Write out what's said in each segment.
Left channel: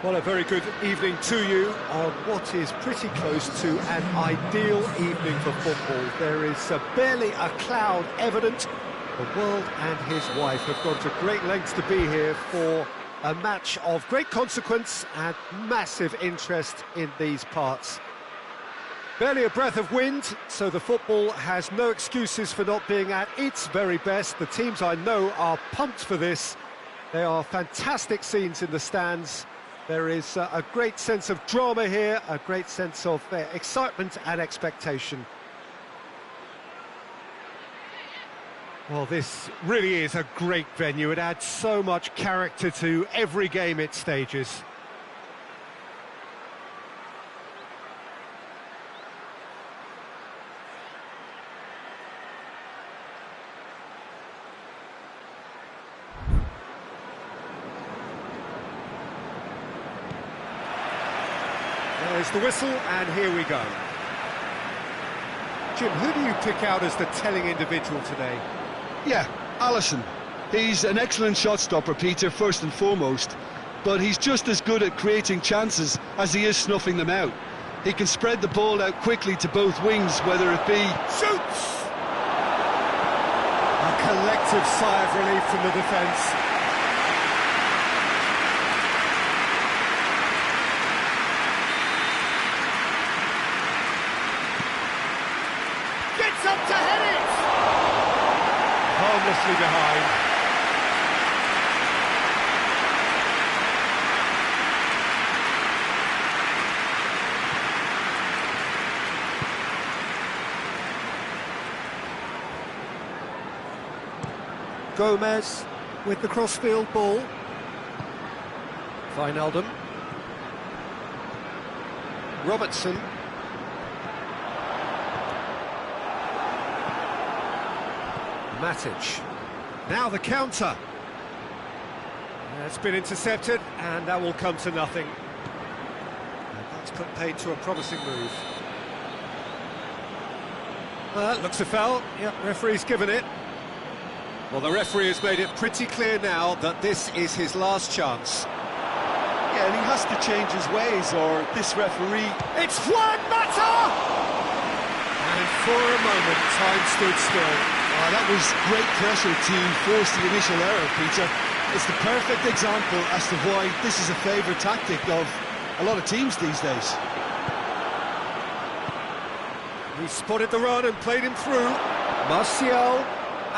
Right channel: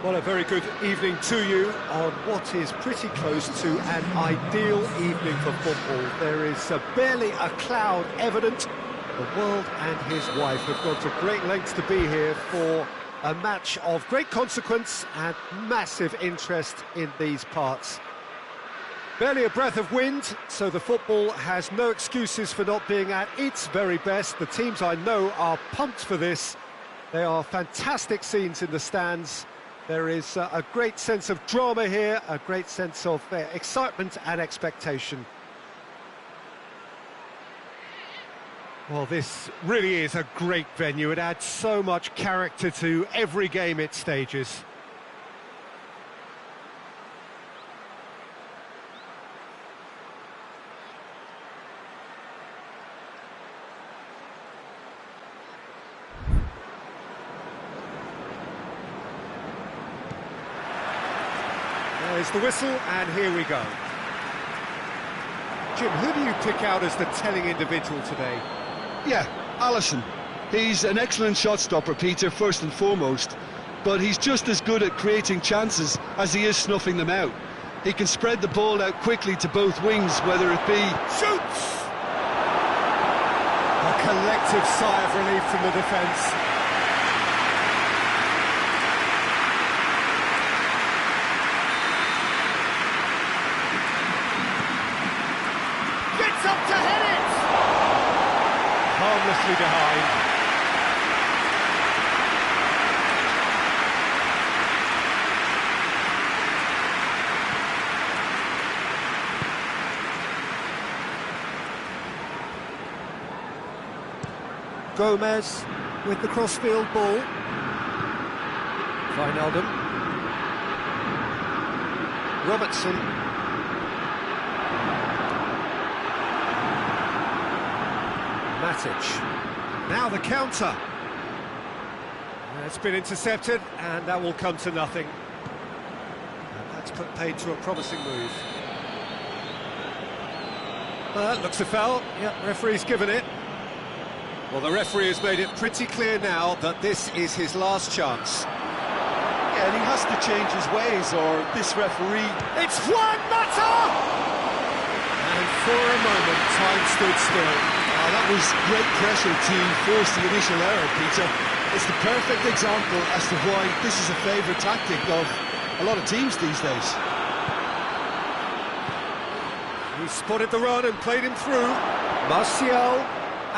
Well, a very good evening to you on what is pretty close to an ideal evening for football. There is barely a cloud evident. The world and his wife have gone to great lengths to be here for a match of great consequence and massive interest in these parts. Barely a breath of wind, so the football has no excuses for not being at its very best. The teams I know are pumped for this. They are fantastic scenes in the stands. There is a great sense of drama here, a great sense of excitement and expectation. Well, this really is a great venue. It adds so much character to every game it stages. There's the whistle, and here we go. Jim, who do you pick out as the telling individual today? Yeah, Alisson. He's an excellent shot stopper, Peter, first and foremost, but he's just as good at creating chances as he is snuffing them out. He can spread the ball out quickly to both wings, whether it be... Shoots! A collective sigh of relief from the defence. Gets up to head it! Harmlessly behind. Gomez with the crossfield ball. Wijnaldum. Robertson. Matic. Now the counter. It's been intercepted, and that will come to nothing. And that's put paid to a promising move. Looks a foul. Yep, referee's given it. Well, the referee has made it pretty clear now that this is his last chance. Yeah, and he has to change his ways, or this referee... It's Juan Mata! And for a moment, time stood still. That was great pressure to force the initial error, Peter. It's the perfect example as to why this is a favourite tactic of a lot of teams these days. He spotted the run and played him through. Martial,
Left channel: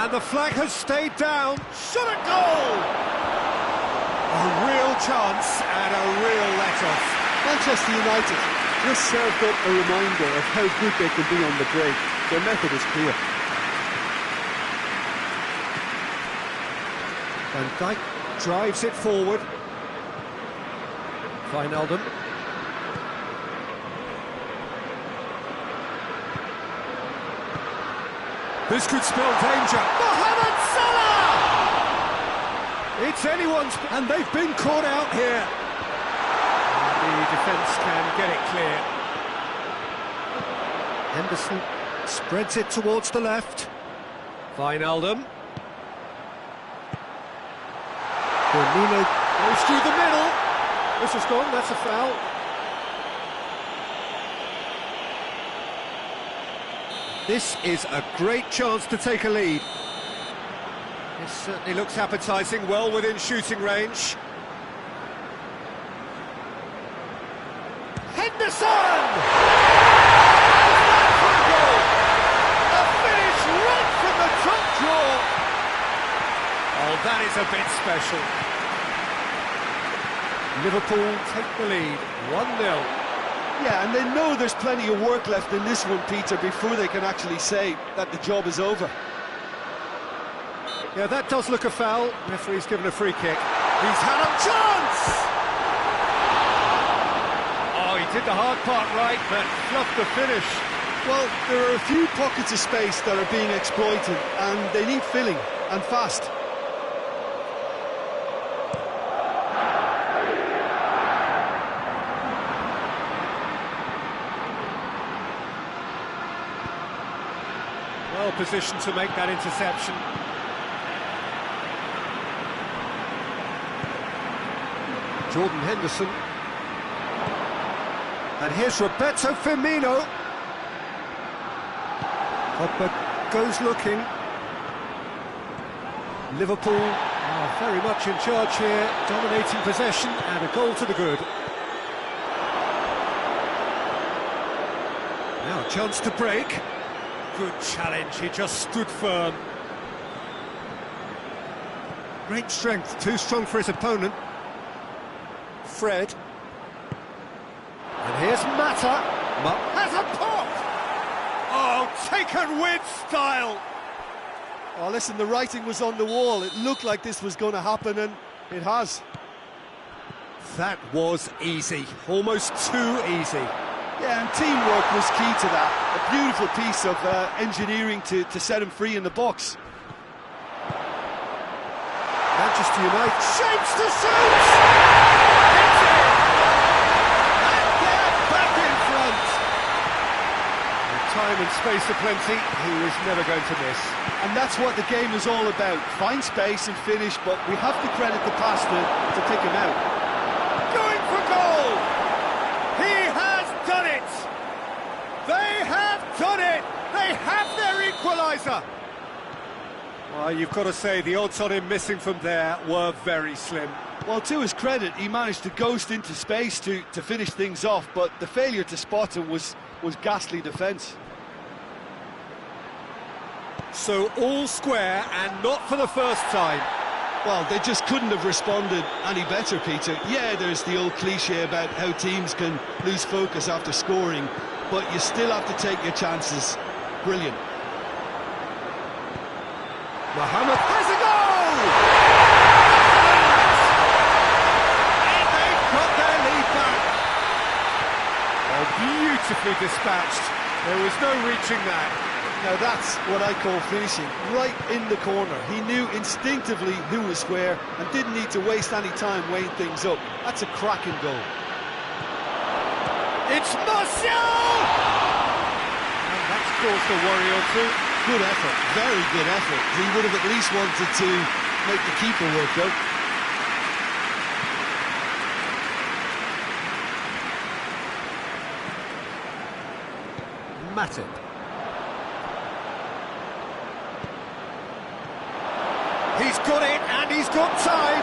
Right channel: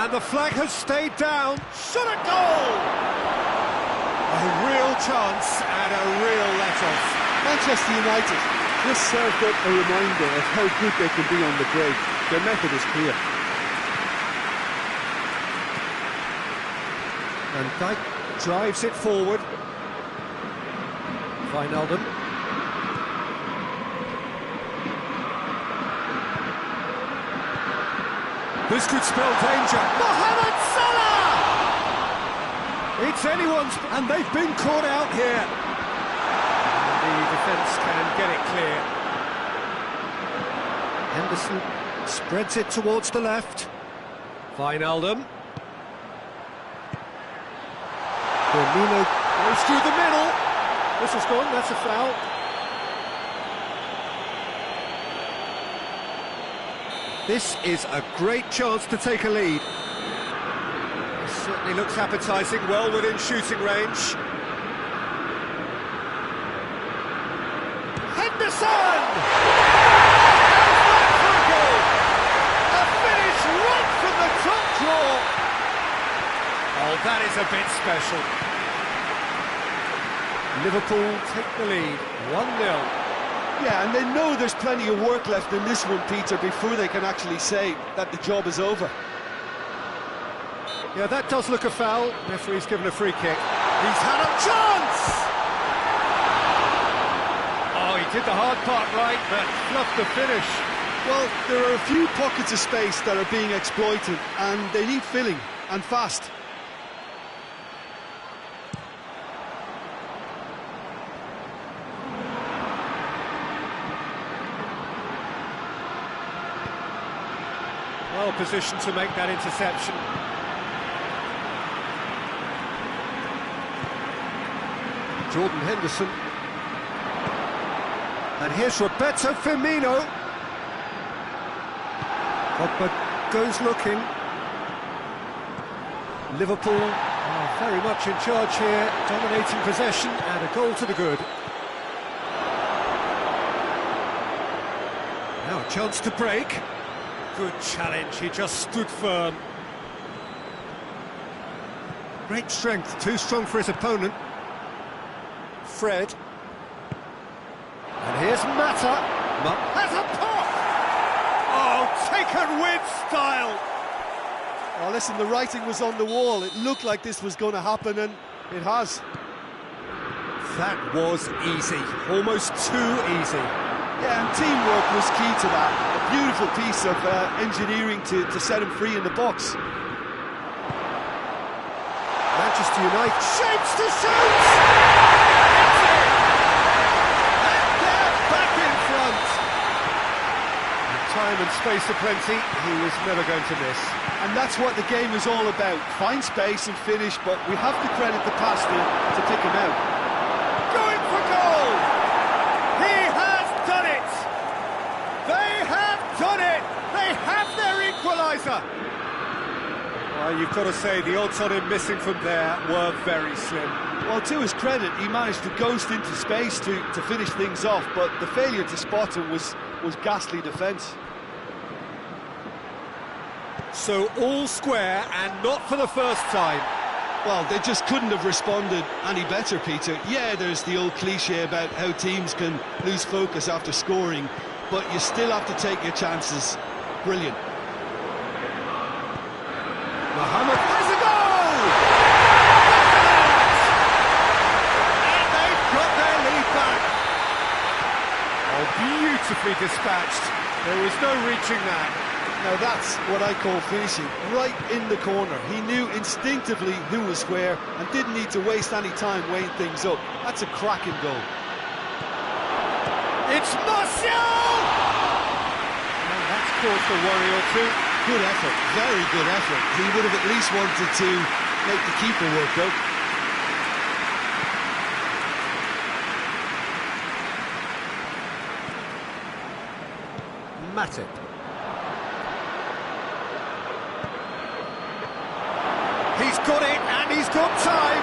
and the flag has stayed down. Shot at goal! A real chance and a real let-off. Manchester United just served up a reminder of how good they can be on the break. Their method is clear. Van Dijk drives it forward. Wijnaldum. This could spell danger. Mohamed Salah! It's anyone's... And they've been caught out here. And the defence can get it clear. Henderson spreads it towards the left. Wijnaldum. Firmino goes through the middle. This has gone, that's a foul. This is a great chance to take a lead. This certainly looks appetising, well within shooting range. Henderson! And for a goal! A finish right from the top draw! Oh, that is a bit special. Liverpool take the lead, 1-0. Yeah, and they know there's plenty of work left in this one, Peter, before they can actually say that the job is over. Yeah, that does look a foul. Referee's given a free kick. He's had a chance! Oh, he did the hard part right, but fluffed the finish. Well, there are a few pockets of space that are being exploited, and they need filling, and fast. Well positioned to make that interception. Jordan Henderson. And here's Roberto Firmino. Pogba goes looking. Liverpool are very much in charge here, dominating possession and a goal to the good. Now a chance to break. Good challenge, he just stood firm. Great strength, too strong for his opponent. Fred. And here's Mata. Has a pop! Oh, taken with style! Oh, listen, the writing was on the wall. It looked like this was going to happen, and it has. That was easy, almost too easy. Yeah, and teamwork was key to that. A beautiful piece of engineering to set him free in the box. Manchester United shapes to shoot! Hits it! And they're back in front! With time and space aplenty, he was never going to miss. And that's what the game is all about. Find space and finish, but we have to credit the pass to pick him out. Going for goal! He has done it! They have done it! They have their equaliser! Well, you've got to say, the odds on him missing from there were very slim. Well, to his credit, he managed to ghost into space to finish things off, but the failure to spot him was ghastly defence. So all square, and not for the first time. Well, they just couldn't have responded any better, Peter. Yeah, there's the old cliche about how teams can lose focus after scoring, but you still have to take your chances. Brilliant. Mohamed has a goal! And they've got their lead back. Oh, beautifully dispatched. There was no reaching that. Now that's what I call finishing, right in the corner. He knew instinctively who was where and didn't need to waste any time weighing things up. That's a cracking goal. It's Martial! And that's caused a worry or two. Good effort, very good effort. He would have at least wanted to make the keeper work though. Matip. He's got it, and he's got time.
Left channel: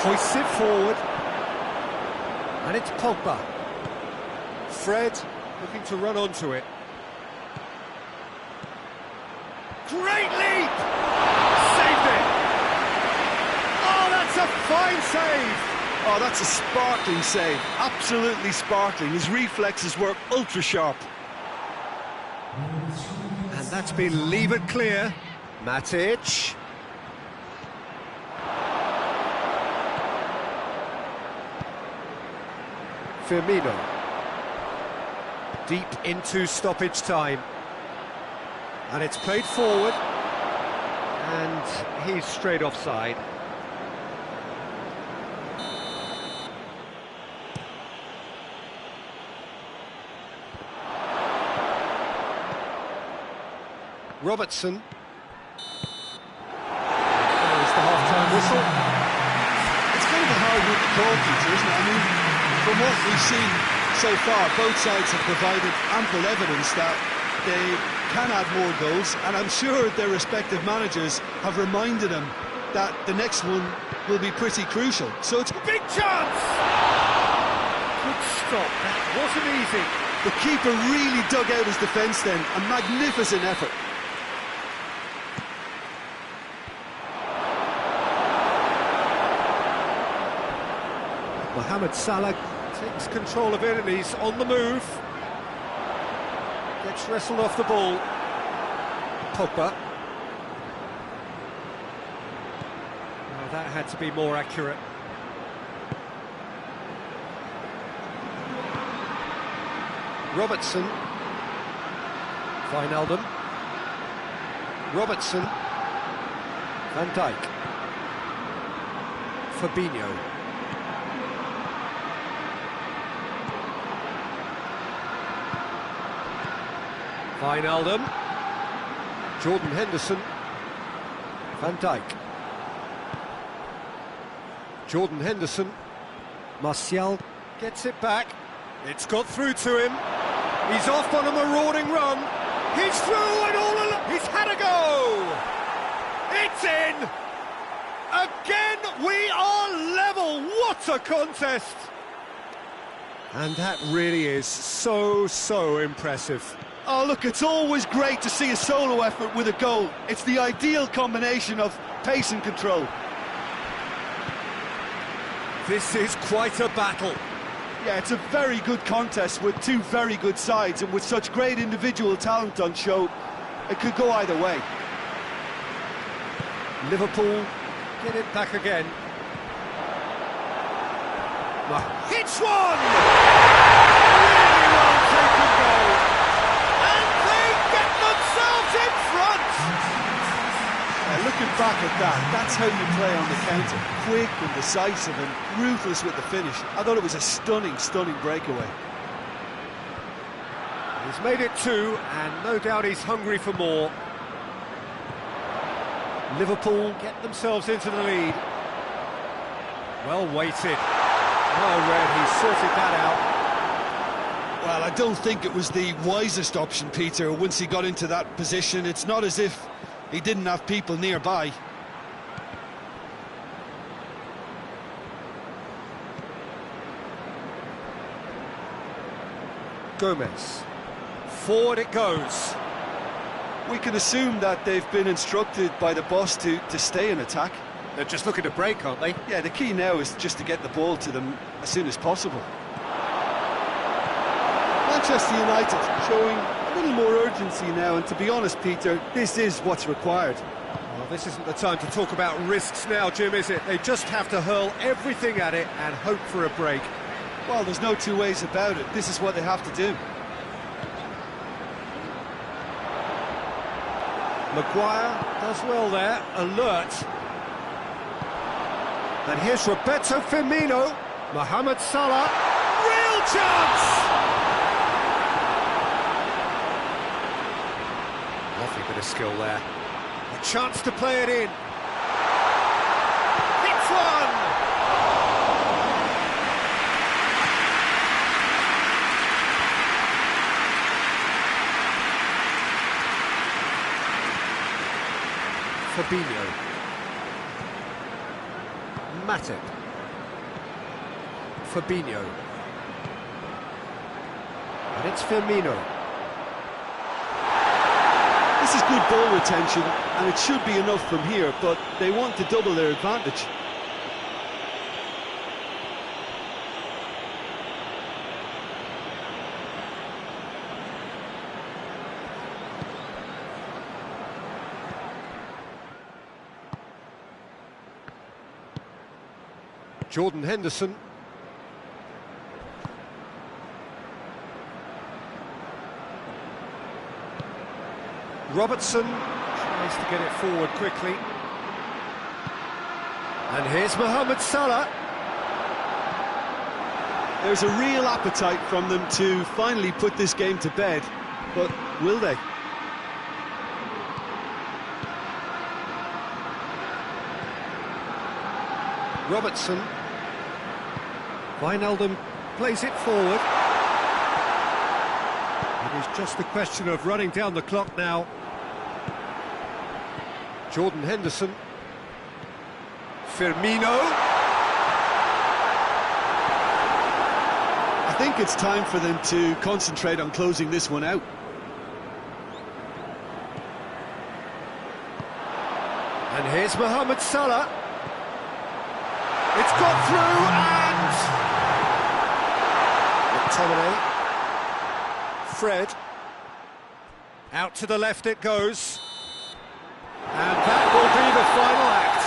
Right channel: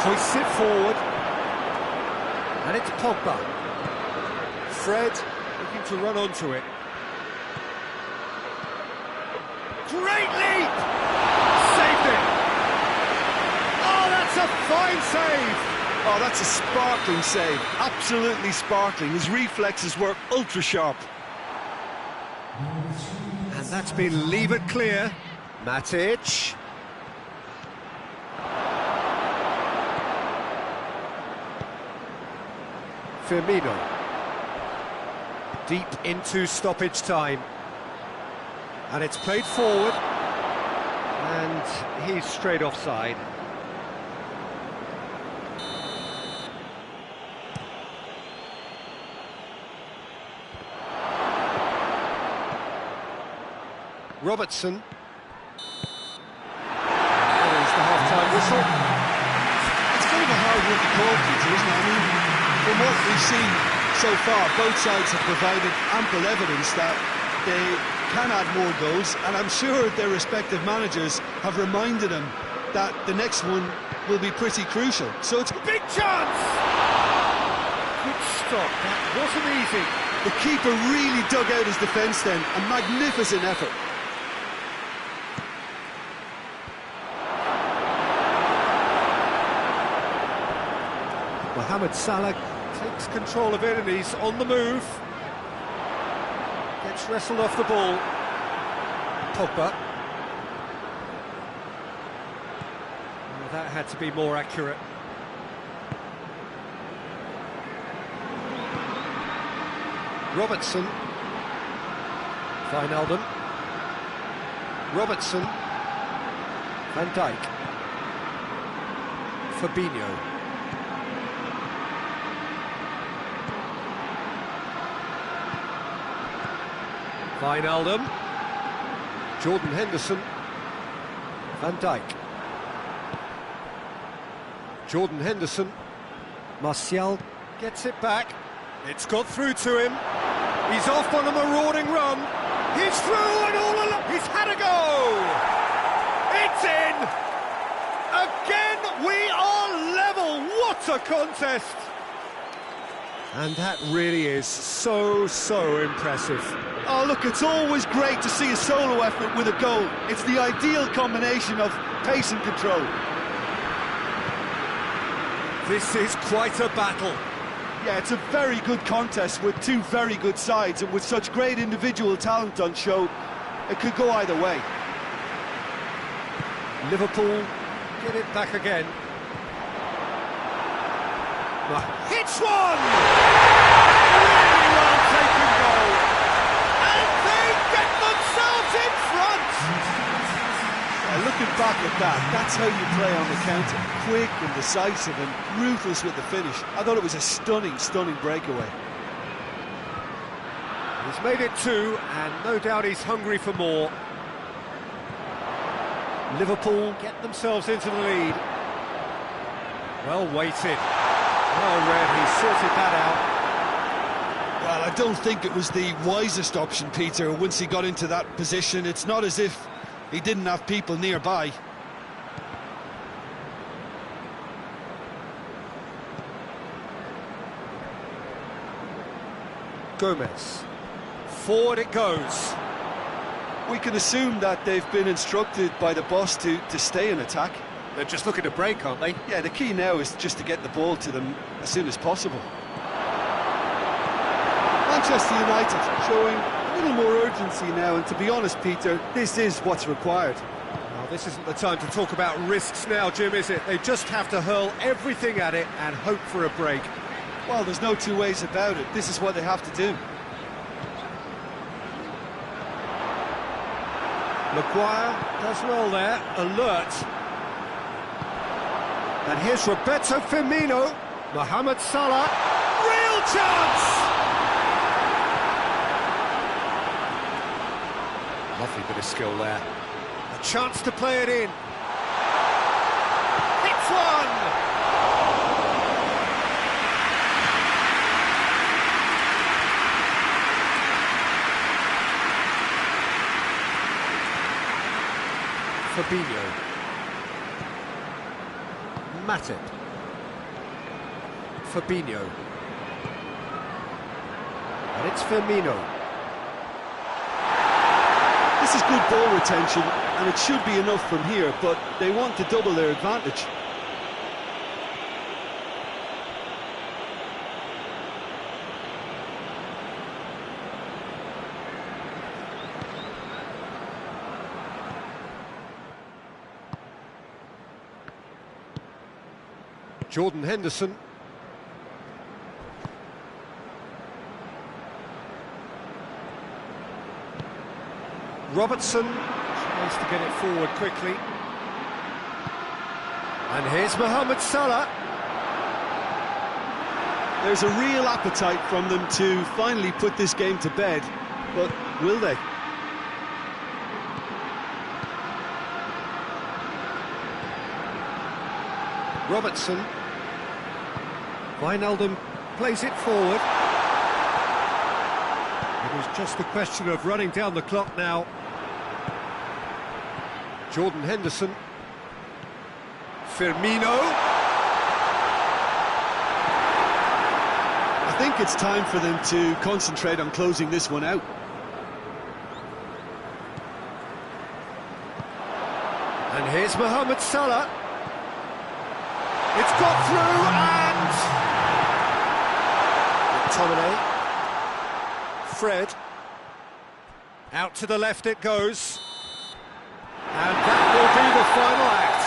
Hoists it forward. And it's Pogba. Fred looking to run onto it. Great leap! Saved it! Oh, that's a fine save! Oh, that's a sparkling save. Absolutely sparkling. His reflexes were ultra sharp. And that's been levered clear. Matic. Firmino. Deep into stoppage time. And it's played forward. And he's straight offside. Robertson. There's the half-time whistle. It's kind of a hard one to call, Peter, isn't it? I mean, from what we've seen so far, both sides have provided ample evidence that they can add more goals, and I'm sure their respective managers have reminded them that the next one will be pretty crucial. So it's a big chance! Good stop, that wasn't easy. The keeper really dug out his defence then, a magnificent effort. Mohamed Salah takes control of it and he's on the move. Gets wrestled off the ball. Pogba. Oh, that had to be more accurate. Robertson. Wijnaldum. Robertson. Van Dijk. Fabinho. Wijnaldum. Jordan Henderson. Van Dijk. Jordan Henderson. Martial gets it back. It's got through to him. He's off on a marauding run. He's through and all along. He's had a go. It's in. Again, we are level. What a contest. And that really is so impressive. Oh, look, it's always great to see a solo effort with a goal. It's the ideal combination of pace and control. This is quite a battle. Yeah, it's a very good contest with two very good sides, and with such great individual talent on show, it could go either way. Liverpool get it back again. Hits one! Really well taken goal. And they get themselves in front! Looking back at that, that's how you play on the counter. Quick and decisive and ruthless with the finish. I thought it was a stunning breakaway. He's made it two, and no doubt he's hungry for more. Liverpool get themselves into the lead. Well weighted. Well read, he sorted that out. Well, I don't think it was the wisest option, Peter, once he got into that position. It's not as if he didn't have people nearby. Gomez. Forward it goes. We can assume that they've been instructed by the boss to stay in attack. They're just looking to break, aren't they? Yeah, the key now is just to get the ball to them as soon as possible. Manchester United showing a little more urgency now, and to be honest, Peter, this is what's required. Well, this isn't the time to talk about risks now, Jim, is it? They just have to hurl everything at it and hope for a break. Well, there's no two ways about it. This is what they have to do. Maguire does well there, alert. And here's Roberto Firmino. Mohamed Salah. Real chance! Lovely bit of skill there. A chance to play it in. Hits one! Fabinho. Matip. Fabinho. And it's Firmino. This is good ball retention, and it should be enough from here, but they want to double their advantage. Jordan Henderson. Robertson tries to get it forward quickly. And here's Mohamed Salah. There's a real appetite from them to finally put this game to bed, but will they? Robertson. Wijnaldum plays it forward. It is just a question of running down the clock now. Jordan Henderson. Firmino. I think it's time for them to concentrate on closing this one out. And here's Mohamed Salah. It's got through and... McTominay. Fred. Out to the left it goes. And that will be the final act.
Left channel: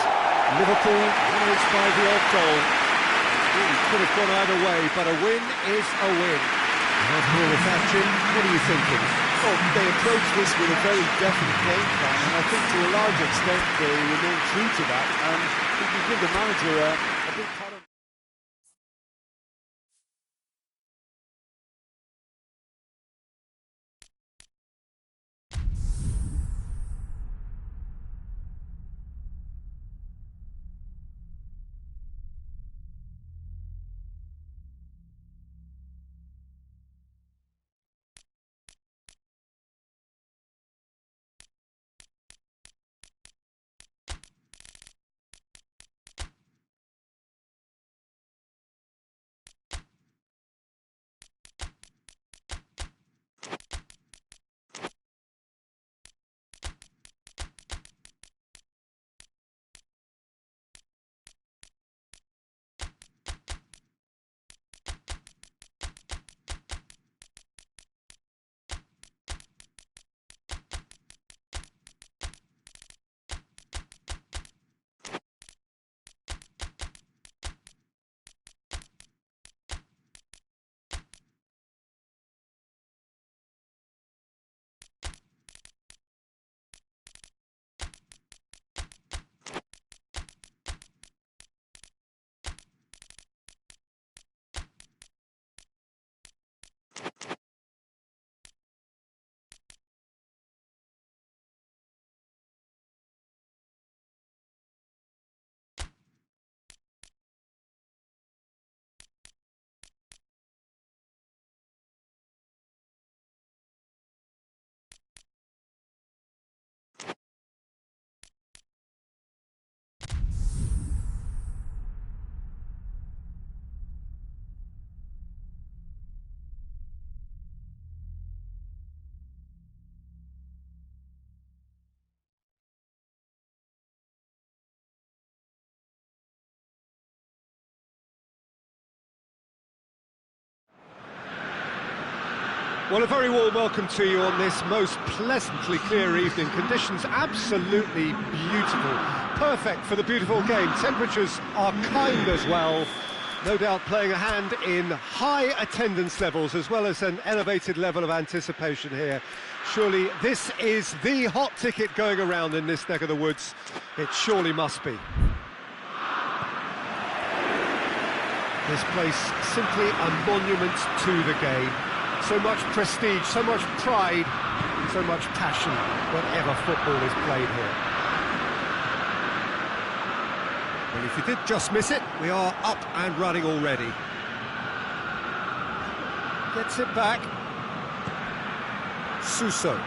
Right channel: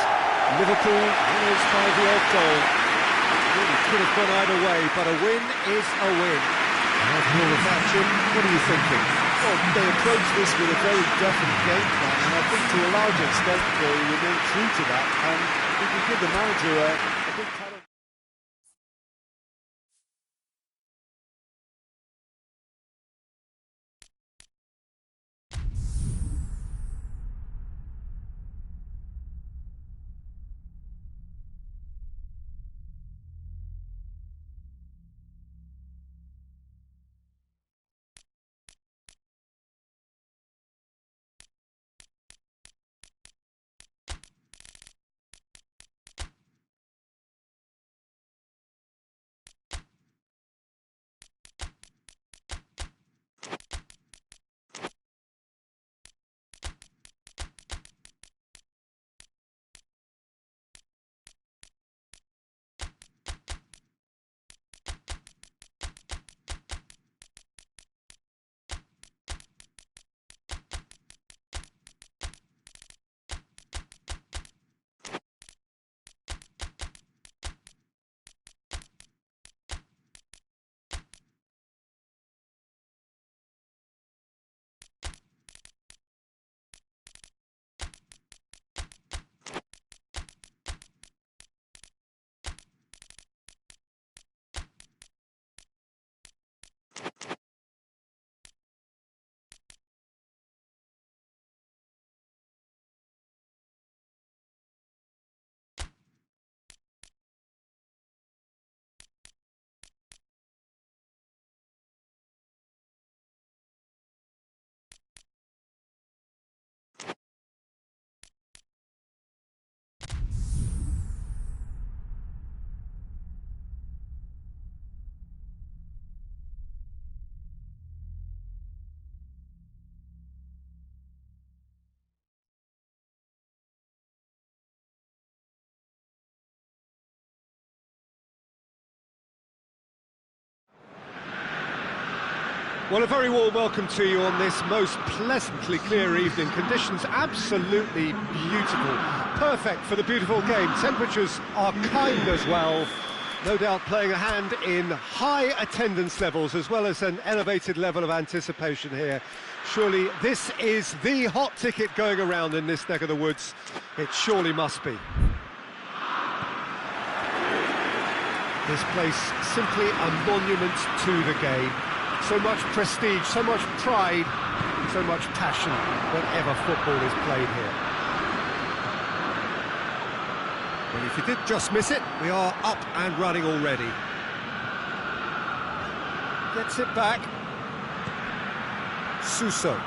Liverpool winners by the odd goal. It really could have gone either way, but a win is a win. After all of that, Jim, what are you thinking? Well, they approached this with a very definite game plan, and I think to a large extent they remain true to that, and we can give the manager a big pat on Well, a very warm welcome to you on this most pleasantly clear evening. Conditions absolutely beautiful. Perfect for the beautiful game. Temperatures are kind as well. No doubt playing a hand in high attendance levels as well as an elevated level of anticipation here. Surely this is the hot ticket going around in this neck of the woods. It surely must be. This place simply a monument to the game. So much prestige, so much pride, so much passion whenever football is played here. Well, if you did just miss it, we are up and running already. Gets it back. Suso.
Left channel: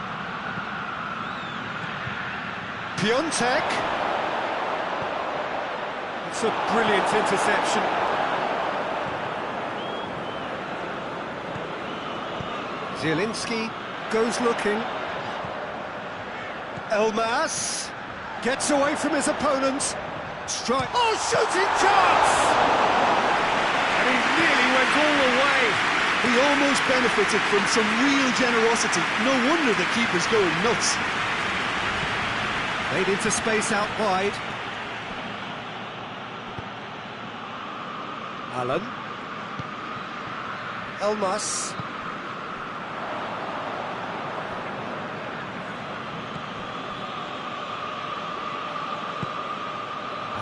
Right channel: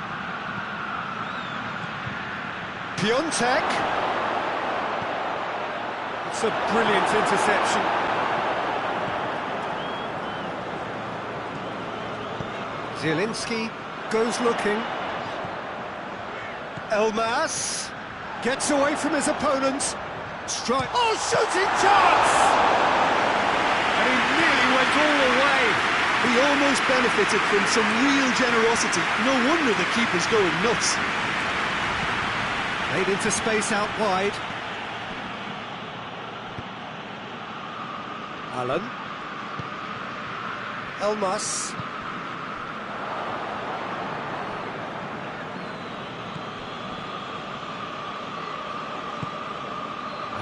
Piontek. It's a brilliant interception. Zielinski goes looking. Elmas gets away from his opponent. Strike. Oh, shooting chance! And he nearly went all the way. He almost benefited from some real generosity. No wonder the keeper's going nuts. Made into space out wide. Allen. Elmas.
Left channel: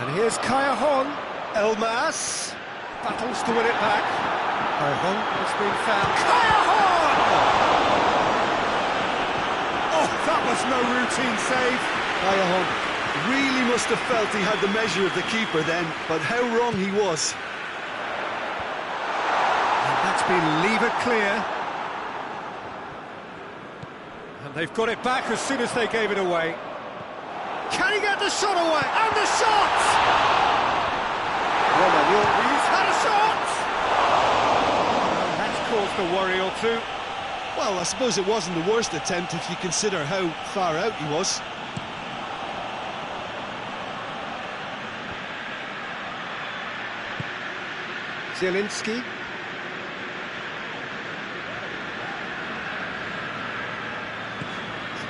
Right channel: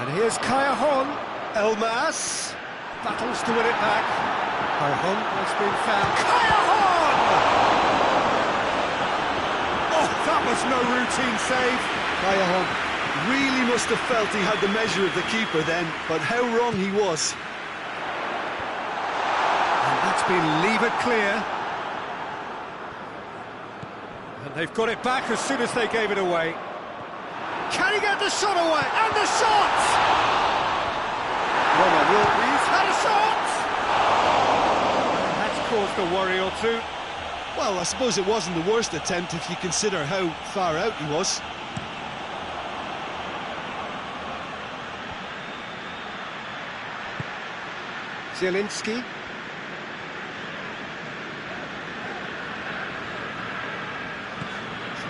And here's Callejon. Elmas battles to win it back. Callejon has been found. Callejon! Oh, that was no routine save. Callejon really must have felt he had the measure of the keeper then, but how wrong he was. And that's been levered clear. And they've got it back as soon as they gave it away. Can he get the shot away? And the shot! He's had a shot! And that's caused a worry or two. Well, I suppose it wasn't the worst attempt if you consider how far out he was. Zielinski.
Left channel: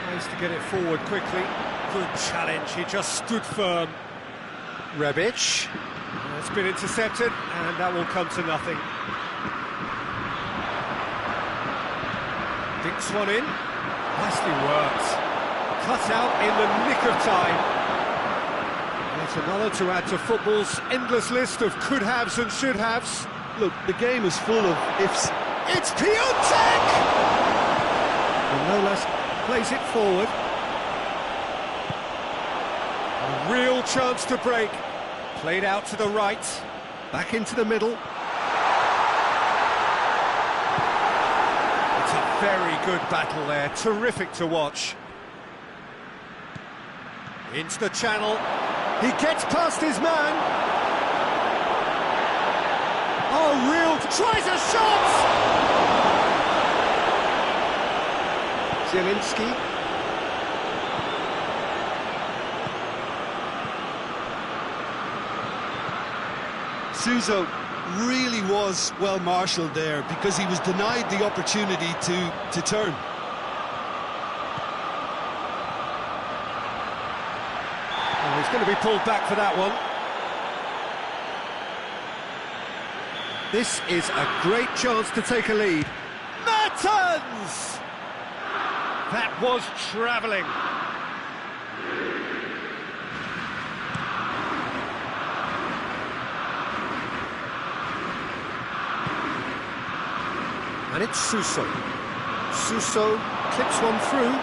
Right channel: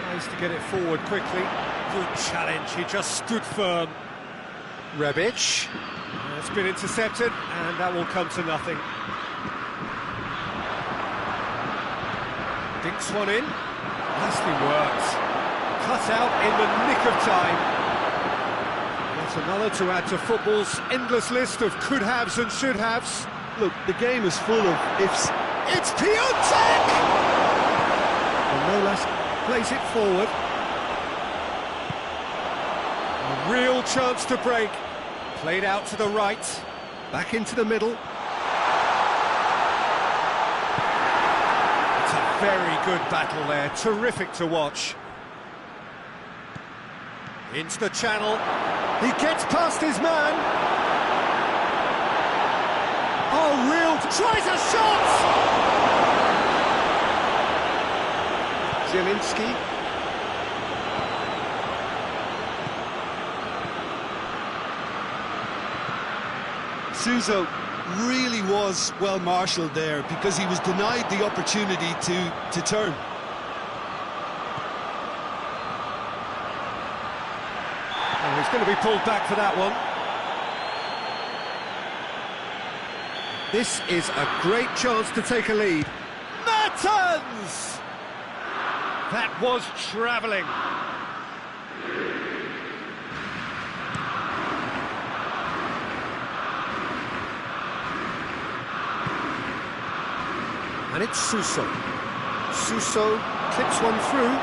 Tries to get it forward quickly. Good challenge, he just stood firm. Rebic. It's been intercepted, and that will come to nothing. Dinks one in. Nicely worked. Cut out in the nick of time. That's another to add to football's endless list of could-haves and should-haves. Look, the game is full of ifs. It's Piontek! And no less plays it forward. A real chance to break. Played out to the right. Back into the middle. It's a very good battle there. Terrific to watch. Into the channel. He gets past his man. Oh, real... Tries a shot! Zielinski. Suso really was well marshalled there because he was denied the opportunity to turn. Oh, he's going to be pulled back for that one. This is a great chance to take a lead. Mertens! That was travelling. And it's Suso. Suso clips one through.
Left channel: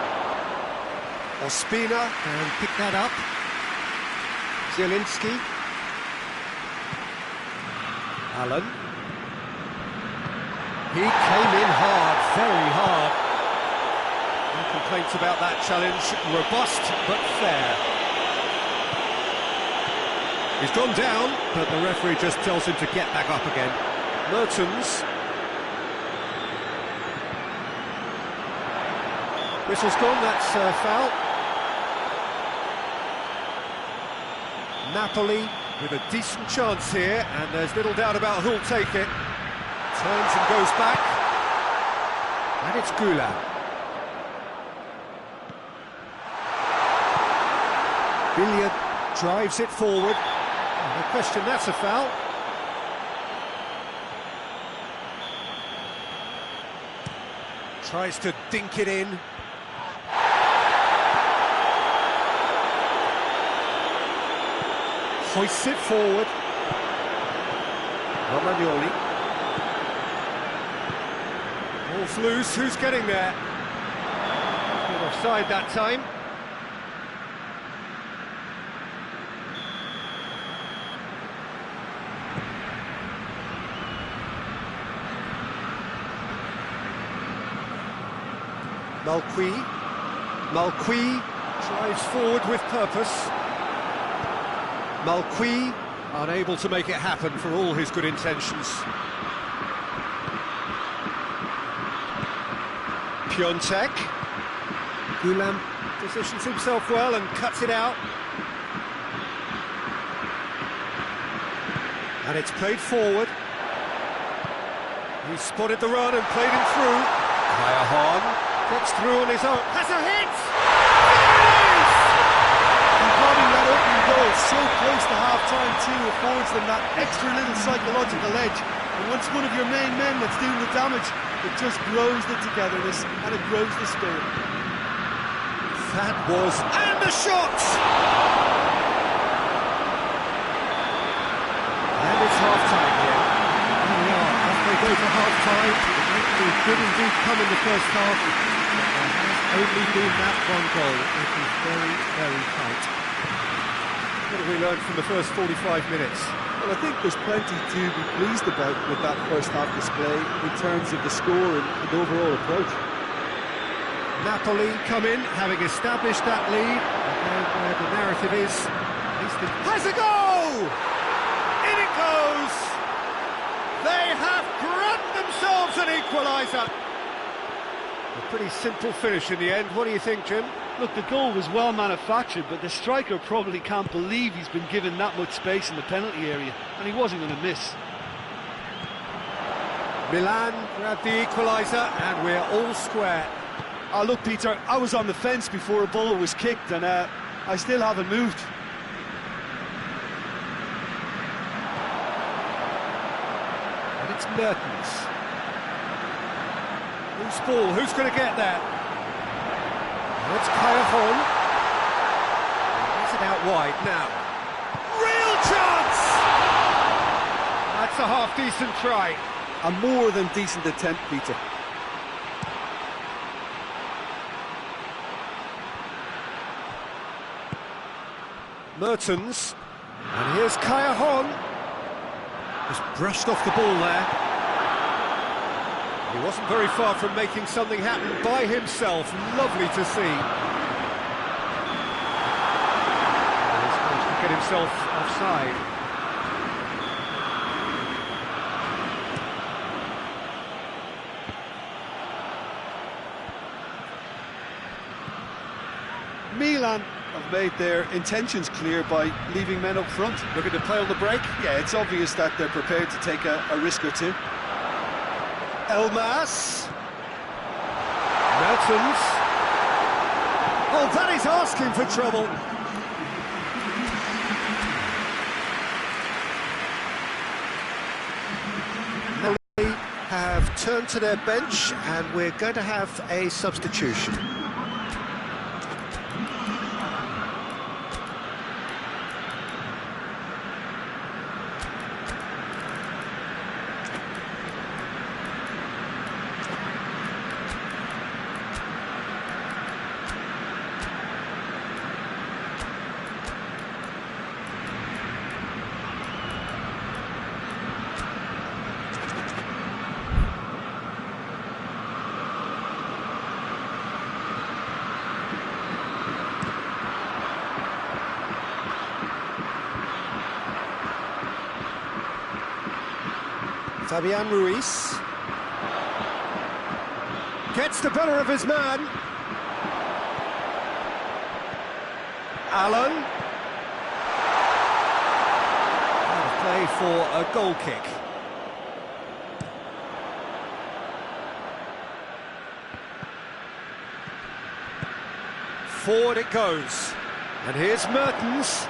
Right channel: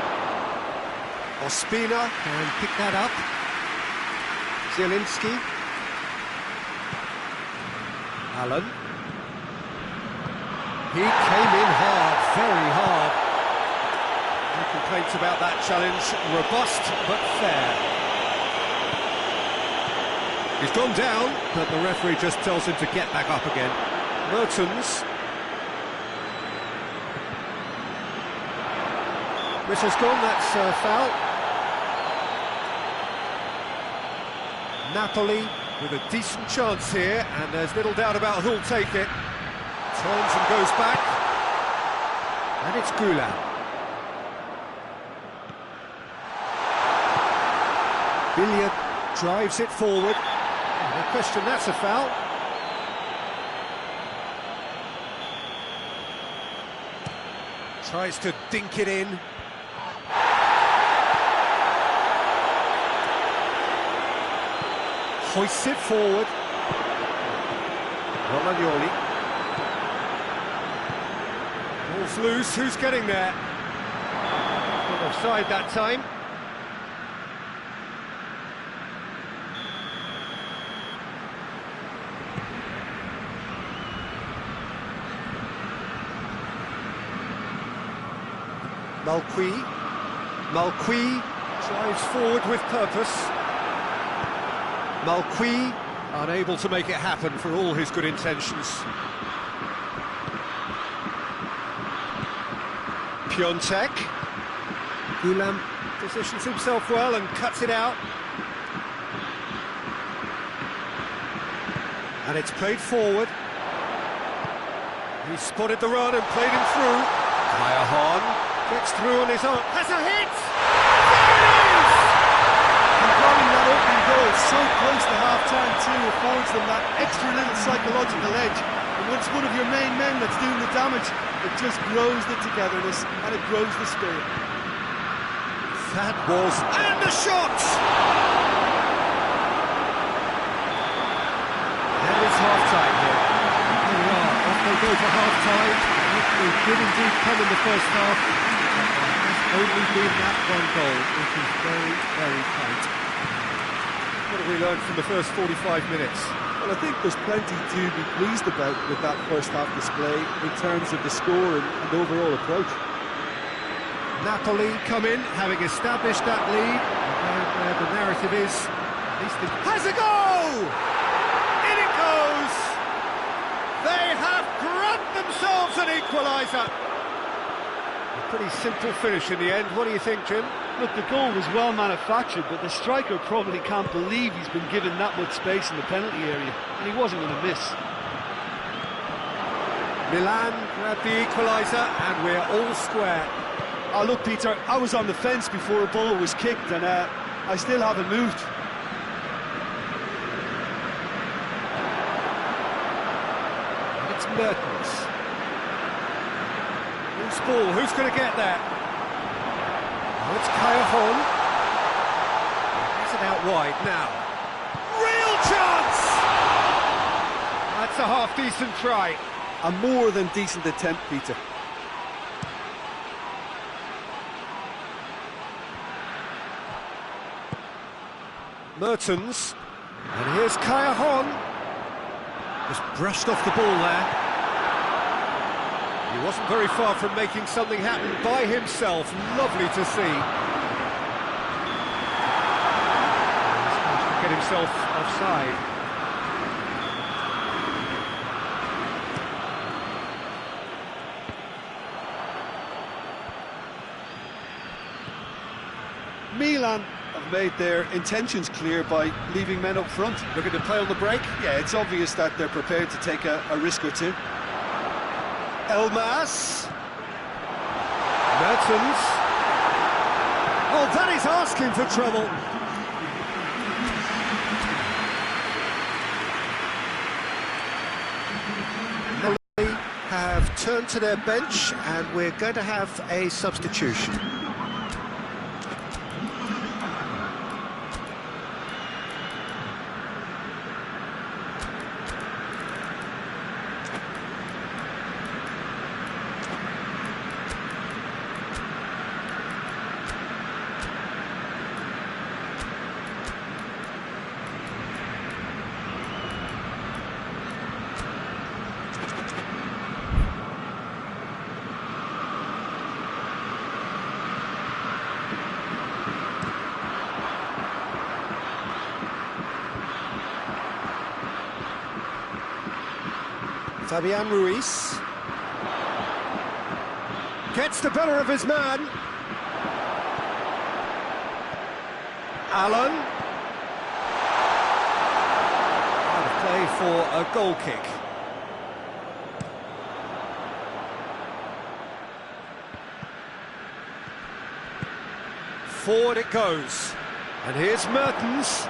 Ospina can pick that up. Zielinski. Allen. He came in hard, very hard. No complaints about that challenge. Robust, but fair. He's gone down, but the referee just tells him to get back up again. Mertens. Whistle's gone, that's a foul. Napoli with a decent chance here, and there's little doubt about who'll take it. Turns and goes back. And it's Gulam. Billiard drives it forward. Oh, no question, that's a foul. Tries to dink it in. Hoists it forward. Romagnoli. Ball's loose, who's getting there? Not offside that time. Malqui drives forward with purpose. Malqui unable to make it happen for all his good intentions. Piontek. Gulam positions himself well and cuts it out. And it's played forward. He spotted the run and played him through. Kaya gets through on his own. Has a hit! There it is! And grabbing that opening goal so close to half-time too affords them that extra little psychological edge. And once one of your main men that's doing the damage, it just grows the togetherness and it grows the spirit. That was... And the shot! And it's half-time here. Here we are, off they go for half-time. They did indeed come in the first half, but there has only been that one goal. It is very, very tight. What have we learned from the first 45 minutes? Well, I think there's plenty to be pleased about with that first half display in terms of the score and overall approach. Napoli come in, having established that lead. Again, where the narrative is, at least it has a go! In it goes! They have grabbed themselves an equaliser. A pretty simple finish in the end. What do you think, Jim? Look, the goal was well manufactured, but the striker probably can't believe he's been given that much space in the penalty area, and he wasn't going to miss. Milan grabbed the equaliser, and we're all square. Oh, look, Peter, I was on the fence before a ball was kicked, and I still haven't moved. And it's Mertens. Loose ball, who's going to get there? Oh, it's Kaya. Gets it out wide now. Real chance! That's a half-decent try. A more than decent attempt, Peter. Mertens, and here's Kaya. Just brushed off the ball there. He wasn't very far from making something happen by himself. Lovely to see. He's managed to get himself offside. Milan have made their intentions clear by leaving men up front. Looking to play on the break. Yeah, it's obvious that they're prepared to take a risk or two. Elmas. Mertens. Oh, that is asking for trouble. Napoli have turned to their bench, and we're going to have a substitution. Fabian Ruiz gets the better of his man. Allen. Out of play for a goal kick. forward it goes. And here's Mertens.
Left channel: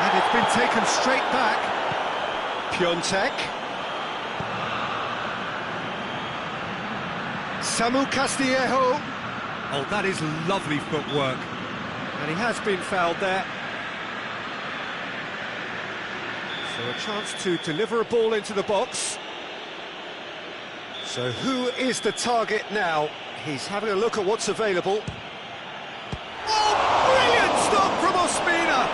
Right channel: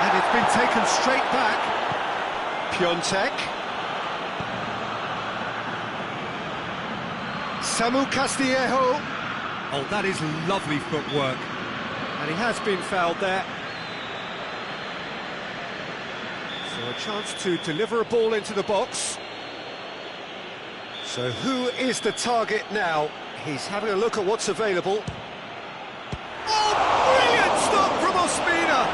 And it's been taken straight back. Piontek. Samu Castillejo. Oh, that is lovely footwork. And he has been fouled there. So a chance to deliver a ball into the box. So who is the target now? He's having a look at what's available. Oh, brilliant stop from Ospina!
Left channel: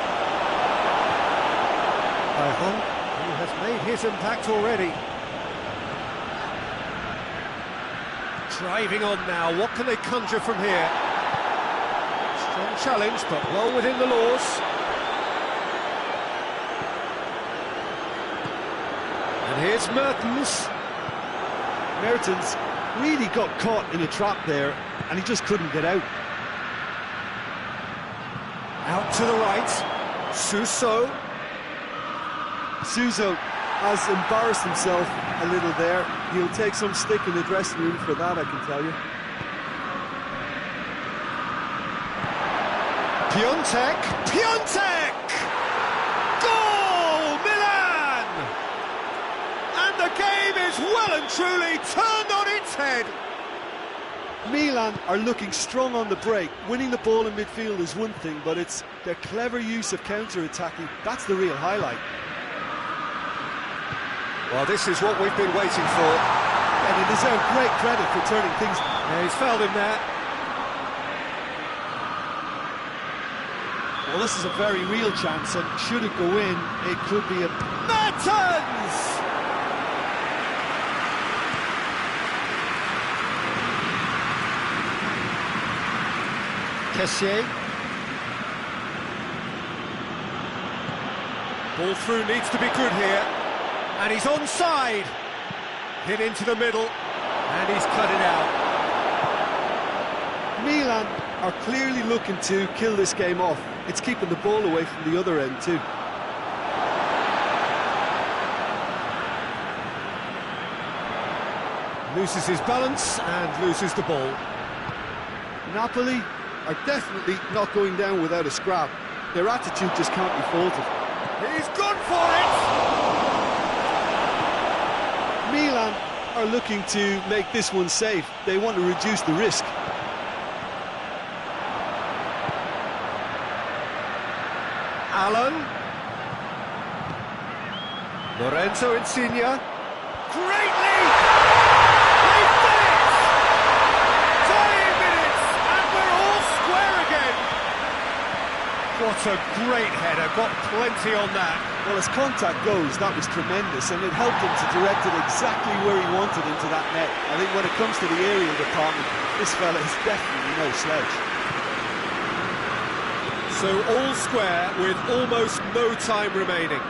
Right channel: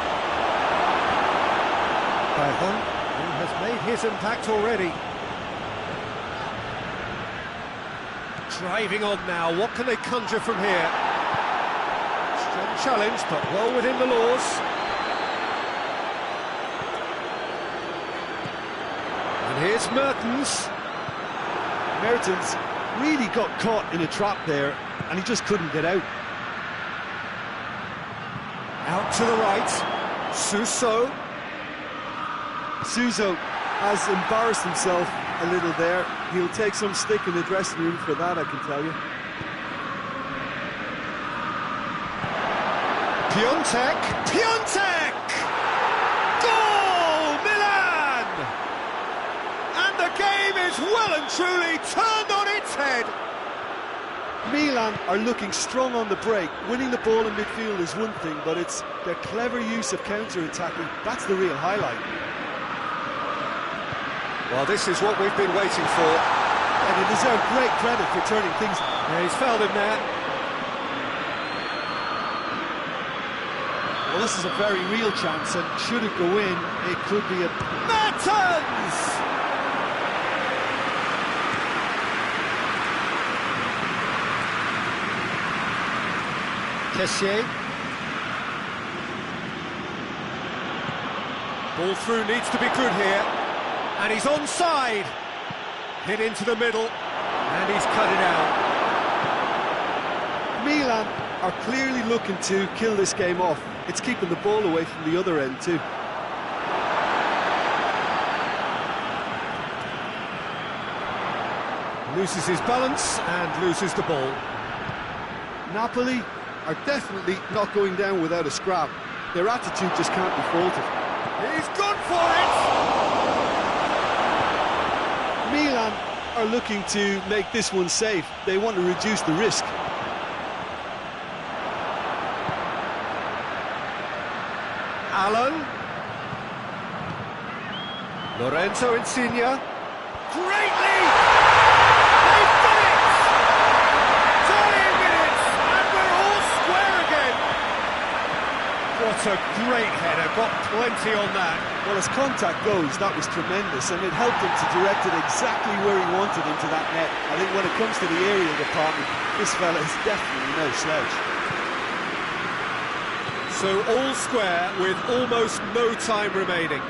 Cajon, who has made his impact already. Driving on now, what can they conjure from here? Strong challenge, but well within the laws. And here's Mertens. Mertens really got caught in a trap there, and he just couldn't get out. Out to the right, Suso. Suso has embarrassed himself a little there. He'll take some stick in the dressing room for that, I can tell you. Piontek! Piontek! Goal! Milan! And the game is well and truly turned on its head. Milan are looking strong on the break. Winning the ball in midfield is one thing, but it's their clever use of counter-attacking. That's the real highlight. Well, this is what we've been waiting for. And they deserve great credit for turning things. Yeah, he's fouled him there. Well, this is a very real chance, and should it go in, it could be a... Mertens! Kessié. Ball through needs to be good here. And he's onside. Hit into the middle. And he's cut it out. Milan are clearly looking to kill this game off. It's keeping the ball away from the other end too. Loses his balance and loses the ball. Napoli are definitely not going down without a scrap. Their attitude just can't be faulted. He's gone for it! Milan are looking to make this one safe. They want to reduce the risk. Allen. Lorenzo Insigne. Great lead! They've done it! 30 minutes and we're all square again. What a great header, got plenty on that. Well, as contact goes, that was tremendous, and it helped him to direct it exactly where he wanted into that net. I think when it comes to the aerial department, this fella is definitely no slouch. So all square with almost no time remaining.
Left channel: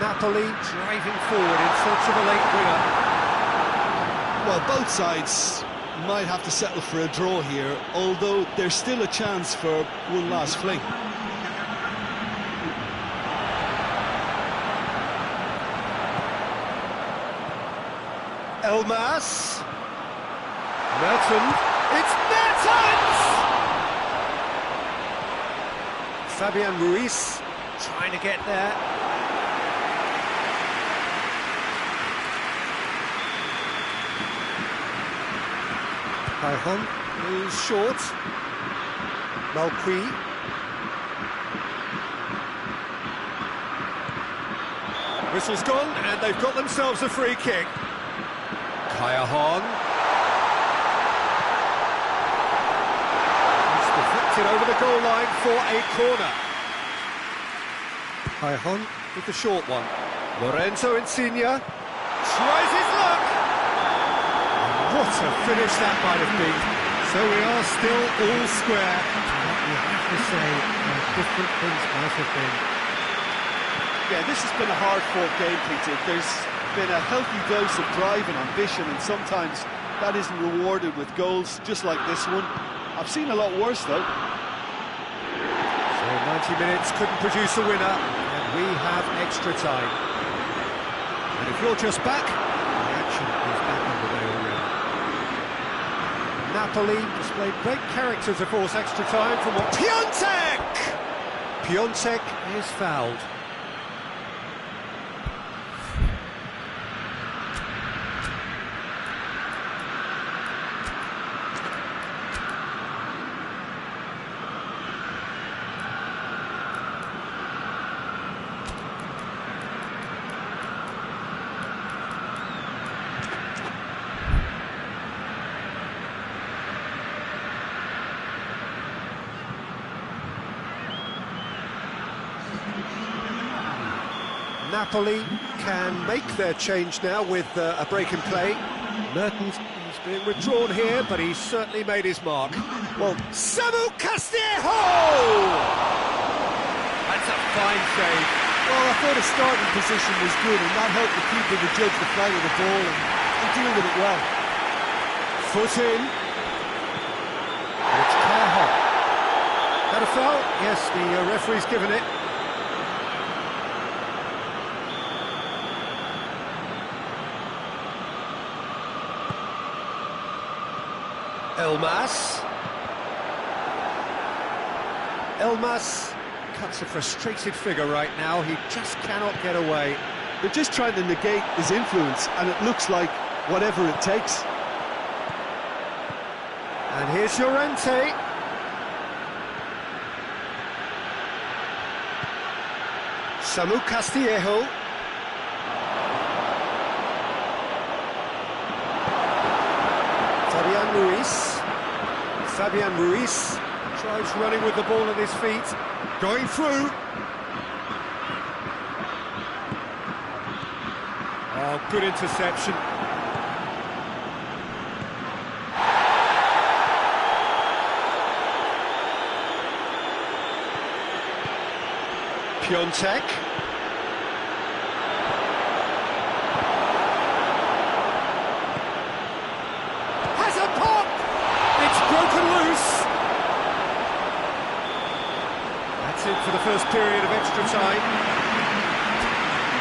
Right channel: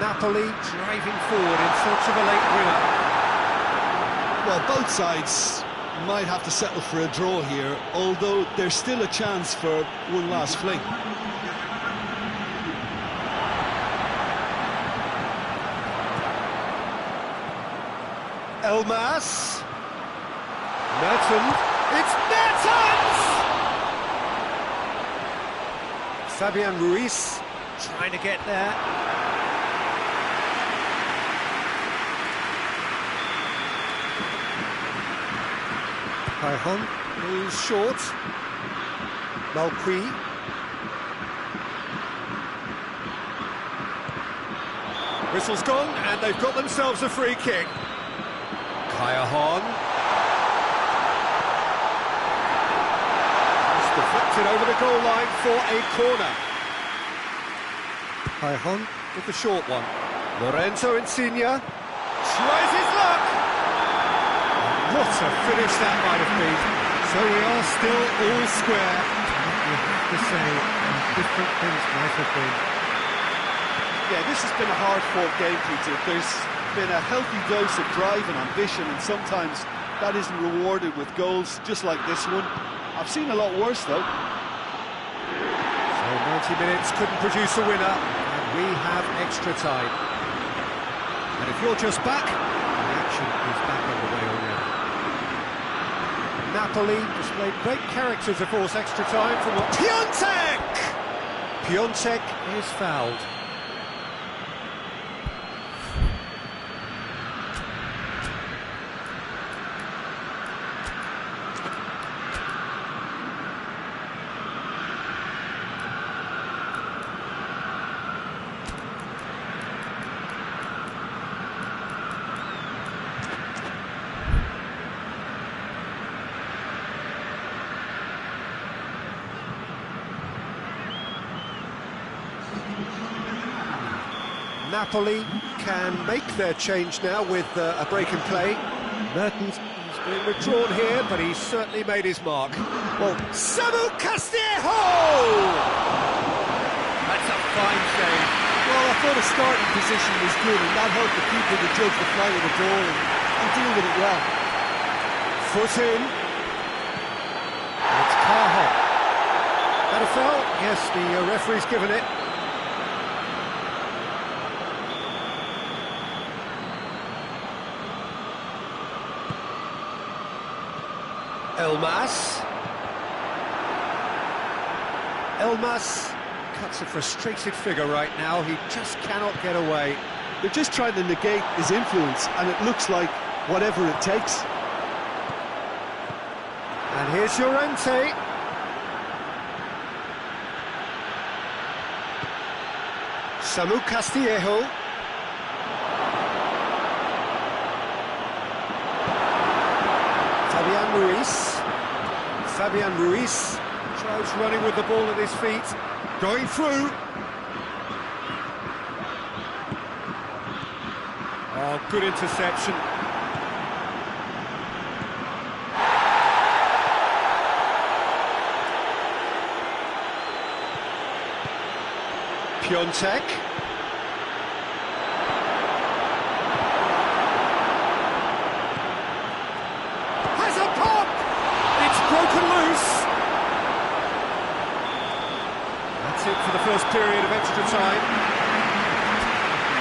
Napoli driving forward in search of a late winner. Well, both sides might have to settle for a draw here, although there's still a chance for one last fling. Elmas. Mertens. It's Mertens! Fabian Ruiz trying to get there. Cajon moves short. Malqui. Whistle's gone, and they've got themselves a free kick. Cajon. He's deflected over the goal line for a corner. Cajon with the short one. Lorenzo Insigne tries his luck. What a finish that might have been. So we are still all square. But you have to say how different things might have been. Yeah, this has been a hard-fought game, Peter. There's been a healthy dose of drive and ambition, and sometimes that isn't rewarded with goals just like this one. I've seen a lot worse, though. So 90 minutes couldn't produce a winner, and we have extra time. And if you're just back, the action is back underway already. Napoli displayed great character to force extra time from what... Piontek! Piontek is fouled. Napoli can make their change now with a break in play. Mertens is being withdrawn here, but he's certainly made his mark. Well, Samu Castillejo! That's a fine save. Well, I thought his starting position was good, and that helped the keeper to judge the flight of the ball and deal with it well. Foot in. And it's Cahill. That a foul? Yes, the referee's given it. Elmas cuts a frustrated figure right now. He just cannot get away. They're just trying to negate his influence, and it looks like whatever it takes. And here's Llorente. Samu Castillejo. Fabian Ruiz tries running with the ball at his feet, going through. Oh, good interception. Piontek. Has a pop! It's broken loose. That's it for the first period of extra time.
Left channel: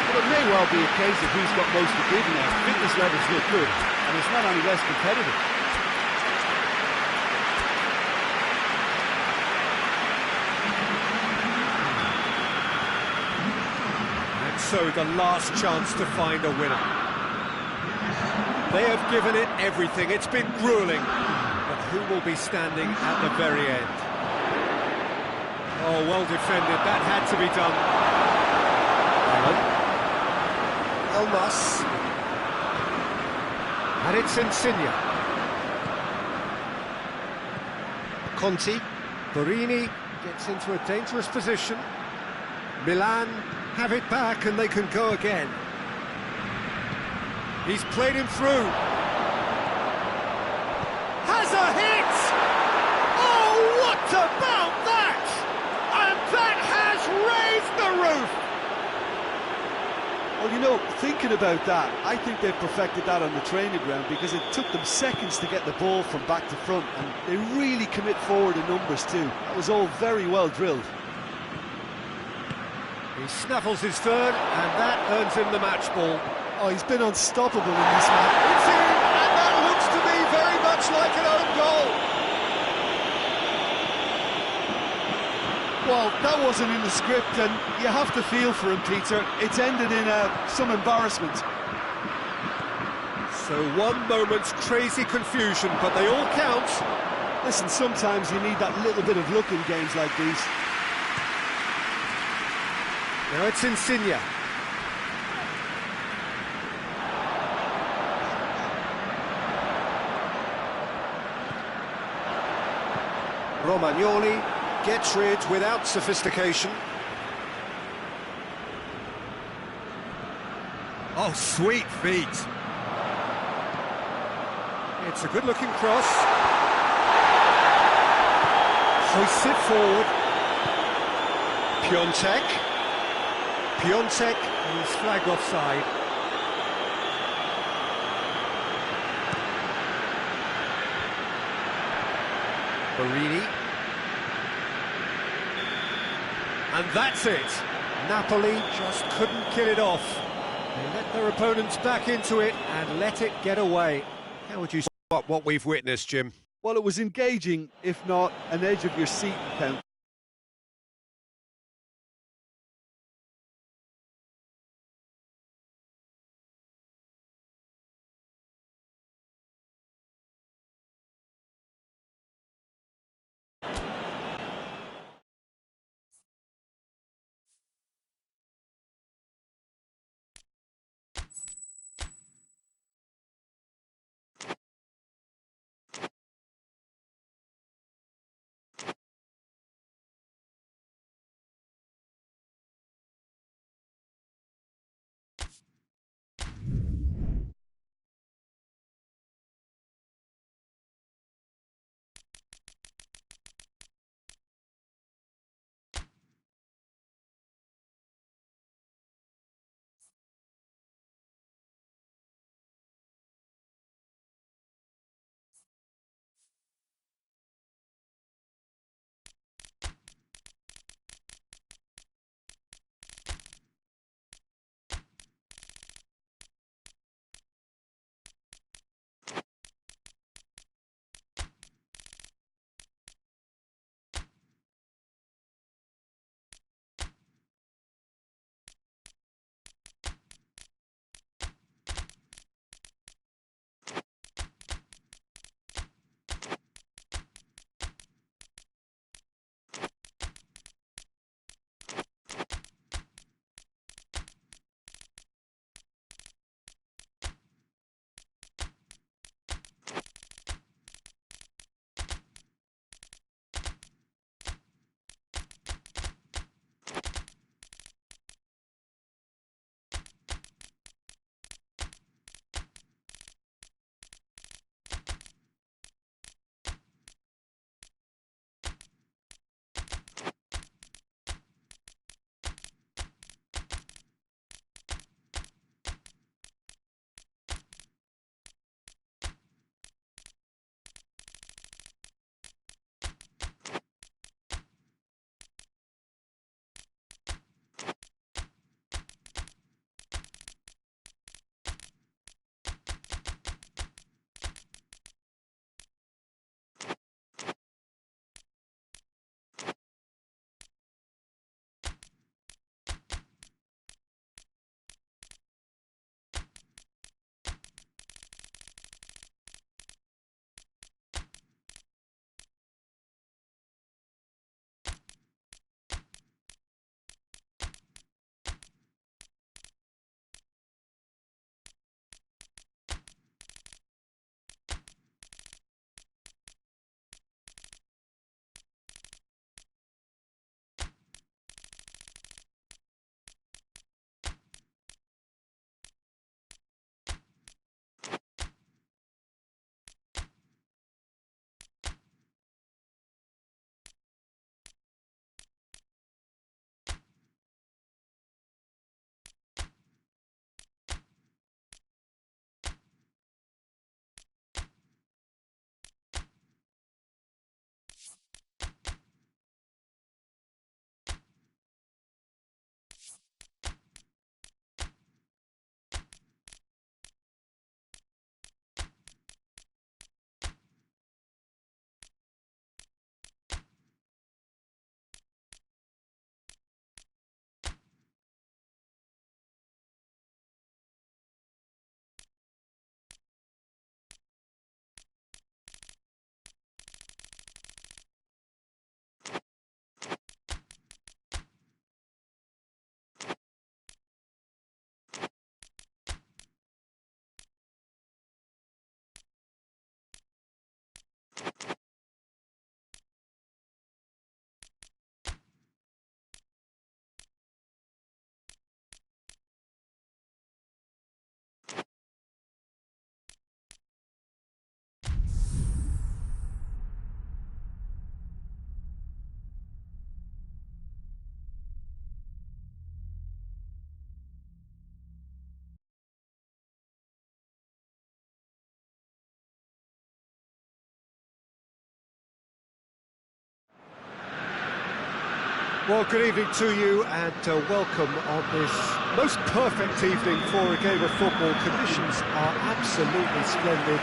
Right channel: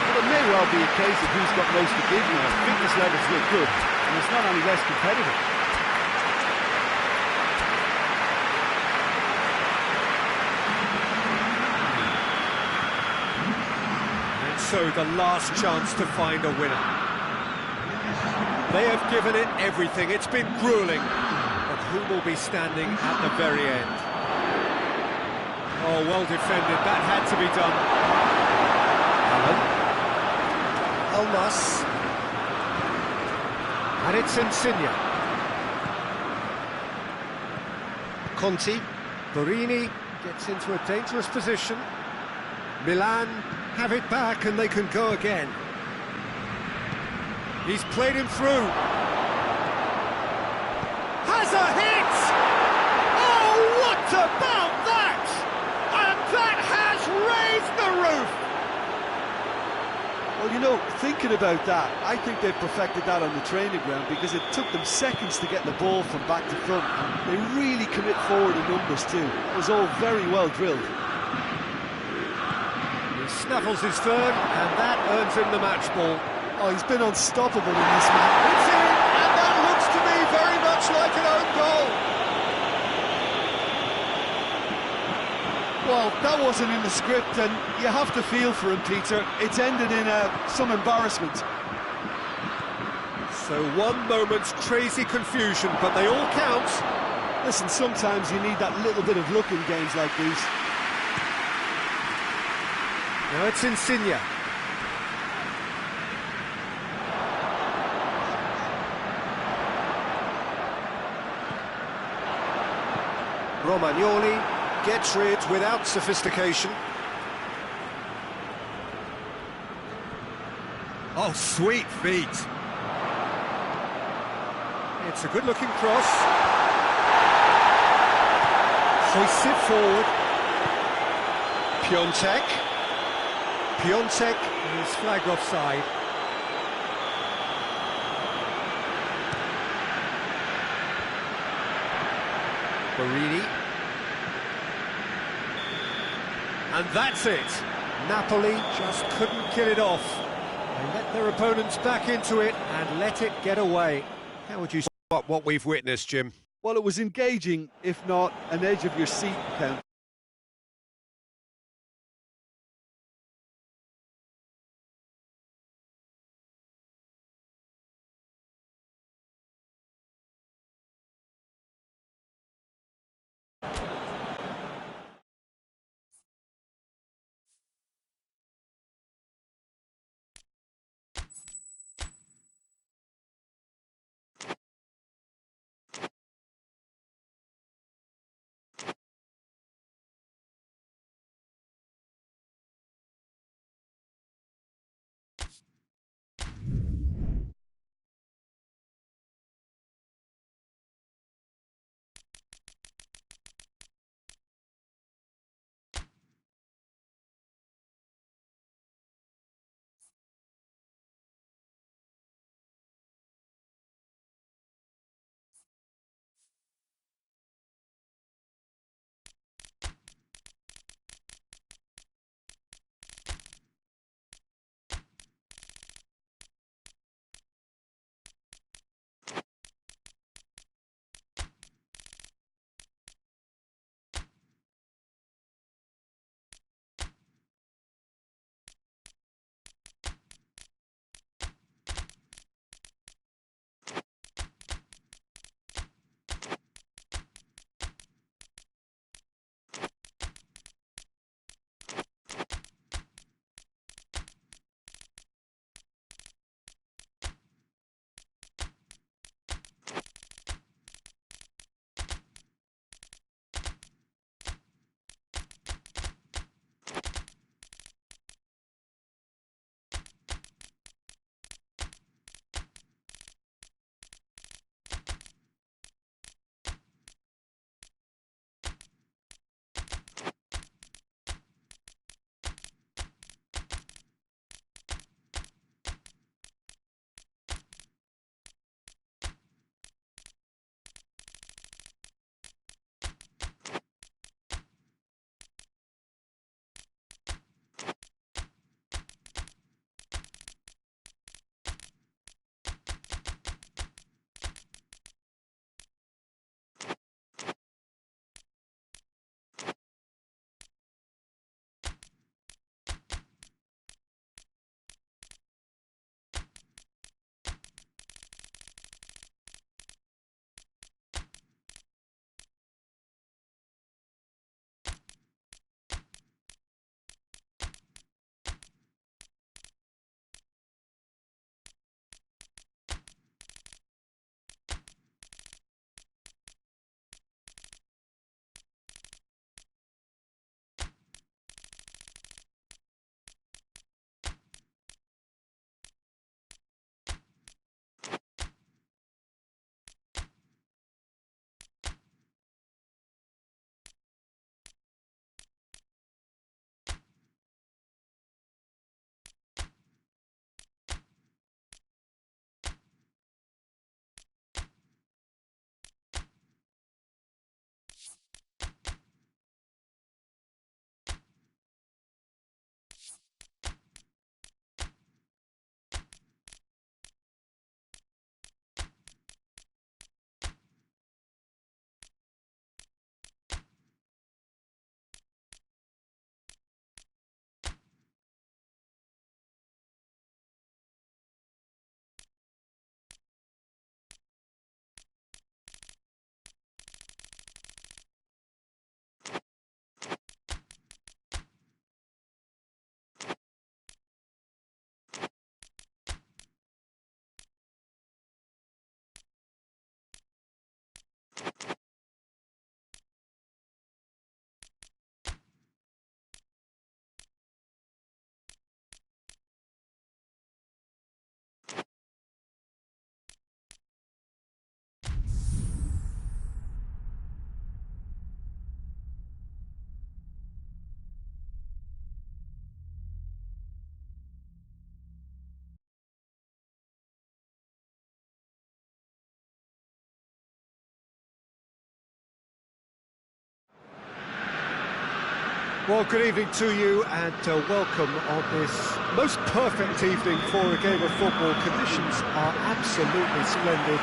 Well, it may well be a case of who's got most to give now. Fitness levels look good, and it's not any less competitive. And so the last chance to find a winner. They have given it everything. It's been gruelling. But who will be standing at the very end? Oh, well defended. That had to be done. Allen. Elmas. And it's Insigne. Conti. Borini gets into a dangerous position. Milan have it back and they can go again. He's played him through. Has a hit! Oh, what about that? And that has raised the roof! Well, you know, thinking about that, I think they've perfected that on the training ground because it took them seconds to get the ball from back to front, and they really commit forward in numbers too. That was all very well drilled. He snaffles his third, and that earns him the match ball. Oh, he's been unstoppable in this match. It's in, and that looks to me very much like an own goal. Well, that wasn't in the script, and you have to feel for him, Peter. It's ended in some embarrassment. So one moment's crazy confusion, but they all count. Listen, sometimes you need that little bit of luck in games like these. Now it's Insigne. Romagnoli gets rid without sophistication. Oh, sweet feet. It's a good-looking cross. Hoists it forward. Piontek. Piontek is flagged offside. Borini. And that's it. Napoli just couldn't kill it off. They let their opponents back into it and let it get away. How would you sum up what we've witnessed, Jim? Well, it was engaging, if not an edge of your seat encounter. Well, good evening to you and welcome on this most perfect evening for a game of football. Conditions are absolutely splendid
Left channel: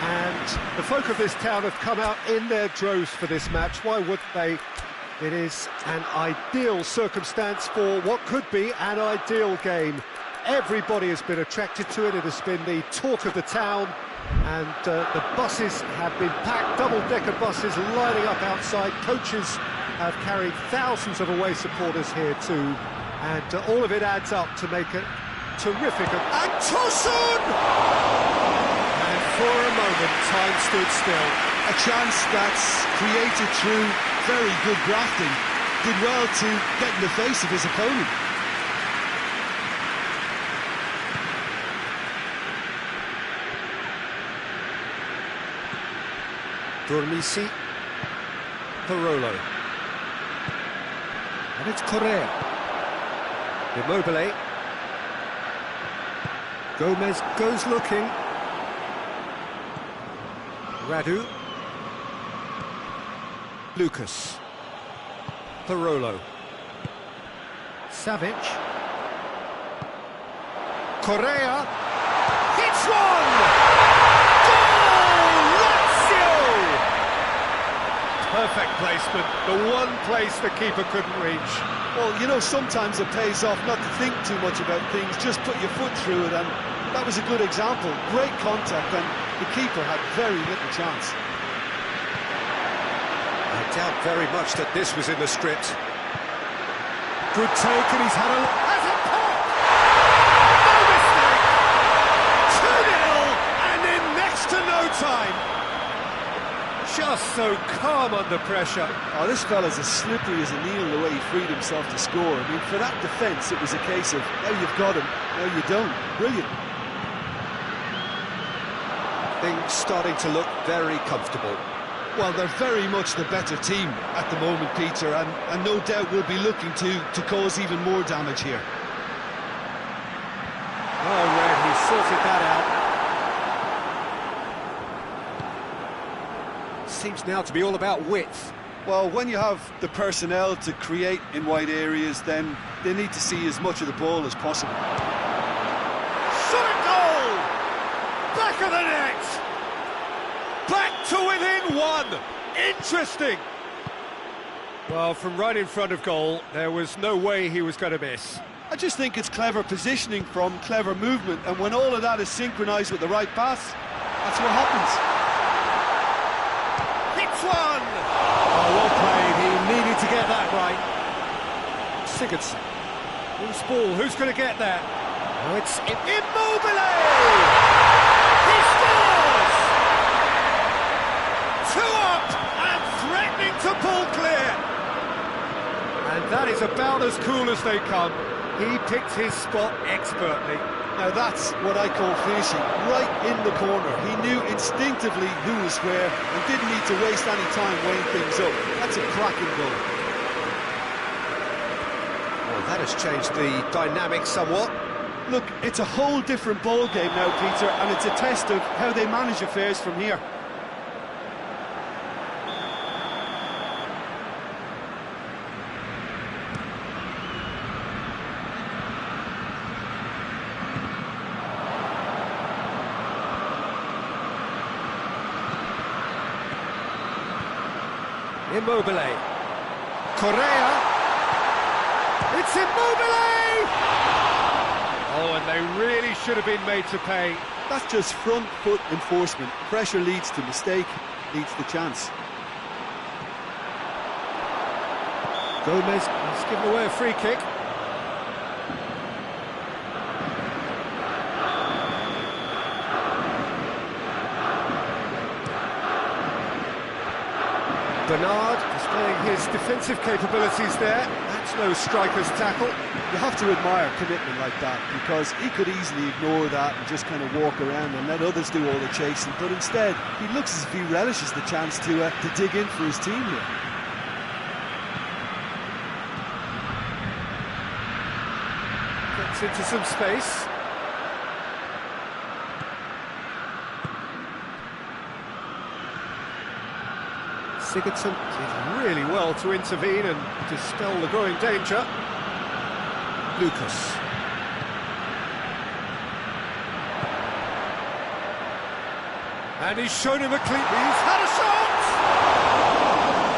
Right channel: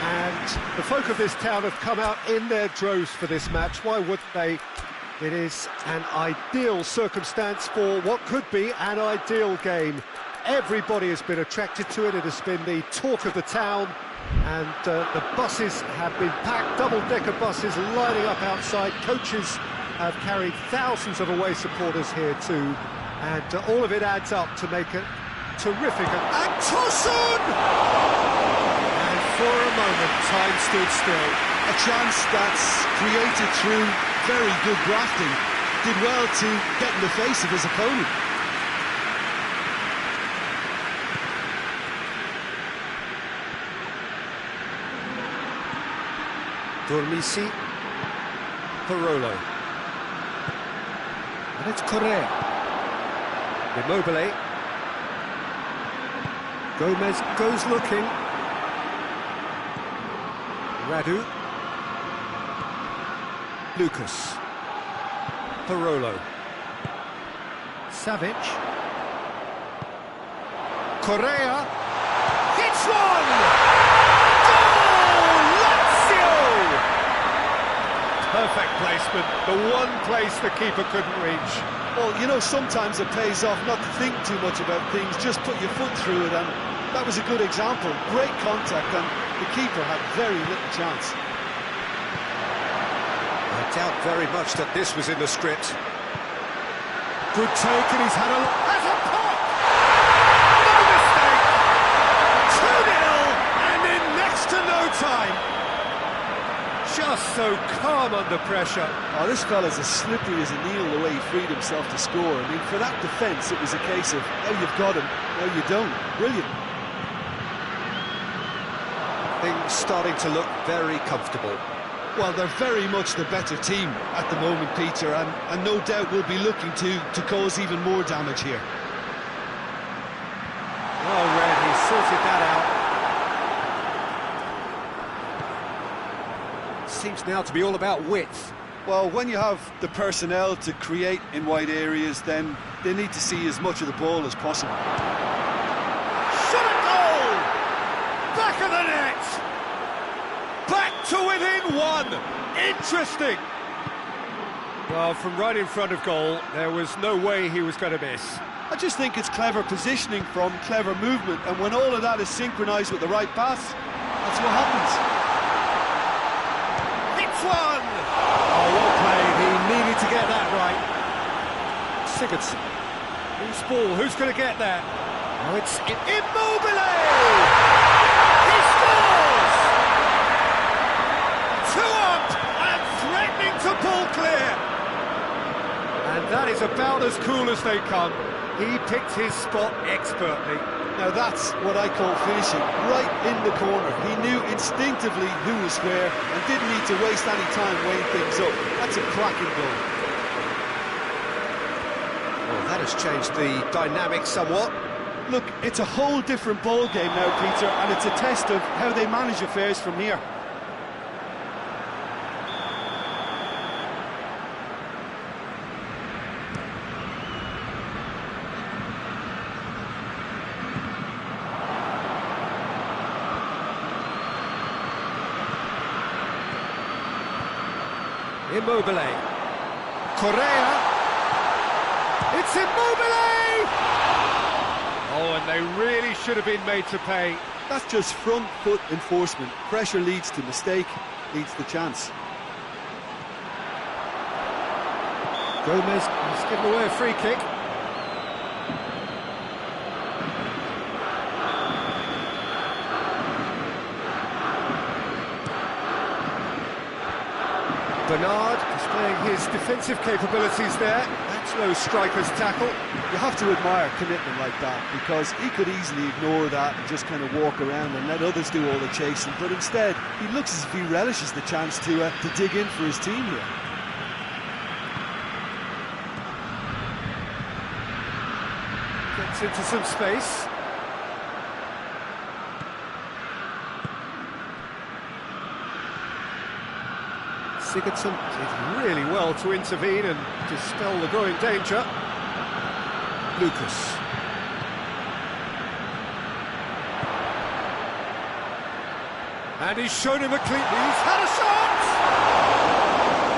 and the folk of this town have come out in their droves for this match. Why wouldn't they? It is an ideal circumstance for what could be an ideal game. Everybody has been attracted to it. It has been the talk of the town, and the buses have been packed, double-decker buses lining up outside. Coaches have carried thousands of away supporters here too, and all of it adds up to make it terrific. And Tosun! And for a moment, time stood still. A chance that's created through very good grafting. Did well to get in the face of his opponent. Dormisi, Parolo, and it's Correa. Immobile. Gomez goes looking. Radu. Lucas. Parolo. Savic. Correa. Hits one! Goal! Lazio! Perfect placement, the one place the keeper couldn't reach. Well, you know, sometimes it pays off not to think too much about things, just put your foot through it, and that was a good example. Great contact, and the keeper had very little chance. I doubt very much that this was in the script. Good take, and he's had a pop! No mistake! 2-0, and in next to no time. Just so calm under pressure. Oh, this fella's as slippery as a needle the way he freed himself to score. I mean, for that defence, it was a case of, now you've got him, now you don't. Brilliant. Things starting to look very comfortable. Well, they're very much the better team at the moment, Peter, and no doubt will be looking to cause even more damage here. Oh, Red, he sorted that out. Seems now to be all about width. Well, when you have the personnel to create in wide areas, then they need to see as much of the ball as possible. Shot a goal! Back of the net! Back to within one! Interesting! Well, from right in front of goal, there was no way he was going to miss. I just think it's clever positioning from clever movement, and when all of that is synchronised with the right pass, that's what happens. Hits one! Oh, well played. He needed to get that right. Sigurdsson. Loose ball. Who's going to get that? Now it's Immobile! He scores! 2 up and threatening to pull clear. And that is about as cool as they come. He picked his spot expertly. Now that's what I call finishing, right in the corner. He knew instinctively who was where and didn't need to waste any time weighing things up. That's a cracking goal. Well, that has changed the dynamic somewhat. Look, it's a whole different ball game now, Peter, and it's a test of how they manage affairs from here. Immobile. Correa. It's Immobile! Oh, and they really should have been made to pay. That's just front foot enforcement. Pressure leads to mistake, leads to chance. Gomez has given away a free kick. Bernard displaying his defensive capabilities there. That's no striker's tackle. You have to admire commitment like that, because he could easily ignore that and just kind of walk around and let others do all the chasing, but instead he looks as if he relishes the chance to dig in for his team here. Gets into some space. Sigurdsson did really well to intervene and dispel the growing danger. Lucas. And he's shown him a clean... He's had a shot!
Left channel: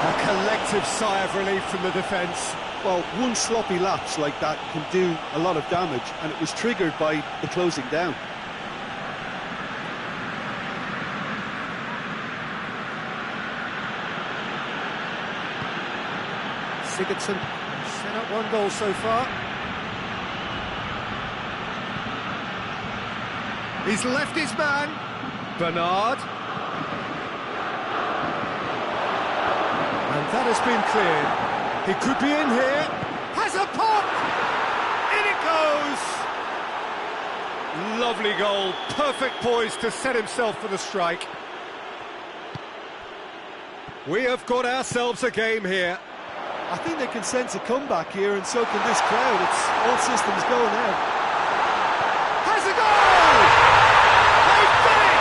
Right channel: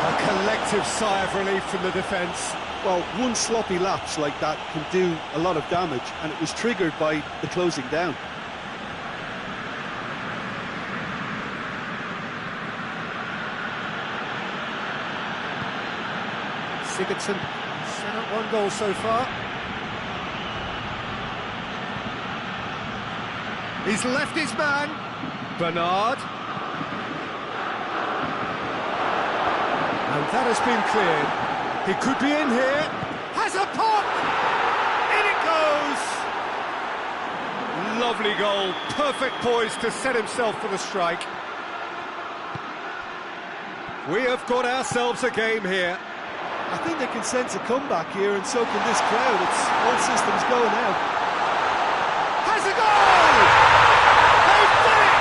A collective sigh of relief from the defence. Well, one sloppy lapse like that can do a lot of damage, and it was triggered by the closing down. Sigurdsson set up one goal so far. He's left his man. Bernard. And that has been cleared. He could be in here. Has a pop! In it goes! Lovely goal. Perfect poise to set himself for the strike. We have got ourselves a game here. I think they can sense a comeback here, and so can this crowd. It's all systems go now. Has a goal! They've done it!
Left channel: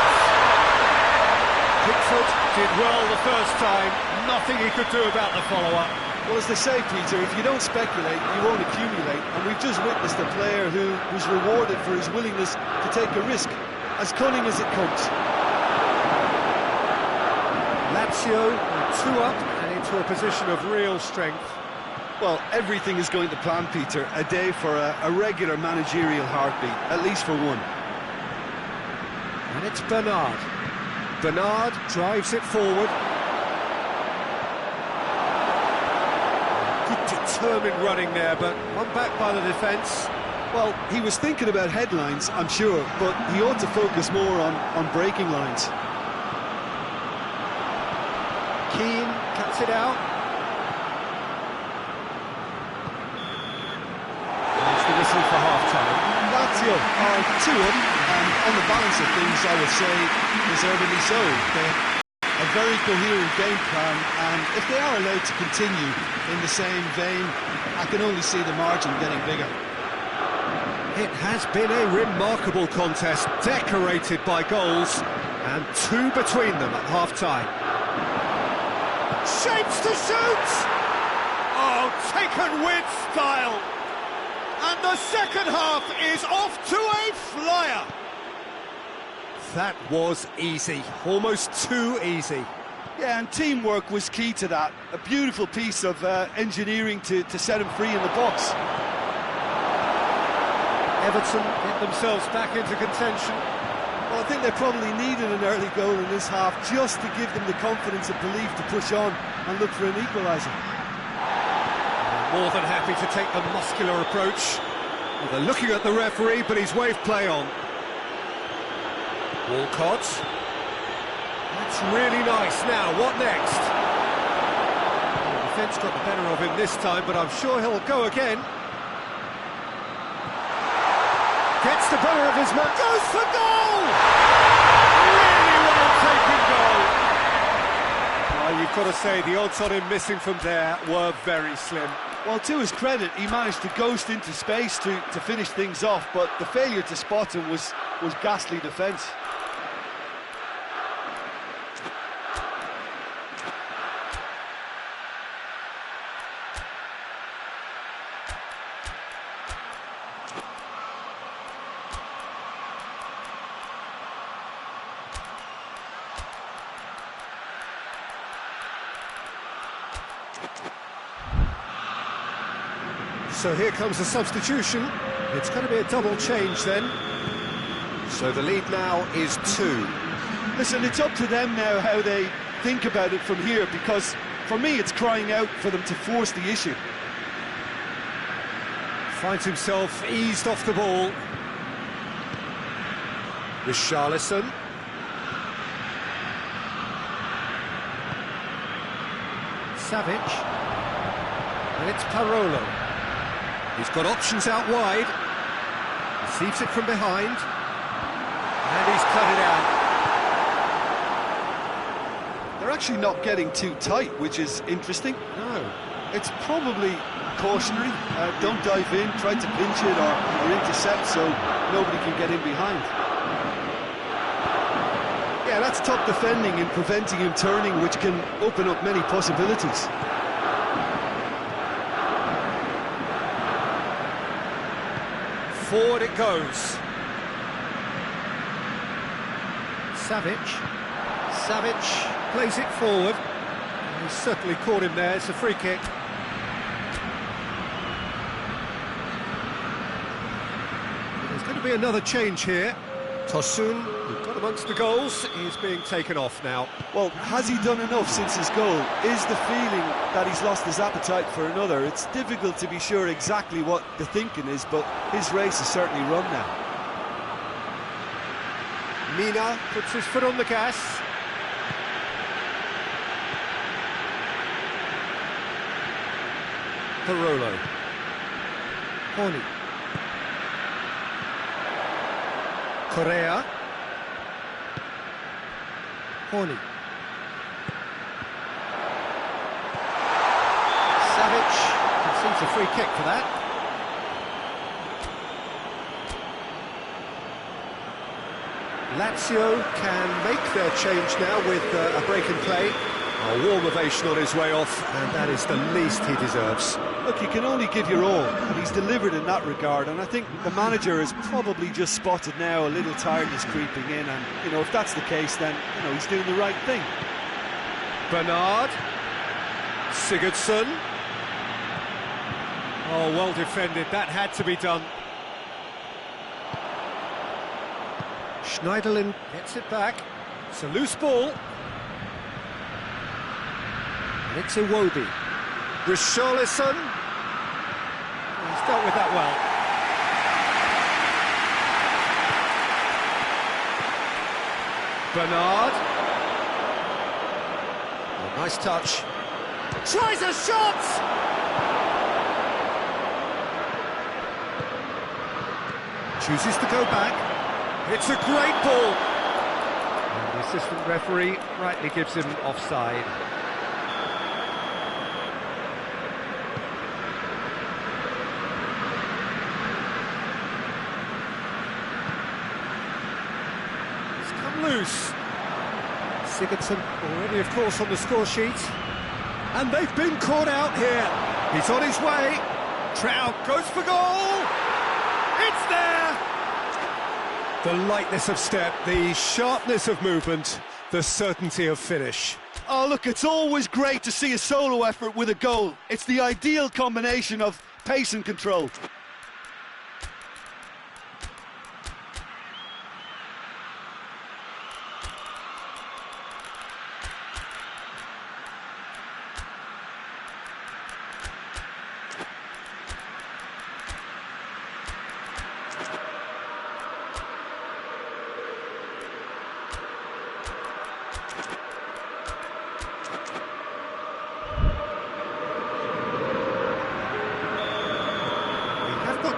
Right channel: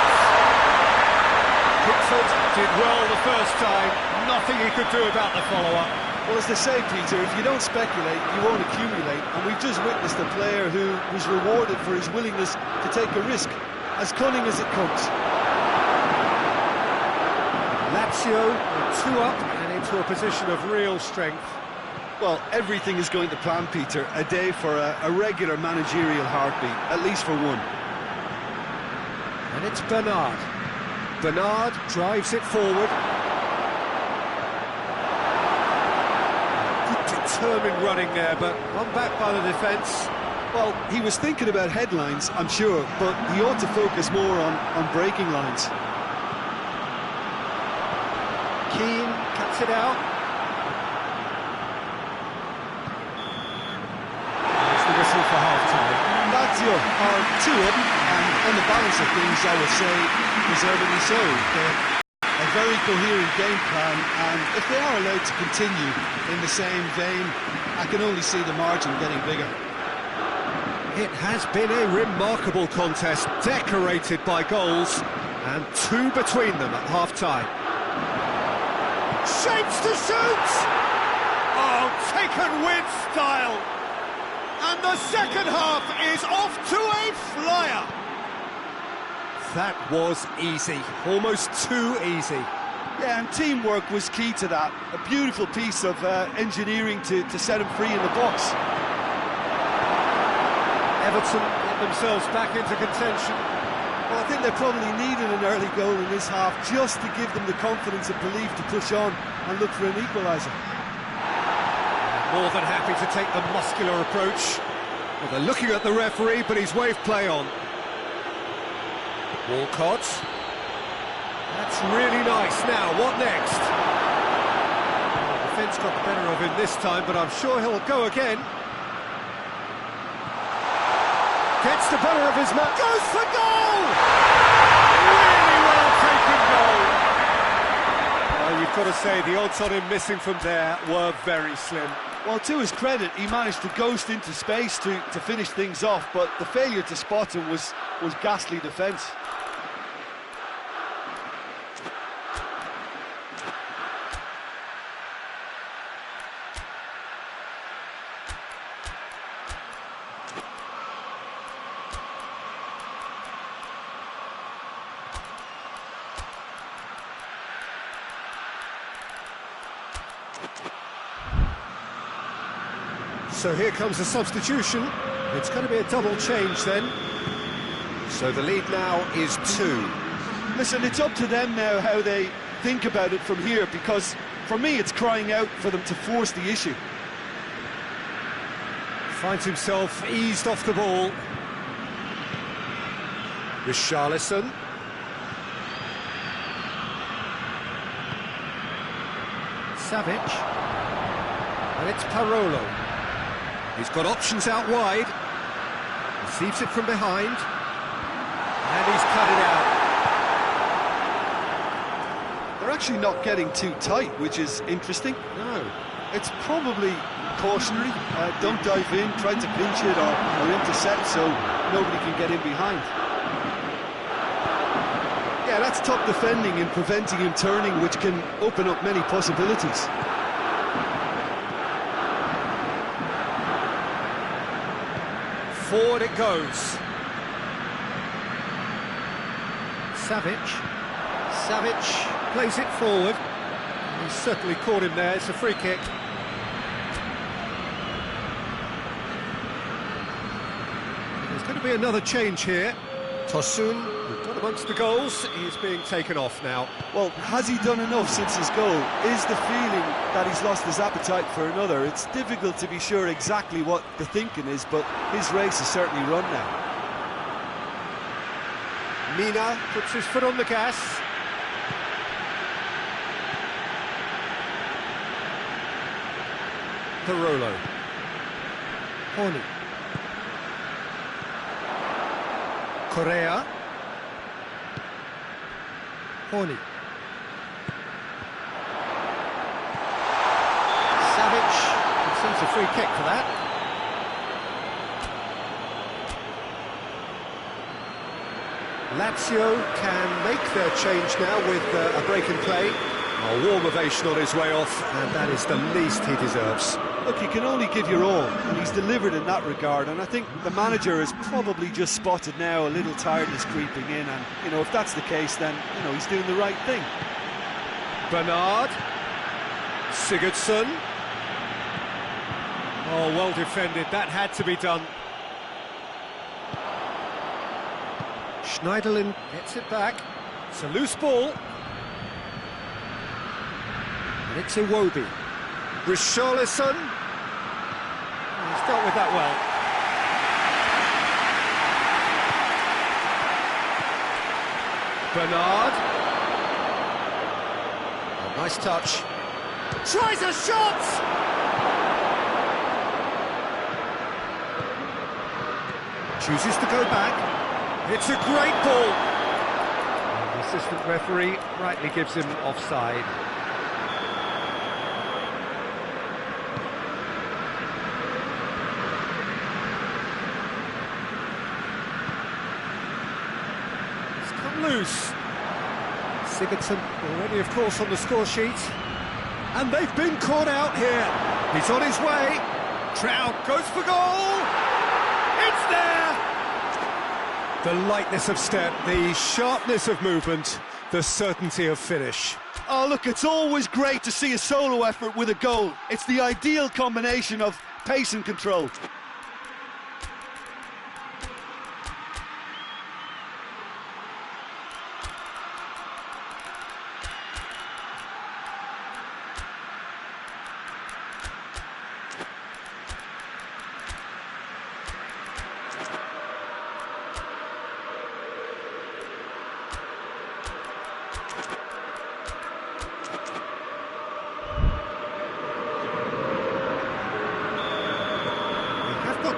Pickford did well the first time. Nothing he could do about the follow-up. Well, as they say, Peter, if you don't speculate, you won't accumulate. And we've just witnessed a player who was rewarded for his willingness to take a risk, as cunning as it comes. Lazio are 2 up and into a position of real strength. Well, everything is going to plan, Peter. A day for a regular managerial heartbeat, at least for one. And it's Bernard. Bernard drives it forward. Good determined running there, but one back by the defence. Well, he was thinking about headlines, I'm sure, but he ought to focus more on breaking lines. Keane cuts it out. There's the whistle for half-time. Lazio are 2 up, and on the balance of things, I would say, deservedly so. They have a very coherent game plan, and if they are allowed to continue in the same vein, I can only see the margin getting bigger. It has been a remarkable contest, decorated by goals, and 2 between them at half-time. Shapes to shoot! Oh, taken with style! And the second half is off to a flyer! That was easy, almost too easy. Yeah, and teamwork was key to that. A beautiful piece of engineering to set him free in the box. Everton get themselves back into contention. Well, I think they probably needed an early goal in this half just to give them the confidence and belief to push on and look for an equaliser. More than happy to take the muscular approach. Well, they're looking at the referee, but he's waved play on. Walcott. That's really nice. Now, what next? Well, the defence got the better of him this time, but I'm sure he'll go again. Gets the better of his man. Goes for goal! Really well taken goal. Well, you've got to say, the odds on him missing from there were very slim. Well, to his credit, he managed to ghost into space to finish things off, but the failure to spot him was ghastly defence. So here comes a substitution. It's going to be a double change then. So the lead now is 2. Listen, it's up to them now how they think about it from here, because for me it's crying out for them to force the issue. Finds himself eased off the ball. Richarlison. Savic. And it's Parolo. He's got options out wide. Receives it from behind. And he's cut it out. They're actually not getting too tight, which is interesting. No. It's probably cautionary. Don't dive in, try to pinch it or intercept so nobody can get in behind. Yeah, that's top defending and preventing him turning, which can open up many possibilities. Forward it goes. Savic plays it forward. He's certainly caught him there. It's a free kick. There's going to be another change here. Tosun, who got amongst the goals, is being taken off now. Well, has he done enough since his goal? Is the feeling that he's lost his appetite for another? It's difficult to be sure exactly what the thinking is, but his race is certainly run now. Mina puts his foot on the gas. Parolo. Horny. Correa. Horny. Savic concedes a free kick for that. Lazio can make their change now with a break in play. A warm ovation on his way off, and that is the least he deserves. Look, you can only give your all, and he's delivered in that regard, and I think the manager has probably just spotted now a little tiredness creeping in, and, you know, if that's the case, then, you know, he's doing the right thing. Bernard. Sigurdsson. Oh, well defended, that had to be done. Schneiderlin gets it back. It's a loose ball. And it's Iwobi. Richarlison. He's dealt with that well. Bernard. Oh, nice touch. Tries a shot! Chooses to go back. It's a great ball. And the assistant referee rightly gives him offside. Loose. Sigurdsson already, of course, on the score sheet. And they've been caught out here. He's on his way. Trout goes for goal. It's there. The lightness of step, the sharpness of movement, the certainty of finish. Oh, look, it's always great to see a solo effort with a goal. It's the ideal combination of pace and control.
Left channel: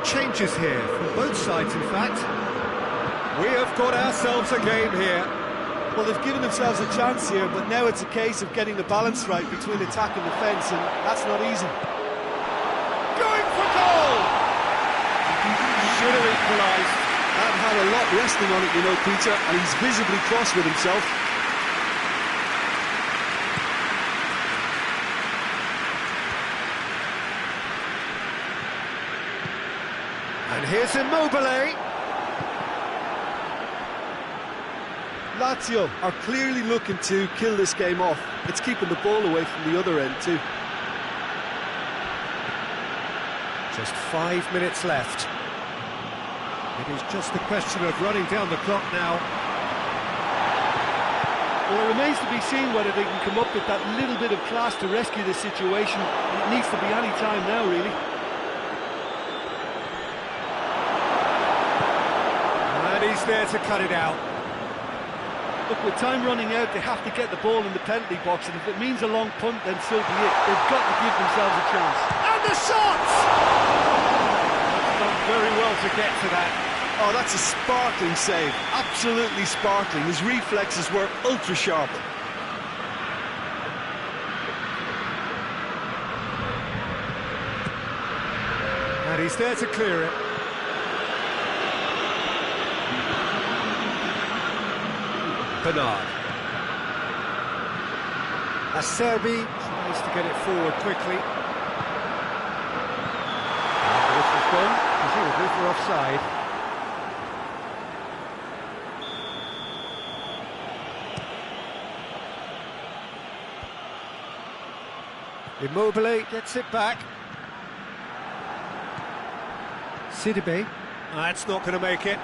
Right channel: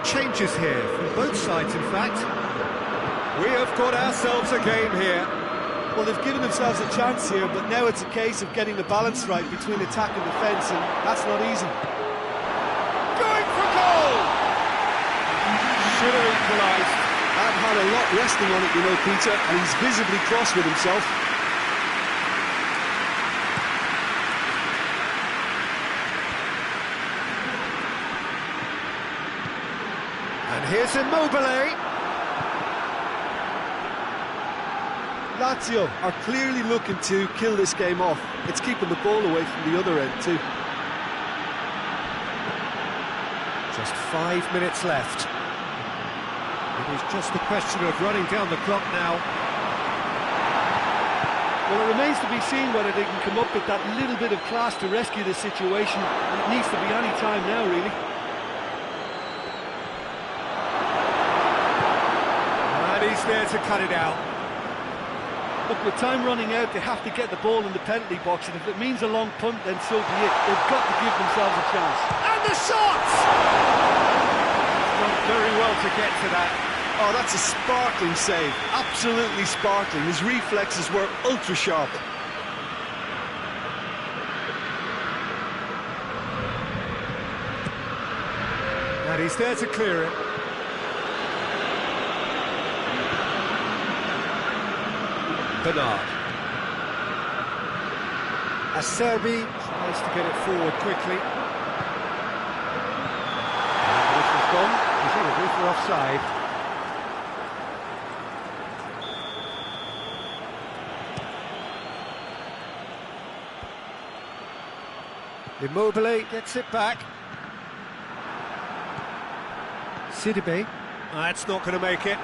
Changes here from both sides, in fact. We have got ourselves a game here. Well, they've given themselves a chance here, but now it's a case of getting the balance right between attack and defence, and that's not easy. Going for goal! Should have equalised. That had a lot resting on it, you know, Peter, and he's visibly cross with himself. And here's Immobile. Lazio are clearly looking to kill this game off. It's keeping the ball away from the other end too. Just 5 minutes left. It is just a question of running down the clock now. Well, it remains to be seen whether they can come up with that little bit of class to rescue this situation, and it needs to be any time now, really. And he's there to cut it out. Look, with time running out, they have to get the ball in the penalty box, and if it means a long punt, then so be it. They've got to give themselves a chance. And the shot! He's done very well to get to that. Oh, that's a sparkling save. Absolutely sparkling. His reflexes were ultra sharp. And he's there to clear it. Bernard. Acerbi tries to get it forward quickly. And the whistle's gone, presumably for offside. Immobile gets it back. Sidibe. That's not going to make it.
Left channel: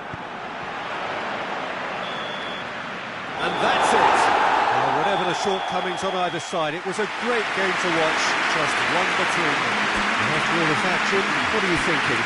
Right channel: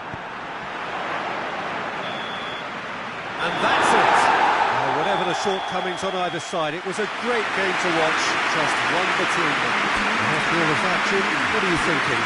And that's it. Well, whatever the shortcomings on either side, it was a great game to watch, just one between them. And after all of that, Jim, what are you thinking?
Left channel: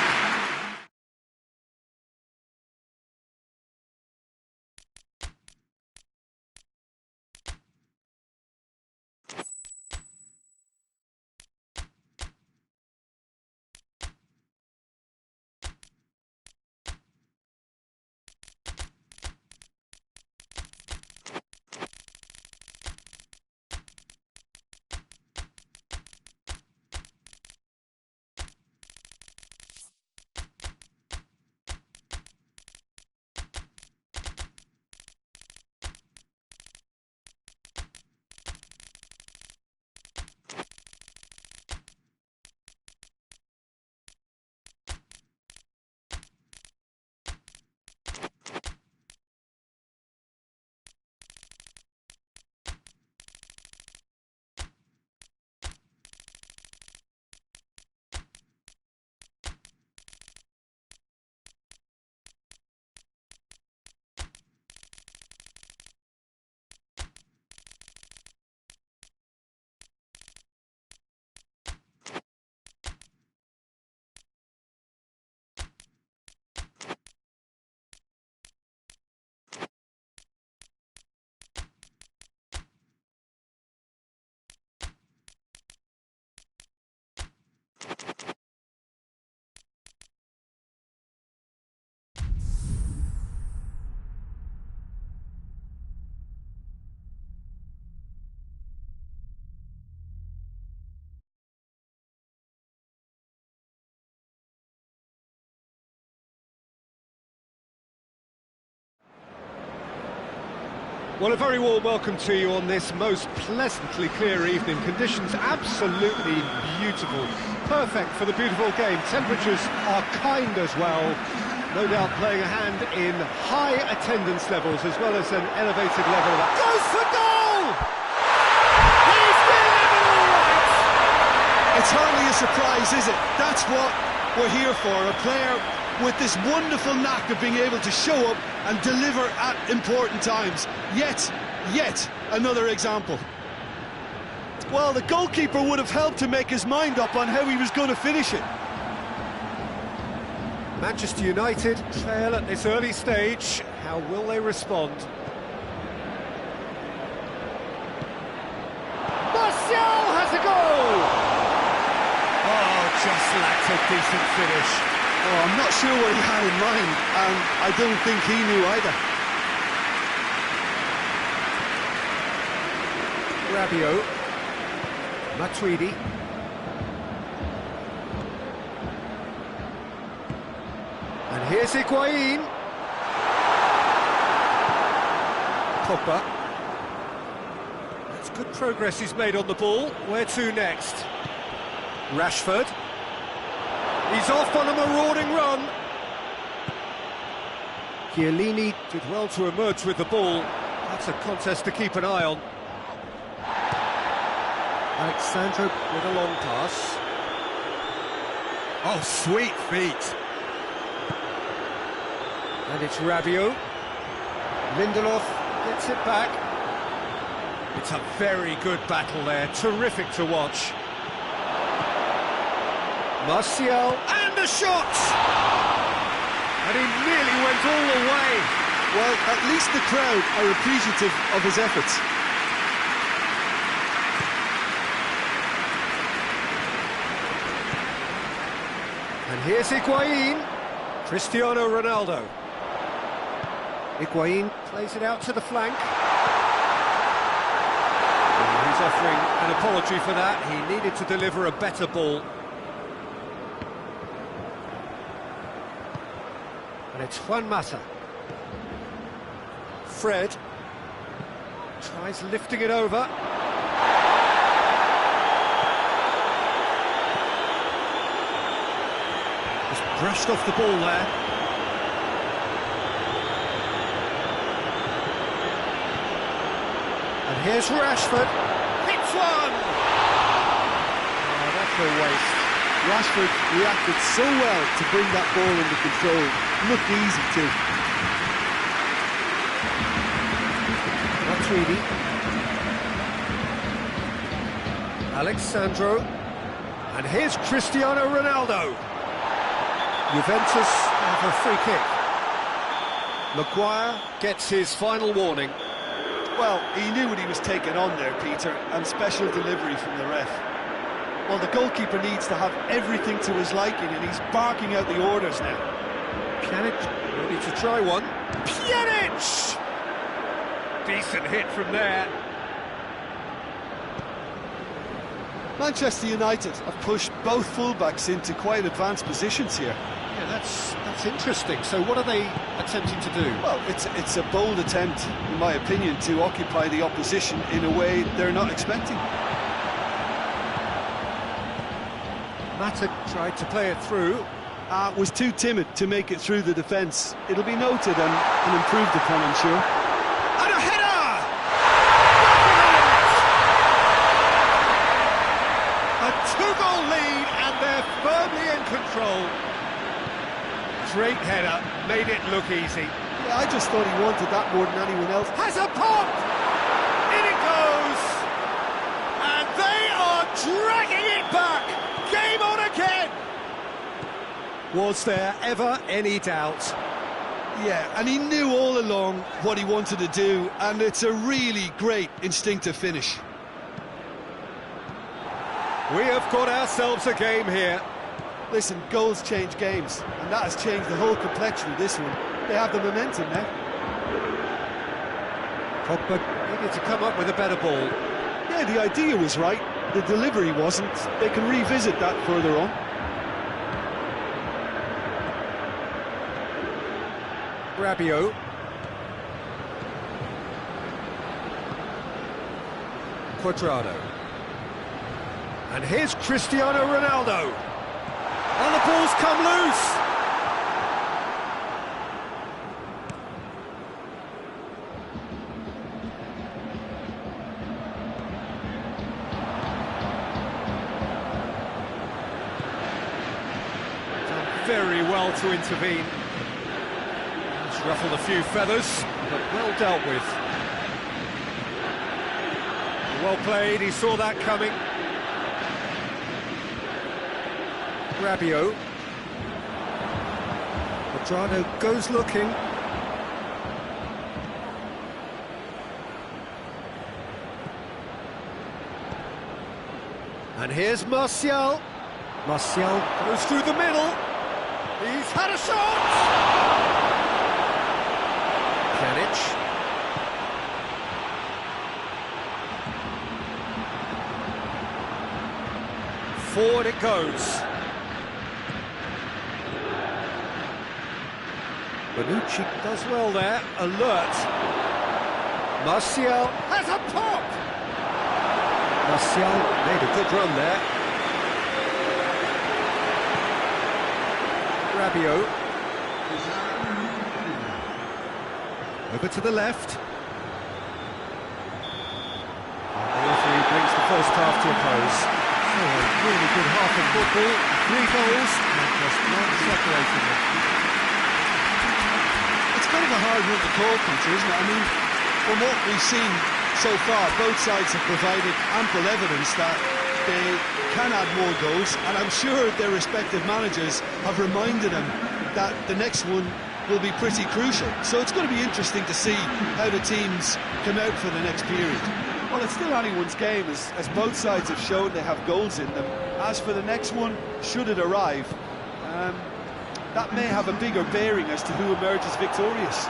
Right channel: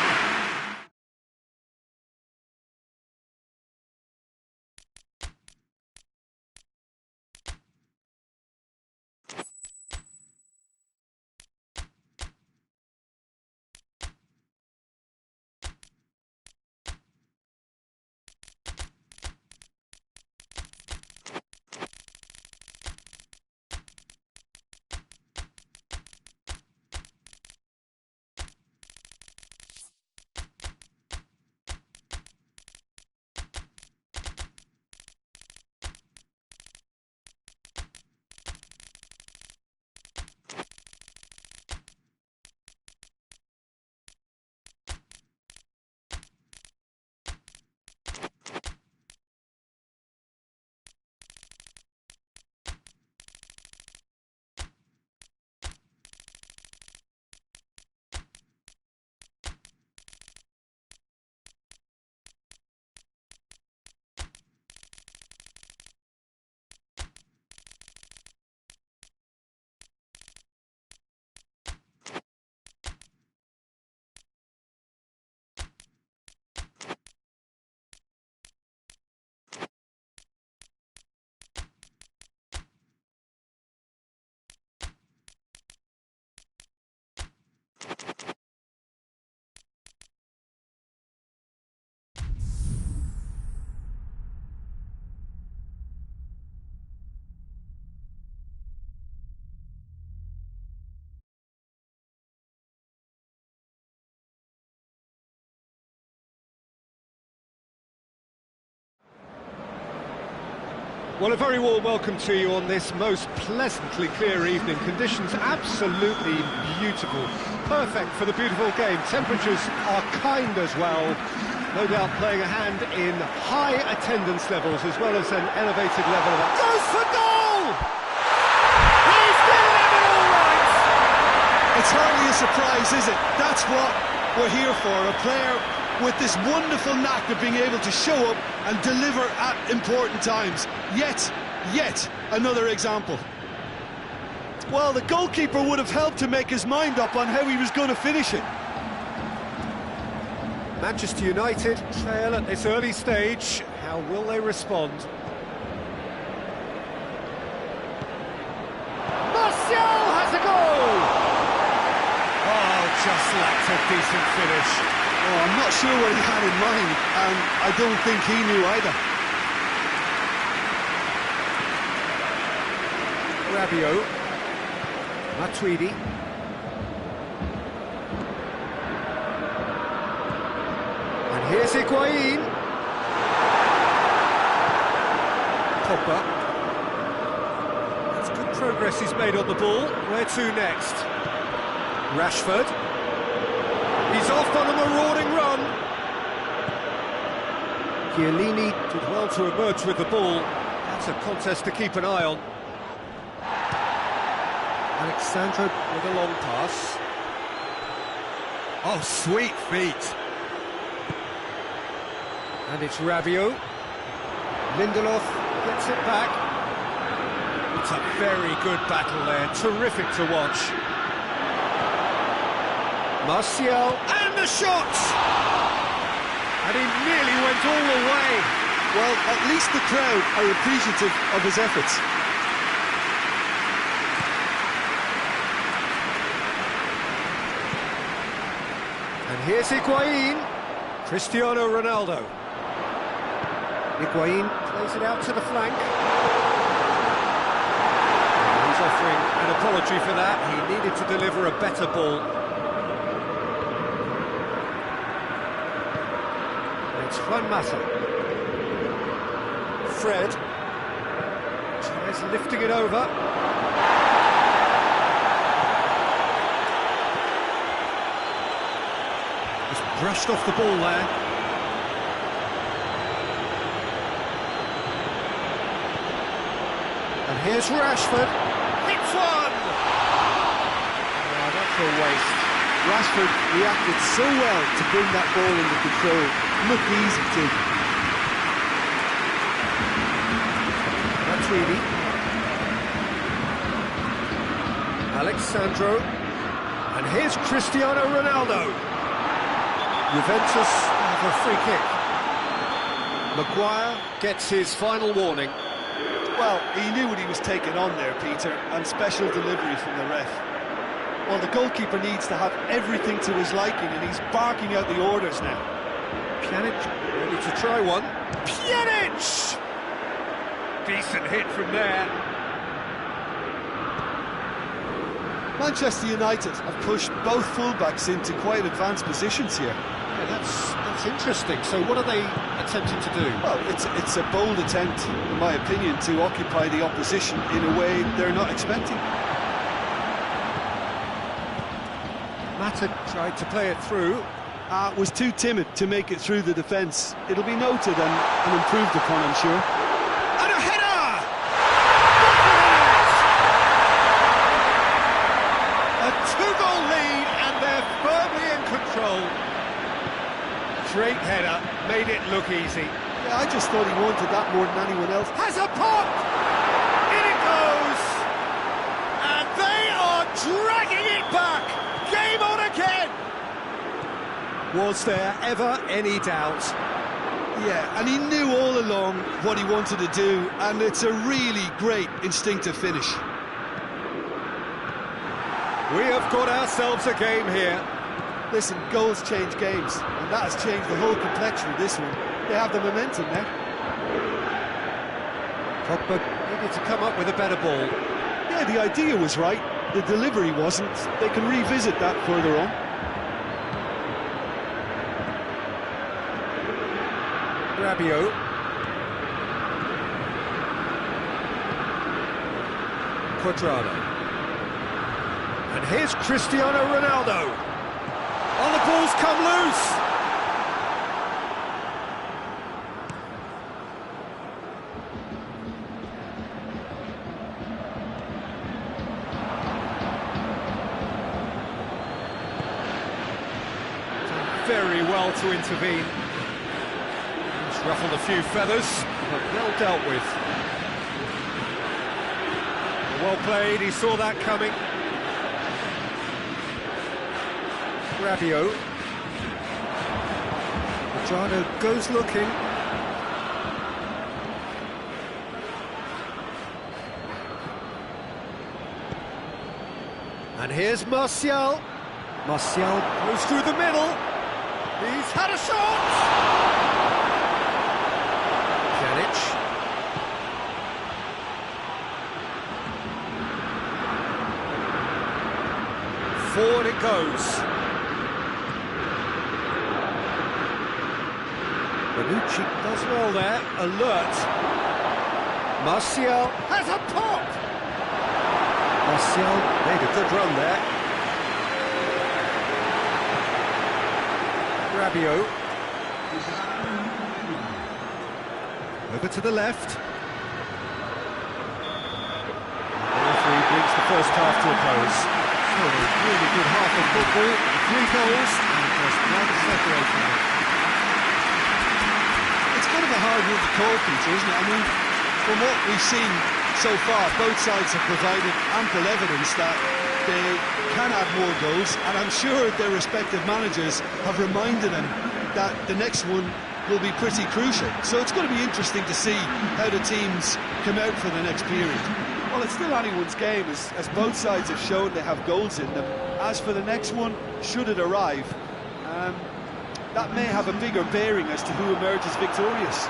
Well, a very warm welcome to you on this most pleasantly clear evening. Conditions absolutely beautiful. Perfect for the beautiful game. Temperatures are kind as well. No doubt playing a hand in high attendance levels as well as an elevated level of that. Goes for goal! He's delivered all right! It's hardly a surprise, is it? That's what we're here for. A player with this wonderful knack of being able to show up and deliver at important times. Yet another example. Well, the goalkeeper would have helped to make his mind up on how he was going to finish it. Manchester United trail at this early stage. How will they respond? Martial has a goal! Oh, just lacked a decent finish. Oh, I'm not sure what he had in mind, and I don't think he knew either. Rabiot, Matuidi, and here's Higuain. Pogba. That's good progress he's made on the ball. Where to next? Rashford. He's off on a marauding run. Chiellini did well to emerge with the ball. That's a contest to keep an eye on. Alexandro with a long pass. Oh, sweet feet. And it's Rabiot. Lindelof gets it back. It's a very good battle there. Terrific to watch. Martial, and the shot! And he nearly went all the way. Well, at least the crowd are appreciative of his efforts. And here's Higuain. Cristiano Ronaldo. Higuain plays it out to the flank. And he's offering an apology for that. He needed to deliver a better ball. And it's Juan Mata. Fred. Tries lifting it over. Just brushed off the ball there. And here's Rashford. Hits one! Oh, that's a waste. Rashford reacted so well to bring that ball under control. Looked easy too. Matuidi. Alexandro. And here's Cristiano Ronaldo. Juventus have a free kick. Maguire Gets his final warning. Well, he knew what he was taking on there, Peter, and special delivery from the ref. Well, the goalkeeper needs to have everything to his liking, and he's barking out the orders now. Pjanic ready to try one. Pjanic! Decent hit from there. Manchester United have pushed both fullbacks into quite advanced positions here. Yeah, that's interesting. So what are they attempting to do? Well, it's a bold attempt, in my opinion, to occupy the opposition in a way they're not expecting. Mata tried to play it through. Was too timid to make it through the defence. It'll be noted and improved upon, I'm sure. And a header! A two-goal lead, and they're firmly in control. Great header, made it look easy. Yeah, I just thought he wanted that more than anyone else. Has a pop! In it goes! And they are dragging it back! Game on again! Was there ever any doubt? Yeah, and he knew all along what he wanted to do, and it's a really great instinctive finish. We have got ourselves a game here. Listen, goals change games, and that has changed the whole complexion of this one. They have the momentum now. Pogba needed to come up with a better ball. Yeah, the idea was right, the delivery wasn't. They can revisit that further on. Rabiot. Quadrado. And here's Cristiano Ronaldo. Oh, the ball's come loose. Done very well to intervene. He's ruffled a few feathers, but well dealt with. Well played, he saw that coming. Rabiot. Quadrado goes looking. And here's Martial. Martial goes through the middle. He's had a shot! Pjanic. Forward it goes. Bonucci does well there, alert. Martial has a pop! Martial made a good run there. Rabiot. Over to the left. And the referee brings the first half to a close. So a really good half of football, 3 goals and just one separating them. It's kind of a hard one to call, Peter, isn't it? I mean, from what we've seen so far, both sides have provided ample evidence that they can add more goals, and I'm sure their respective managers have reminded them that the next one will be pretty crucial. So it's going to be interesting to see how the teams come out for the next period. Well, it's still anyone's game, as both sides have shown they have goals in them. As for the next one, should it arrive, that may have a bigger bearing as to who emerges victorious.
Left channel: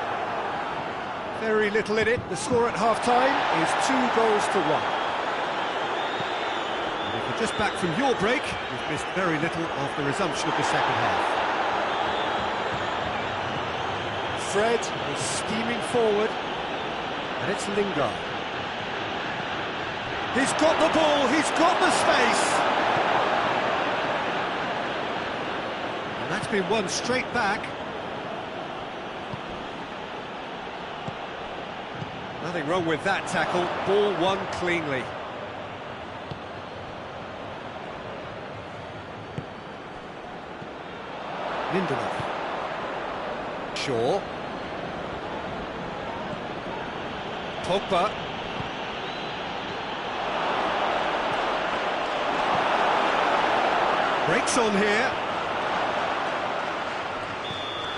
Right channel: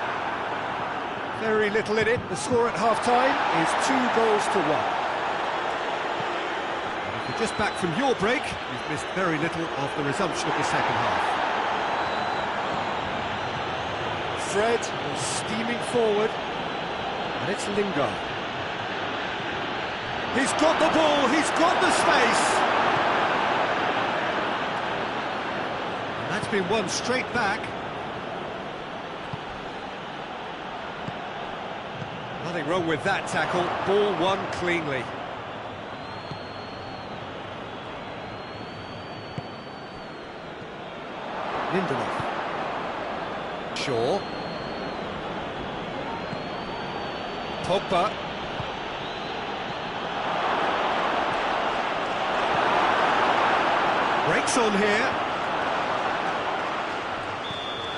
Very little in it. The score at half-time is 2 goals to 1. And if you're just back from your break, you've missed very little of the resumption of the second half. Fred is steaming forward, and it's Lingard. He's got the ball, he's got the space. And that's been won straight back. Nothing wrong with that tackle, ball won cleanly. Lindelof. Shaw. Pogba. Breaks on here.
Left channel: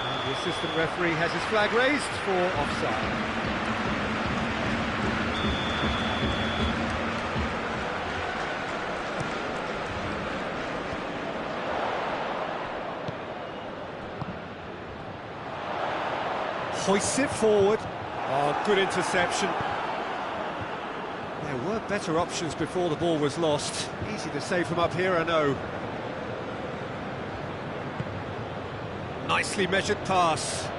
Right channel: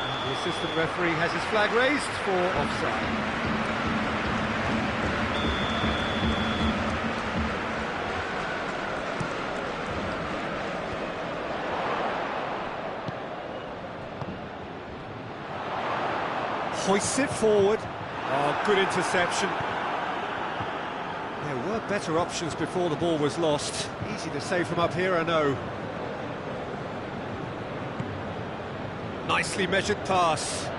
And the assistant referee has his flag raised for offside. Hoists it forward. Oh, good interception. There were better options before the ball was lost. Easy to save from up here, I know. Nicely measured pass.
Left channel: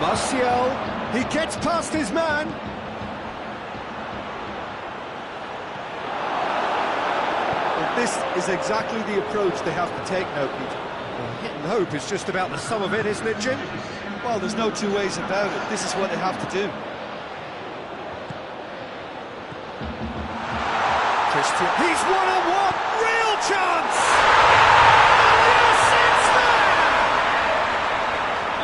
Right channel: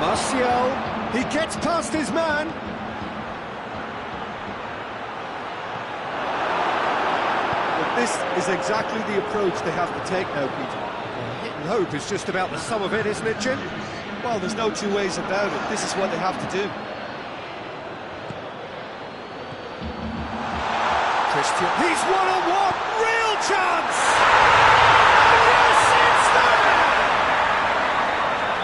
Martial, he gets past his man. Well, this is exactly the approach they have to take now, Peter. Well, hit and hope is just about the sum of it, isn't it, Jim? Well, there's no two ways about it. This is what they have to do. Christian, he's one-on-one, real chance! And yes, it's there!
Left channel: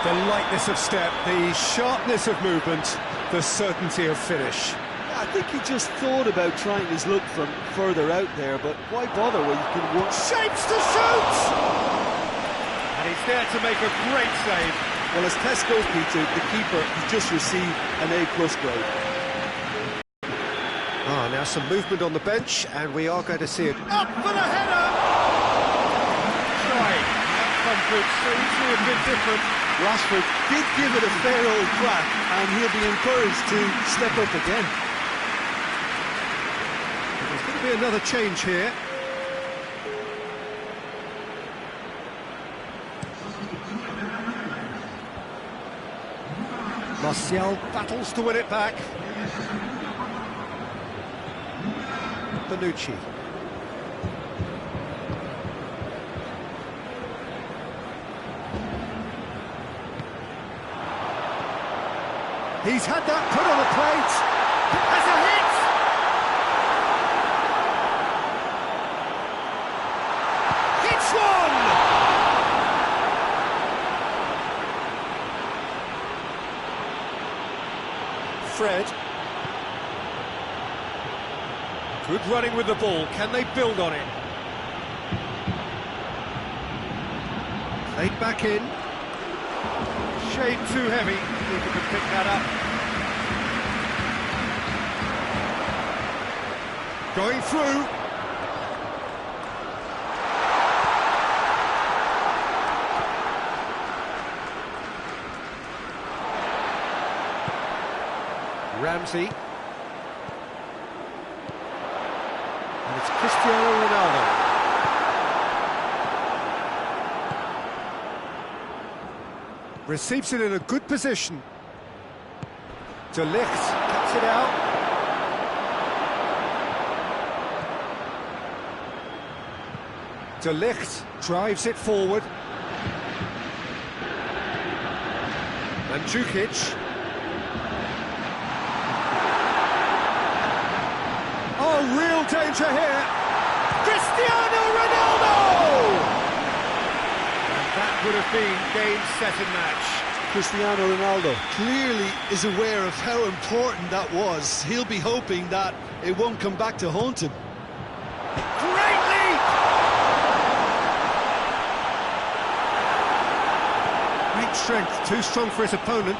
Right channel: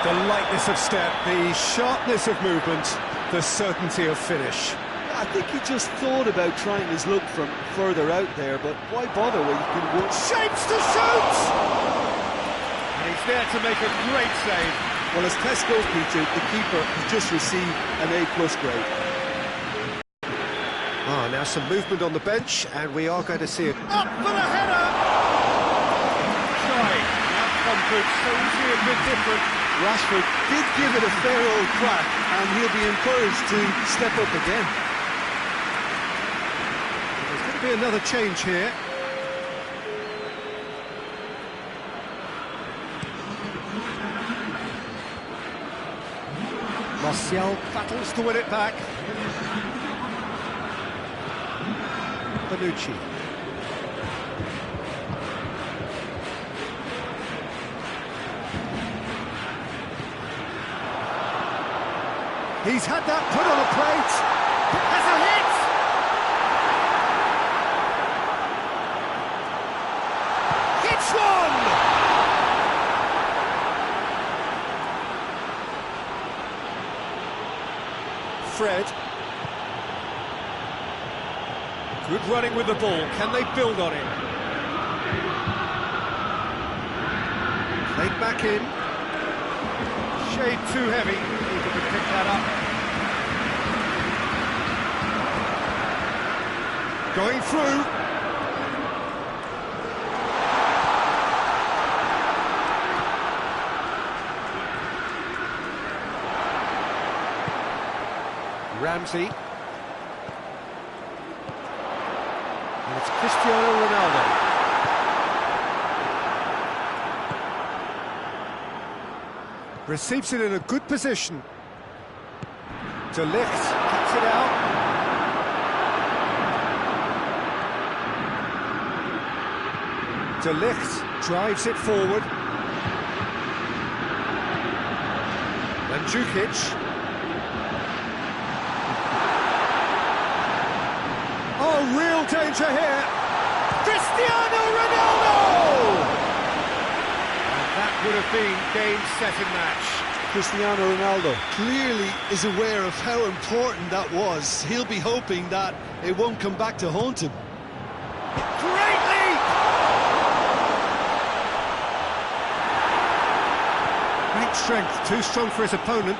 The lightness of step, the sharpness of movement, the certainty of finish. I think he just thought about trying his luck from further out there, but why bother when you can work? Shapes to shoot! And he's there to make a great save. Well, as test goes, Peter, the keeper has just received an A+ grade. Ah, now some movement on the bench, and we are going to see it. Up for the header! Trying. The outcome could so easily have been different. Rashford did give it a fair old crack, and he'll be encouraged to step up again. But there's going to be another change here. Martial battles to win it back. Bonucci. He's had that put on a plate. Has a hit. Hits one. Fred. Good running with the ball. Can they build on it? Played back in. Shade too heavy. Keeper could pick that up. Going through. Ramsey. And it's Cristiano Ronaldo. Receives it in a good position. De Ligt cuts it out. De Ligt drives it forward. Mandzukic. Oh, real danger here. Cristiano Ronaldo! And that would have been game, set and match. Cristiano Ronaldo clearly is aware of how important that was. He'll be hoping that it won't come back to haunt him. Great leap! Great strength, too strong for his opponent.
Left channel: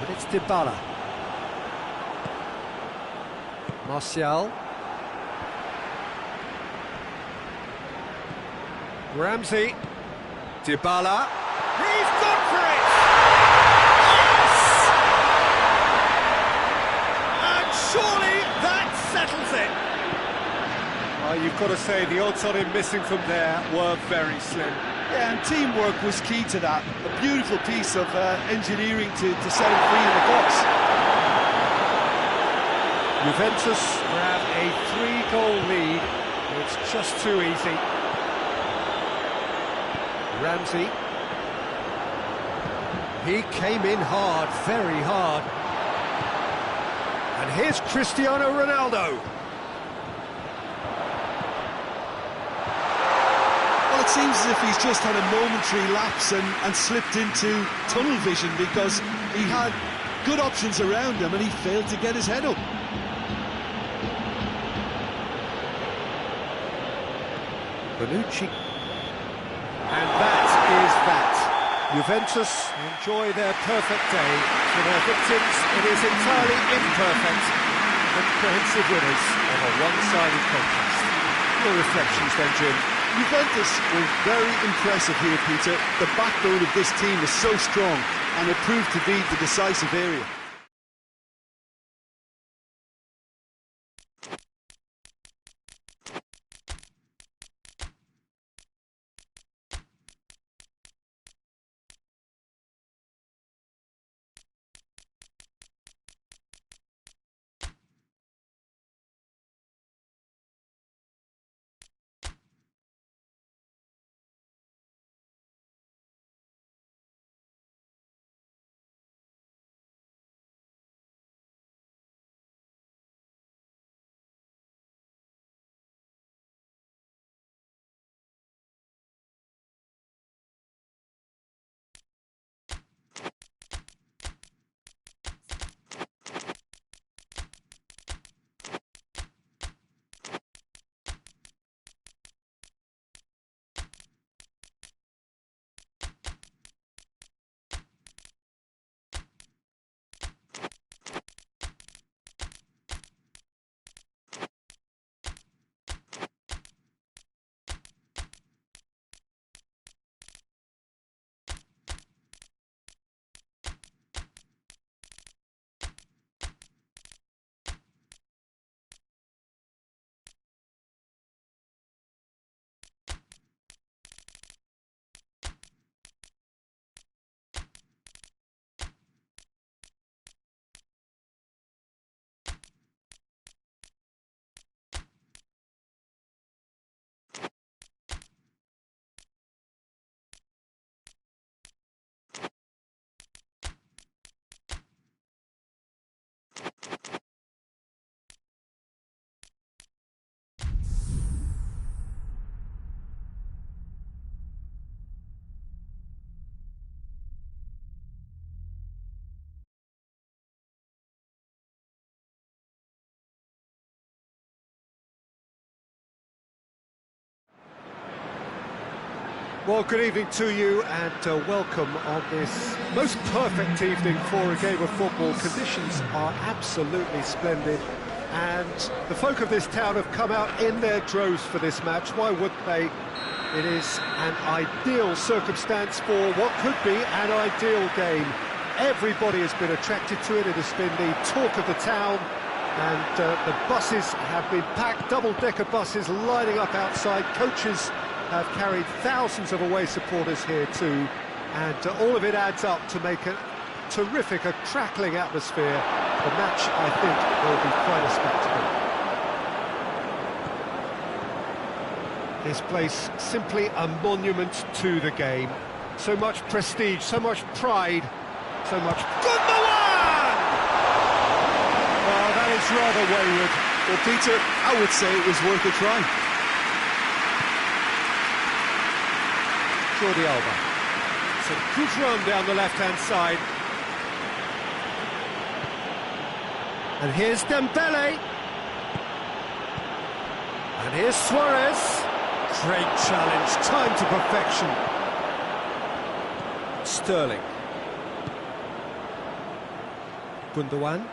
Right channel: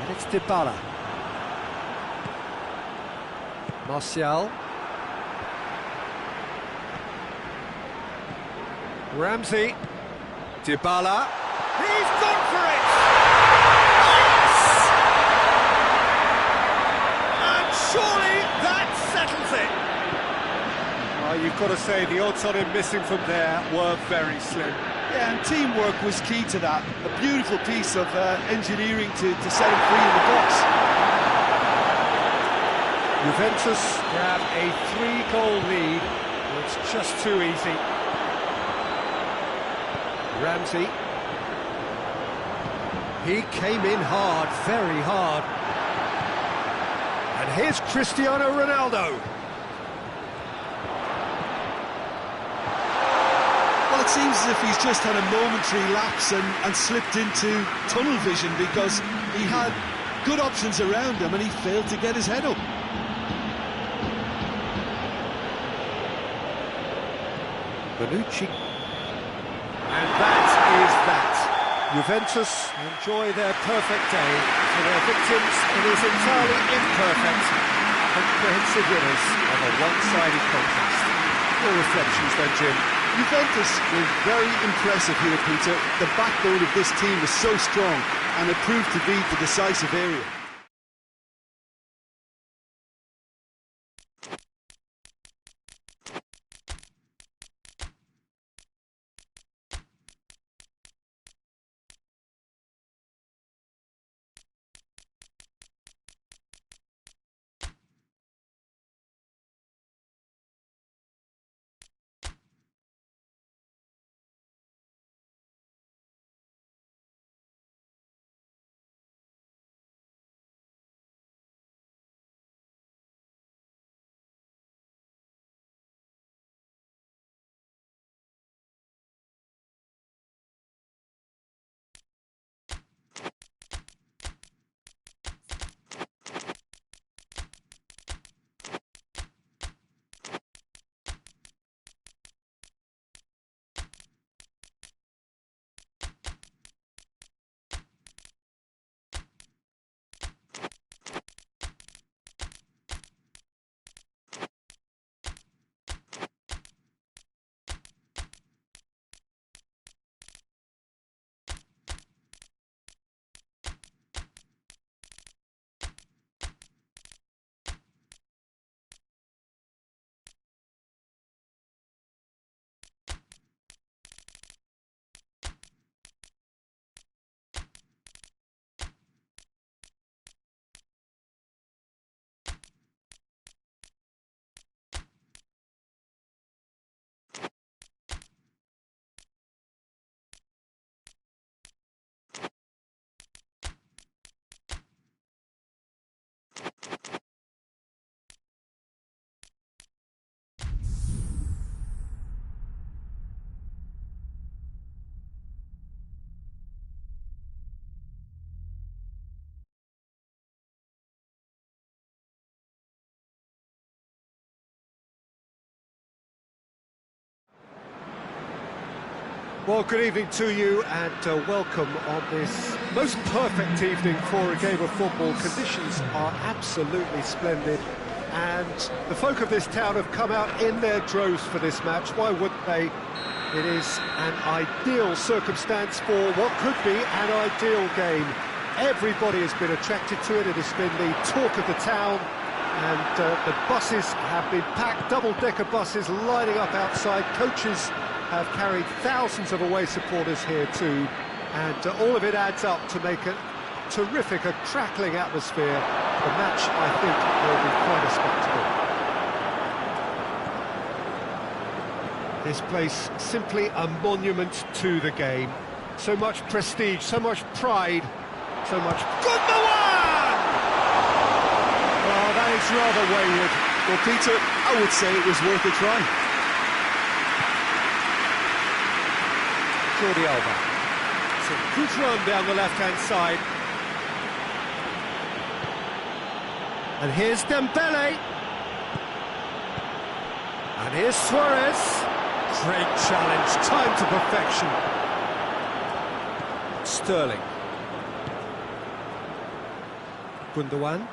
And it's Dybala. Martial. Ramsey. Dybala. He's gone for it! Yes! And surely that settles it. Well, you've got to say the odds on him missing from there were very slim. Yeah, and teamwork was key to that. A beautiful piece of engineering to set him free in the box. Juventus grab a 3-goal lead. It's just too easy. Ramsey. He came in hard, very hard. And here's Cristiano Ronaldo. Well, it seems as if he's just had a momentary lapse and slipped into tunnel vision, because he had good options around him and he failed to get his head up. Bonucci. And that is that. Juventus enjoy their perfect day. For their victims, it is entirely imperfect. Comprehensive winners of a one-sided contest. Your reflections then, Jim? Juventus were very impressive here, Peter. The backbone of this team is so strong, and it proved to be the decisive area. Well, good evening to you, and welcome on this most perfect evening for a game of football. Conditions are absolutely splendid, and the folk of this town have come out in their droves for this match. Why wouldn't they? It is an ideal circumstance for what could be an ideal game. Everybody has been attracted to it. It has been the talk of the town, and the buses have been packed, double-decker buses lining up outside. Coaches have carried thousands of away supporters here too, and all of it adds up to make a terrific, a crackling atmosphere. The match, I think, will be quite a spectacle. This place simply a monument to the game. So much prestige, so much pride, so much... Good the one! Well, that is rather wayward. Well, Peter, I would say it was worth a try. Jordi Alba. It's a good run down the left-hand side. And here's Dembele. And here's Suarez. Great challenge, time to perfection. Sterling. Gundogan.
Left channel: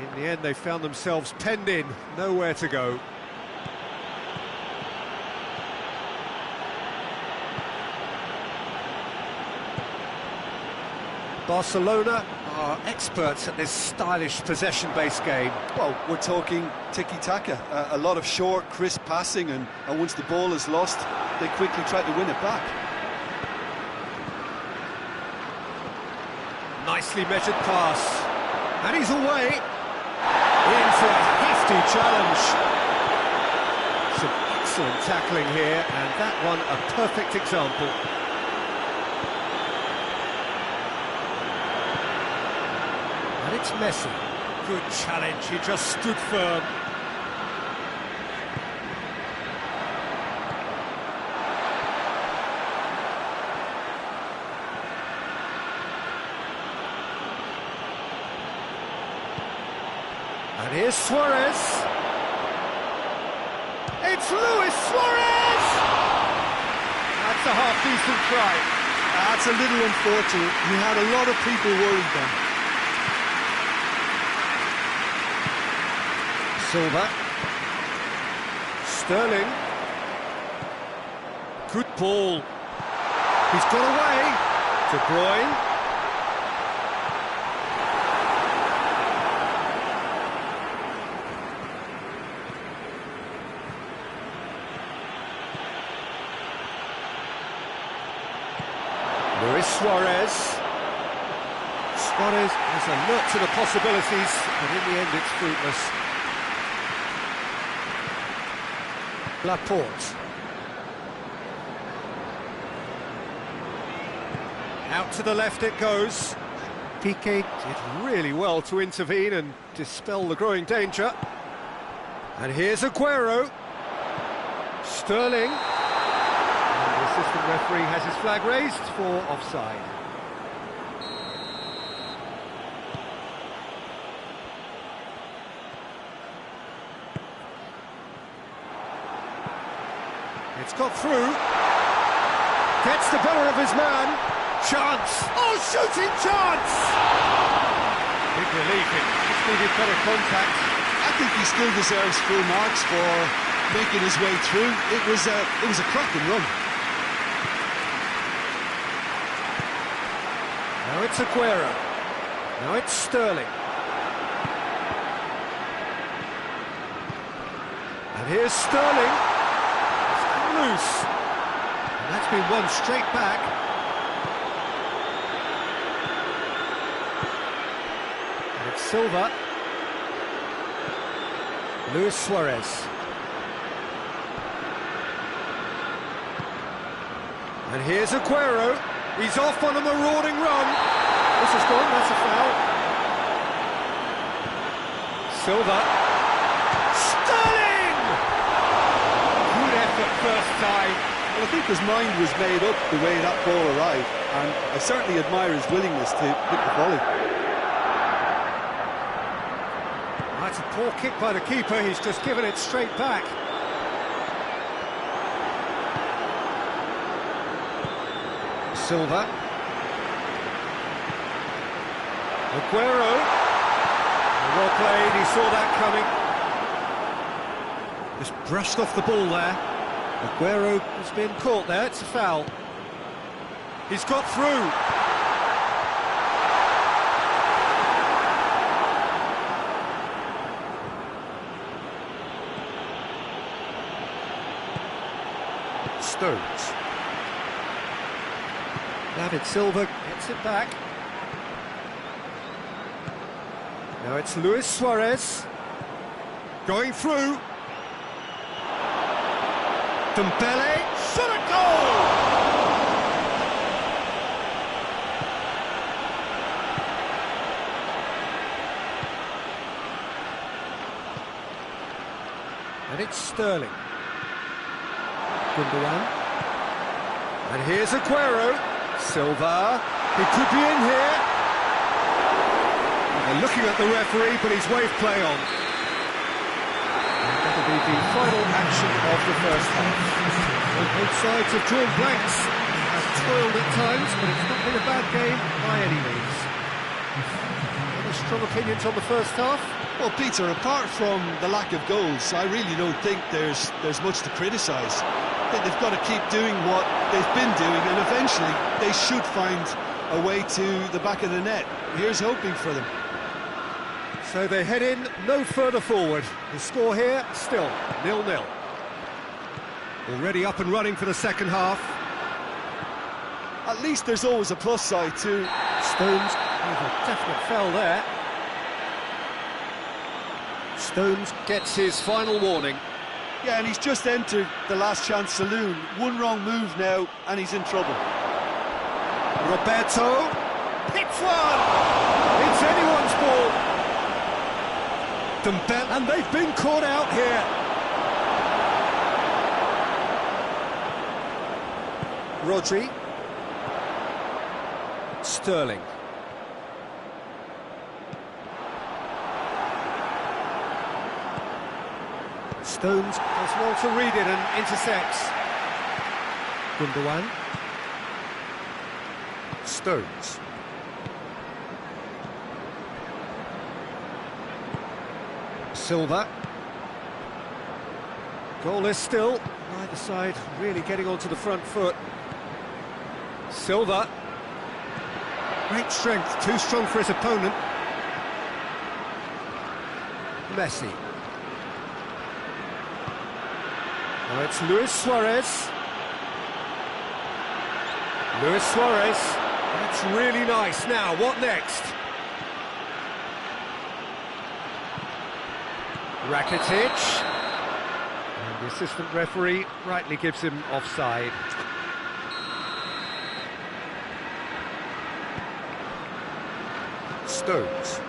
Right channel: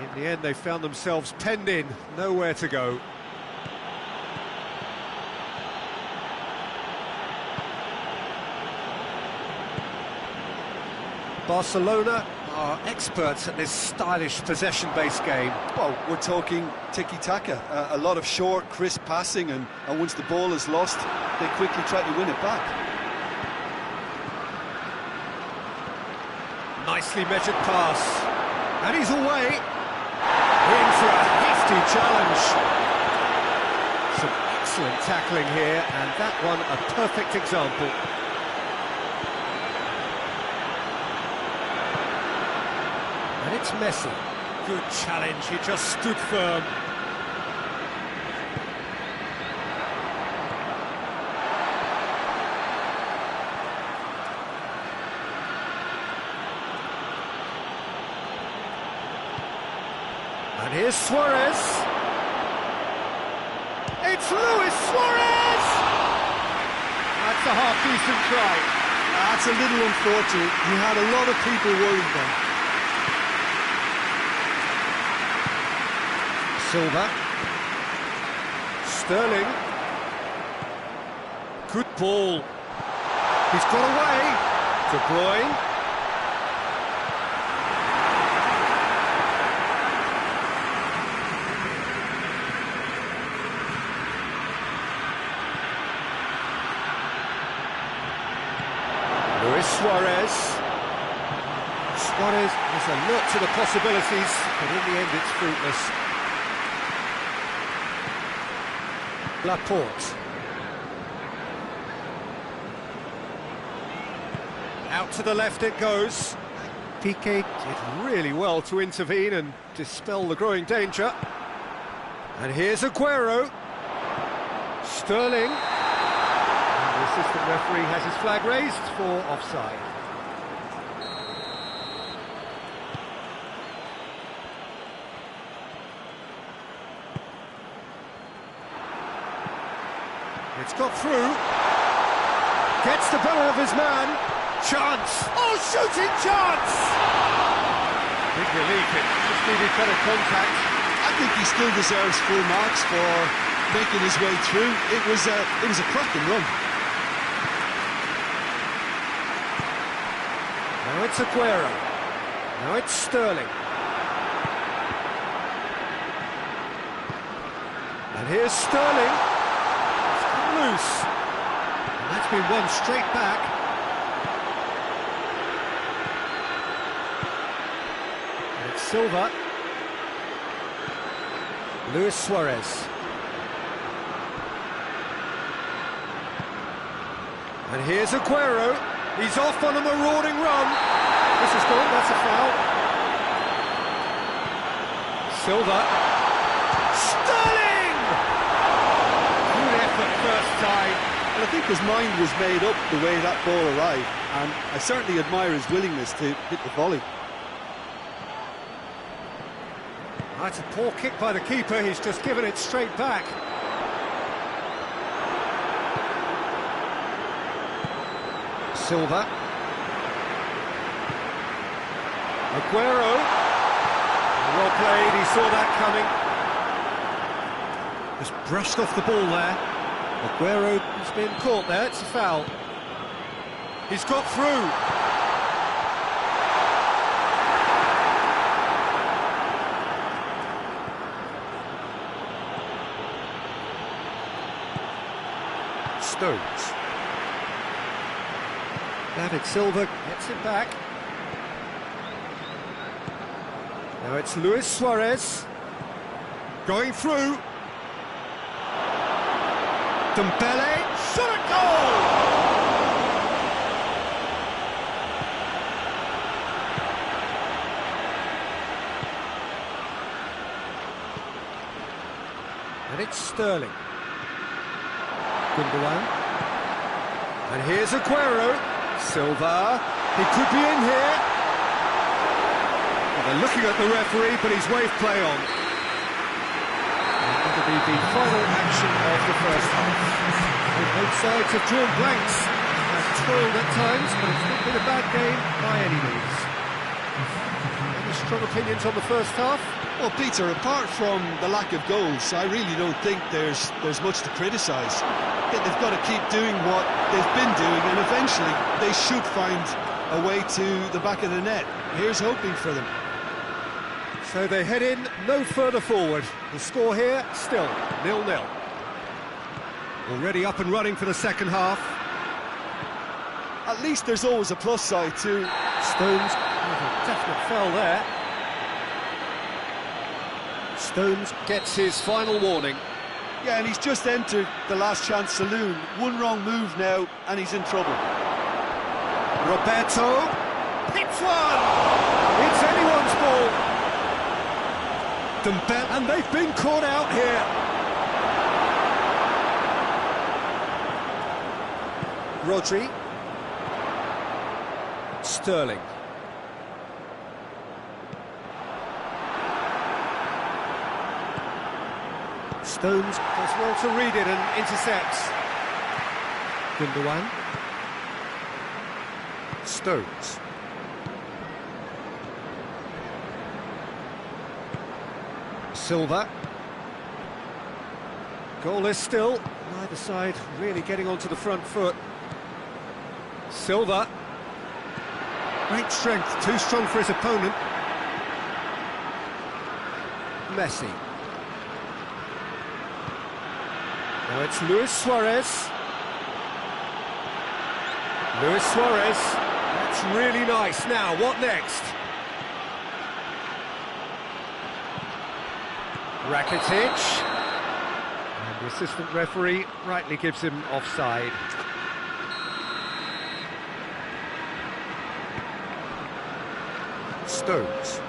In the end, they found themselves penned in, nowhere to go. Barcelona are experts at this stylish possession-based game. Well, we're talking tiki-taka, a lot of short, crisp passing, and once the ball is lost, they quickly try to win it back. Nicely measured pass. And he's away. In for a hefty challenge. Some excellent tackling here, and that one a perfect example. And it's Messi. Good challenge, he just stood firm. And here's Suarez. It's Luis Suarez! That's a half-decent try. That's a little unfortunate. He had a lot of people worried then. Silva. Sterling. Good ball. He's got away. De Bruyne. Luis Suarez. Suarez is alert to the possibilities, but in the end it's fruitless. Laporte. Out to the left it goes. Piqué did really well to intervene and dispel the growing danger. And here's Aguero. Sterling. And the assistant referee has his flag raised for offside. It's got through. Gets the better of his man. Chance. Oh, shooting chance! Big relief, it just needed better contact. I think he still deserves full marks for making his way through. It was a cracking run. Now it's Aguero. Now it's Sterling. And here's Sterling. It's come loose. And that's been won straight back. And it's Silva. Luis Suarez. And here's Aguero. He's off on a marauding run. This is gone, that's a foul. Silva. Sterling! Good effort first time. Well, I think his mind was made up the way that ball arrived, and I certainly admire his willingness to hit the volley. That's a poor kick by the keeper, he's just given it straight back. Silva. Aguero. Well played, he saw that coming. Just brushed off the ball there. Aguero has been caught there, it's a foul. He's got through. Stones. David Silva gets it back. Now it's Luis Suarez. Going through. Dembele. Shot at goal! And it's Sterling. Gundogan. And here's Aguero. Silva, he could be in here. Well, they're looking at the referee, but he's waved play on. And that'll be the final action of the first half. So both sides have drawn blanks. They have toiled at times, but it's not been a bad game by any means. Any strong opinions on the first half? Well, Peter, apart from the lack of goals, I really don't think there's much to criticise. They've got to keep doing what they've been doing, and eventually they should find a way to the back of the net. Here's hoping for them. So they head in no further forward. The score here, still 0-0. Already up and running for the second half. At least there's always a plus side too. Stones with a definite foul there. Stones gets his final warning. Yeah, and he's just entered the last chance saloon. One wrong move now, and he's in trouble. Roberto hits one! It's anyone's ball. Dembele, and they've been caught out here. Rodri. Sterling. Stones does well to read it and intercepts. Gundogan. Stones. Silva. Goalless still. Neither side really getting onto the front foot. Silva. Great strength, too strong for his opponent. Messi. Now it's Luis Suarez. Luis Suarez. That's really nice. Now, what next? Rakitic. And the assistant referee rightly gives him offside. Stones.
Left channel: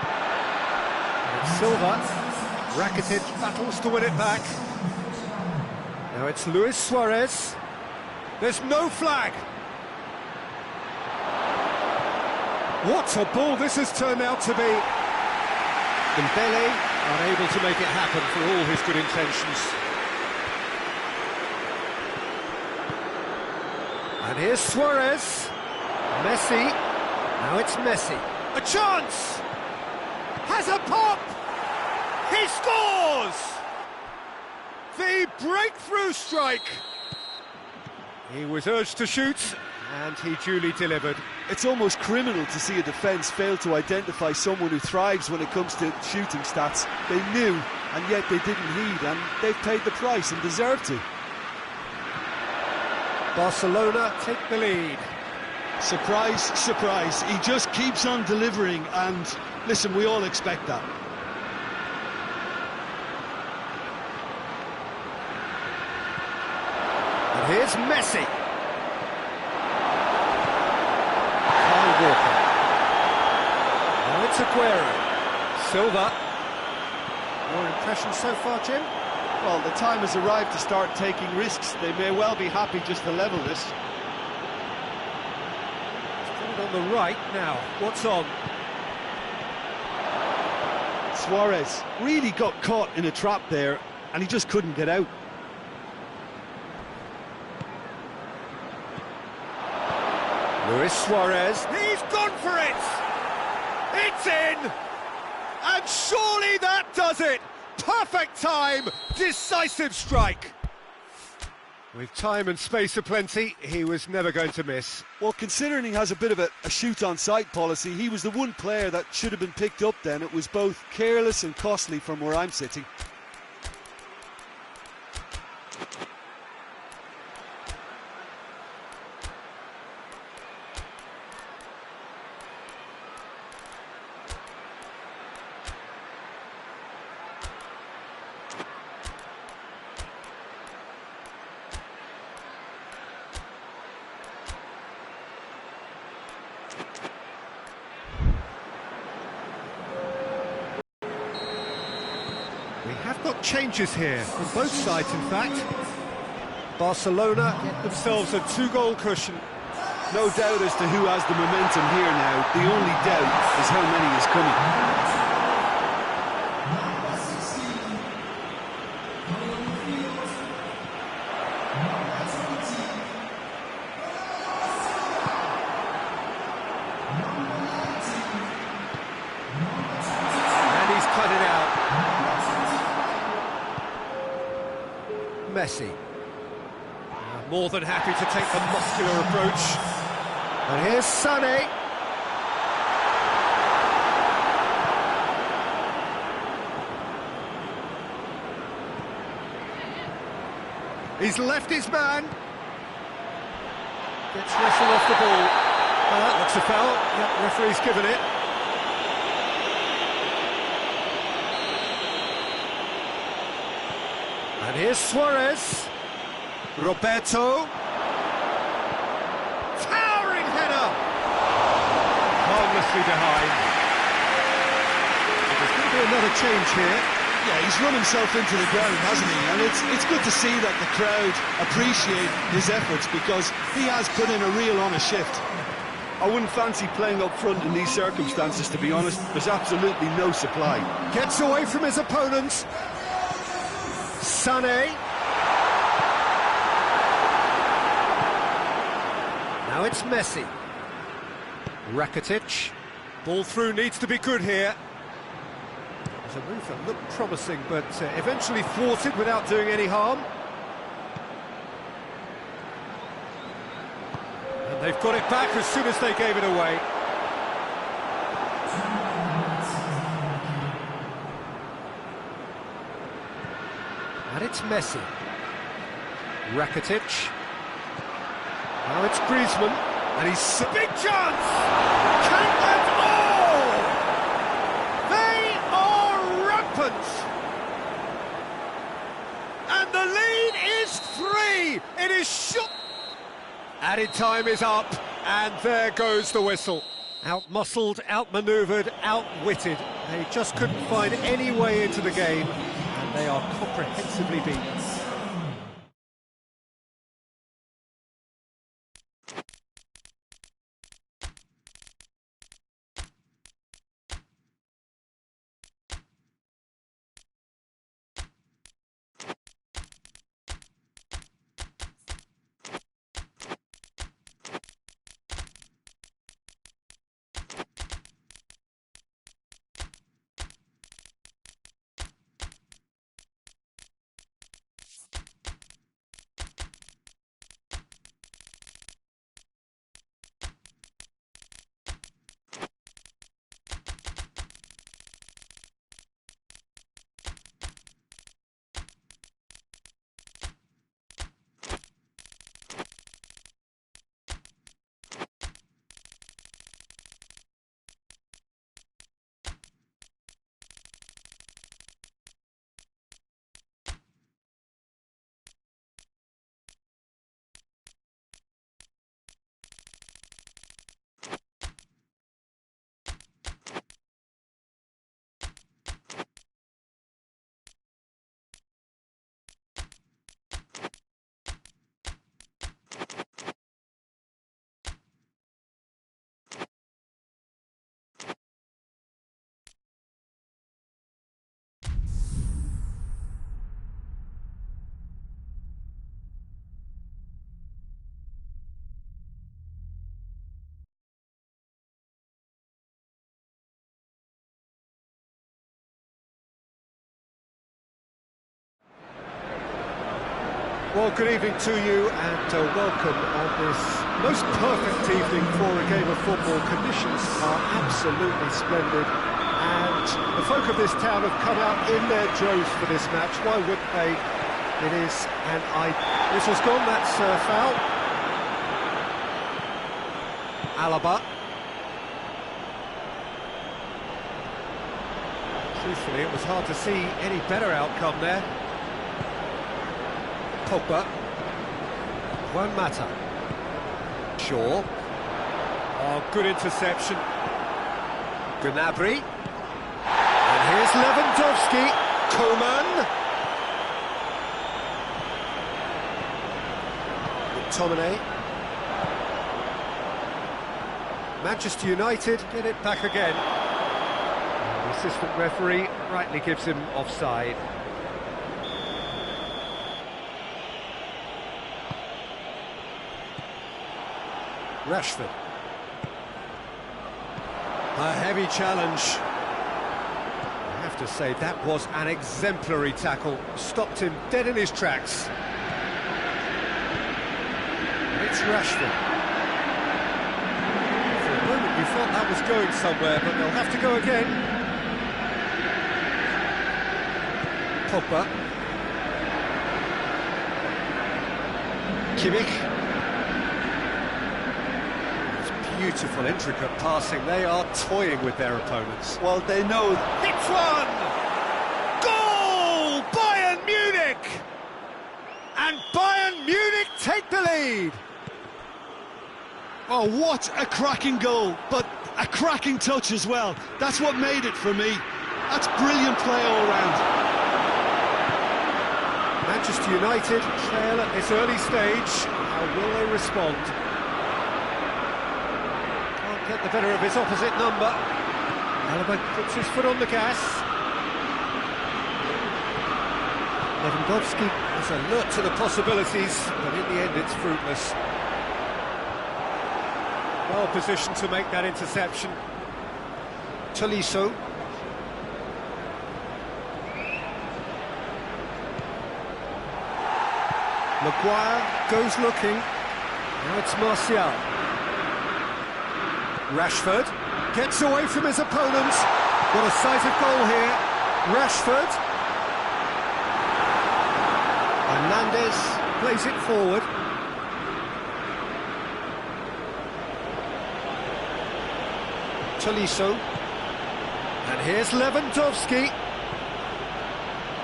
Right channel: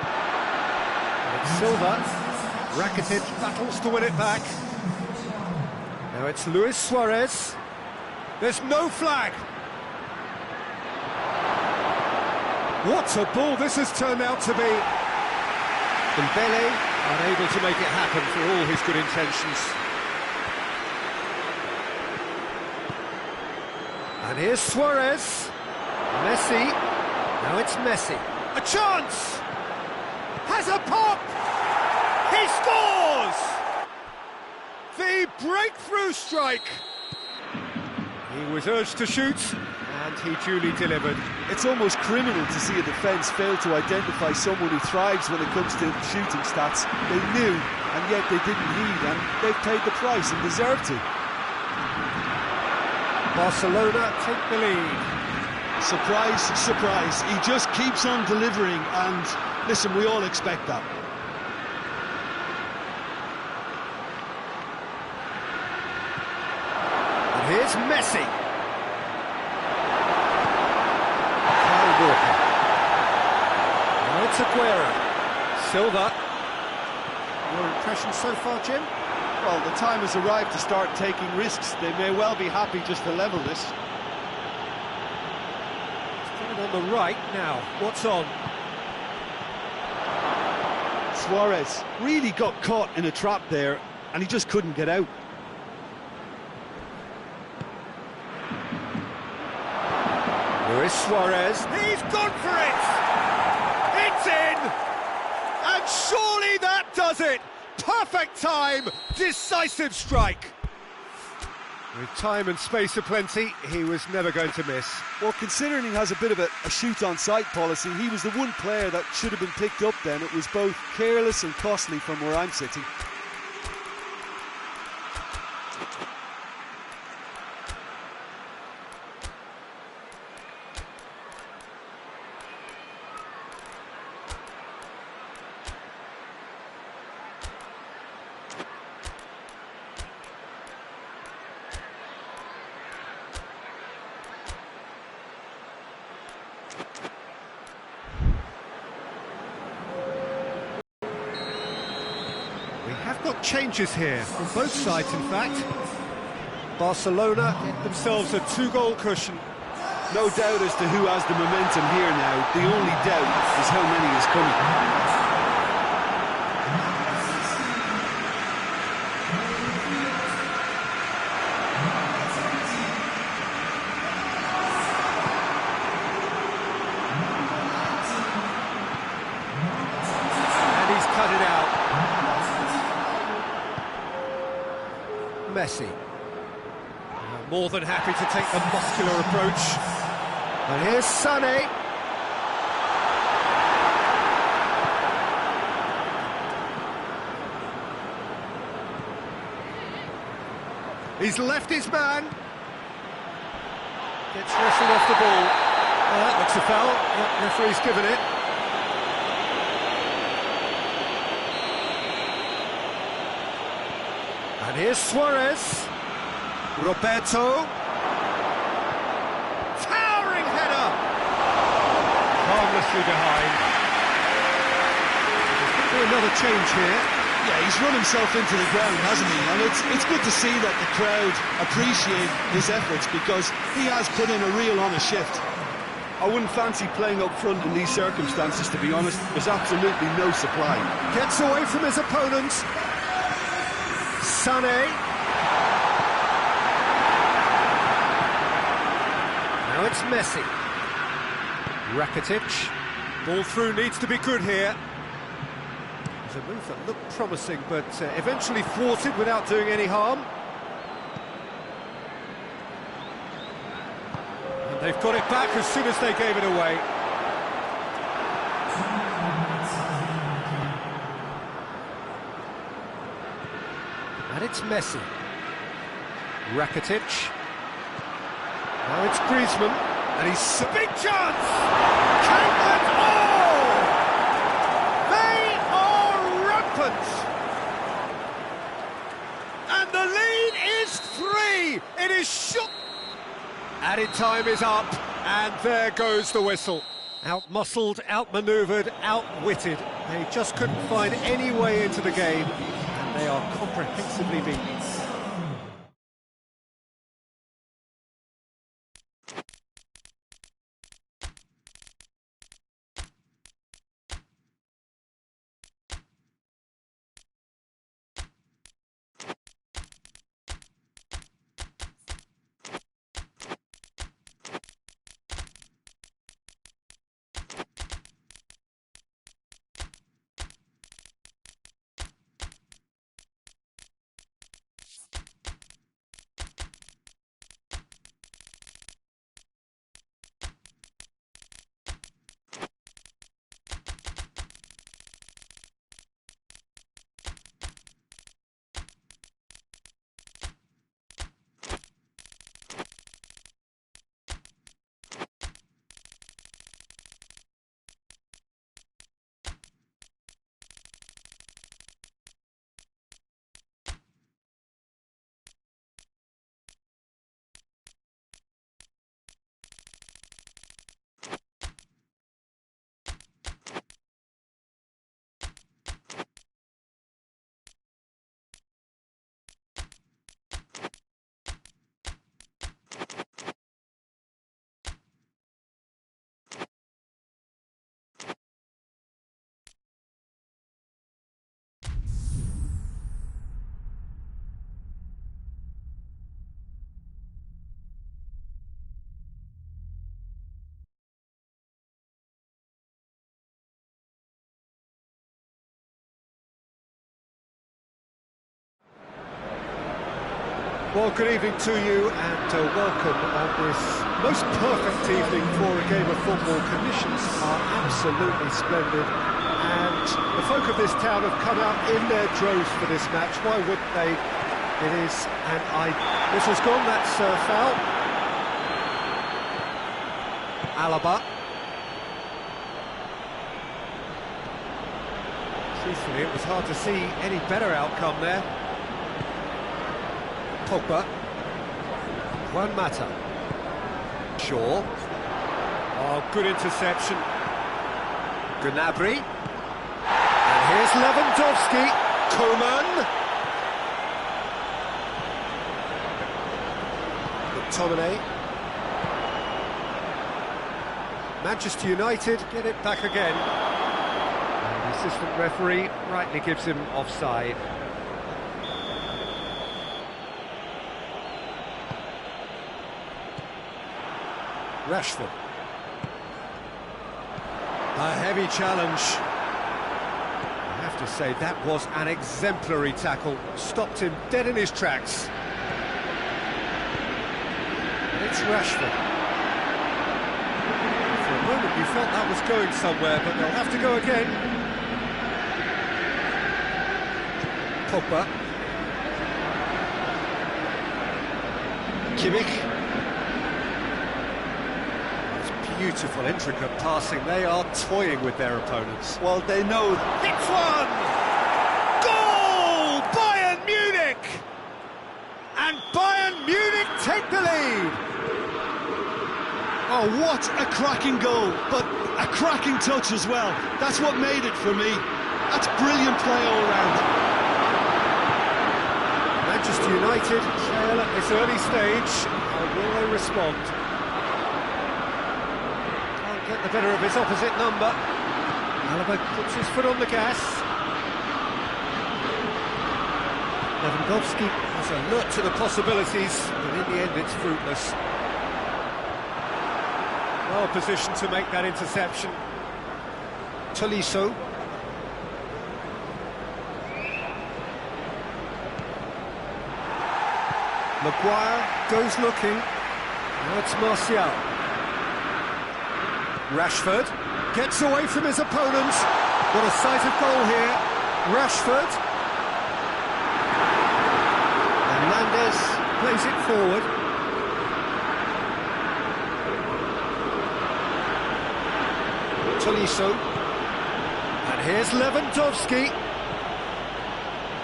And it's Silva. Rakitic battles to win it back. Now it's Luis Suarez. There's no flag. What a ball this has turned out to be. Dembele unable to make it happen for all his good intentions. And here's Suarez. Messi. Now it's Messi. A chance! Has a pop! He scores! The breakthrough strike! He was urged to shoot, and he duly delivered. It's almost criminal to see a defence fail to identify someone who thrives when it comes to shooting stats. They knew, and yet they didn't heed, and they've paid the price and deserve to. Barcelona take the lead. Surprise, surprise. He just keeps on delivering, and listen, we all expect that. And here's Messi. Kyle Walker. Now it's Aguero. Silva. Your impressions so far, Jim? Well, the time has arrived to start taking risks. They may well be happy just to level this. Put it on the right now. What's on? Suarez really got caught in a trap there, and he just couldn't get out. Luis Suarez. He's gone for it! It's in! And surely that does it! Perfect time! Decisive strike! With time and space aplenty, he was never going to miss. Well, considering he has a bit of a shoot-on-sight policy, he was the one player that should have been picked up then. It was both careless and costly from where I'm sitting. We have got changes here, on both sides in fact. Barcelona get themselves a 2-goal cushion. No doubt as to who has the momentum here now. The only doubt is how many is coming. And he's cut it out. Messi. More than happy to take the muscular approach. And here's Sané. He's left his man. Gets wrestled off the ball. That looks a foul. Yep, referee's given it. And here's Suarez. Roberto. Towering header. Harmlessly behind. There's going to be another change here. Yeah, he's run himself into the ground, hasn't he? And it's good to see that the crowd appreciate his efforts, because he has put in a real honest shift. I wouldn't fancy playing up front in these circumstances, to be honest. There's absolutely no supply. Gets away from his opponent. Sané. Now it's Messi. Rakitic. Ball through needs to be good here. There's a move that looked promising, but eventually thwarted without doing any harm. And they've got it back as soon as they gave it away. And it's Messi. Rakitic. Now it's Griezmann. And he's a big chance! Count and all! They are rampant! And the lead is 3! It is shot! Added time is up, and there goes the whistle. Out-muscled, out-manoeuvred, outwitted. They just couldn't find any way into the game, and they are comprehensively beaten. Well, good evening to you, and welcome on this most perfect evening for a game of football. Conditions are absolutely splendid, and the folk of this town have come out in their droves for this match. Why wouldn't they? It is whistle's gone, that's foul. Alaba. Truthfully, it was hard to see any better outcome there. Pogba. Juan Mata. Shaw. Oh, good interception. Gnabry. And here's Lewandowski. Coman. McTominay. Manchester United get it back again. And the assistant referee rightly gives him offside. Rashford. A heavy challenge. I have to say, that was an exemplary tackle. Stopped him dead in his tracks. It's Rashford. For a moment you felt that was going somewhere, but they'll have to go again. Pogba. Kimmich. Beautiful, intricate passing. They are toying with their opponents. Well, they know. Hits one! Goal! Bayern Munich! take the lead. Oh, what a cracking goal, but a cracking touch as well. That's what made it for me. That's brilliant play all round. Manchester United trail at this early stage. How will they respond? Can't get the better of his opposite number. Alaba puts his foot on the gas. Lewandowski is alert to the possibilities, but in the end it's fruitless. Well positioned to make that interception. Tolisso. Maguire goes looking. Now it's Martial. Rashford gets away from his opponents. What a sight of goal here. Rashford. Hernandez plays it forward. Tolisso. And here's Lewandowski.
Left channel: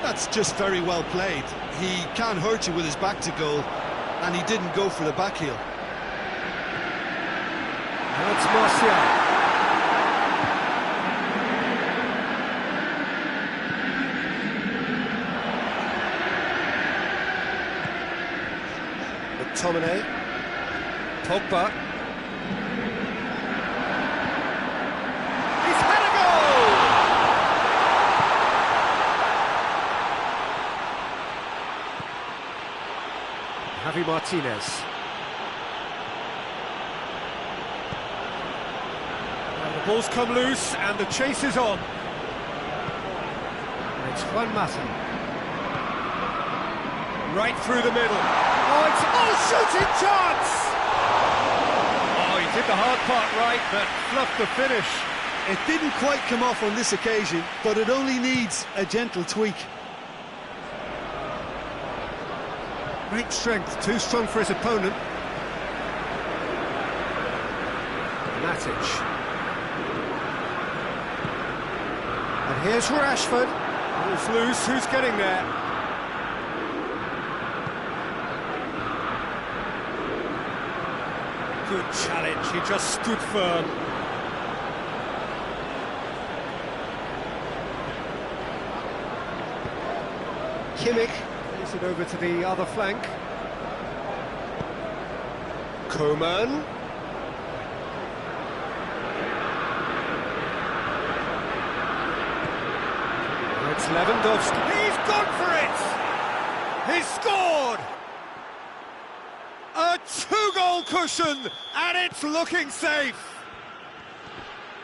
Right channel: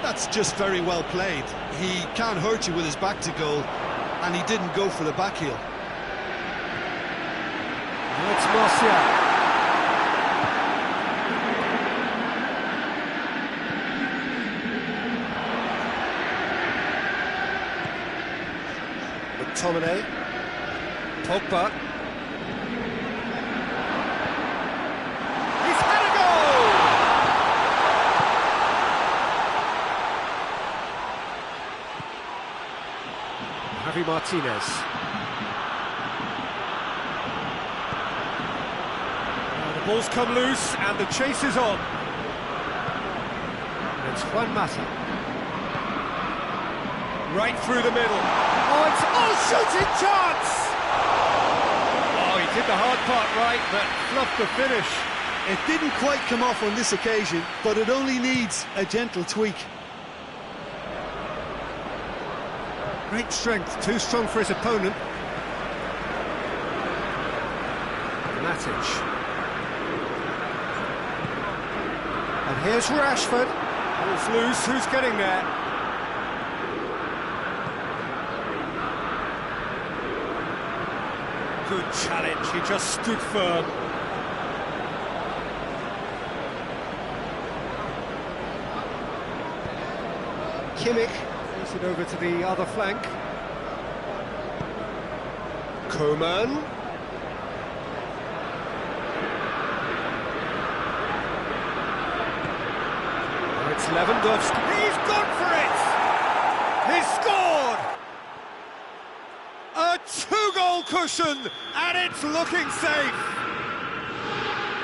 That's just very well played. He can't hurt you with his back to goal, and he didn't go for the back heel. Now it's Martial. McTominay. Pogba. He's had a goal! Javi Martinez. Now the ball's come loose and the chase is on. And it's Juan Mata. Right through the middle. Oh, it's shooting chance! Oh, he did the hard part right, but fluffed the finish. It didn't quite come off on this occasion, but it only needs a gentle tweak. Great strength, too strong for his opponent. Matic. And here's Rashford. Ball's loose, who's getting there? Good challenge, he just stood firm. Kimmich plays it over to the other flank. Coman. Now it's Lewandowski. He's gone for it! He's scored! A two-goal cushion, and it's looking safe.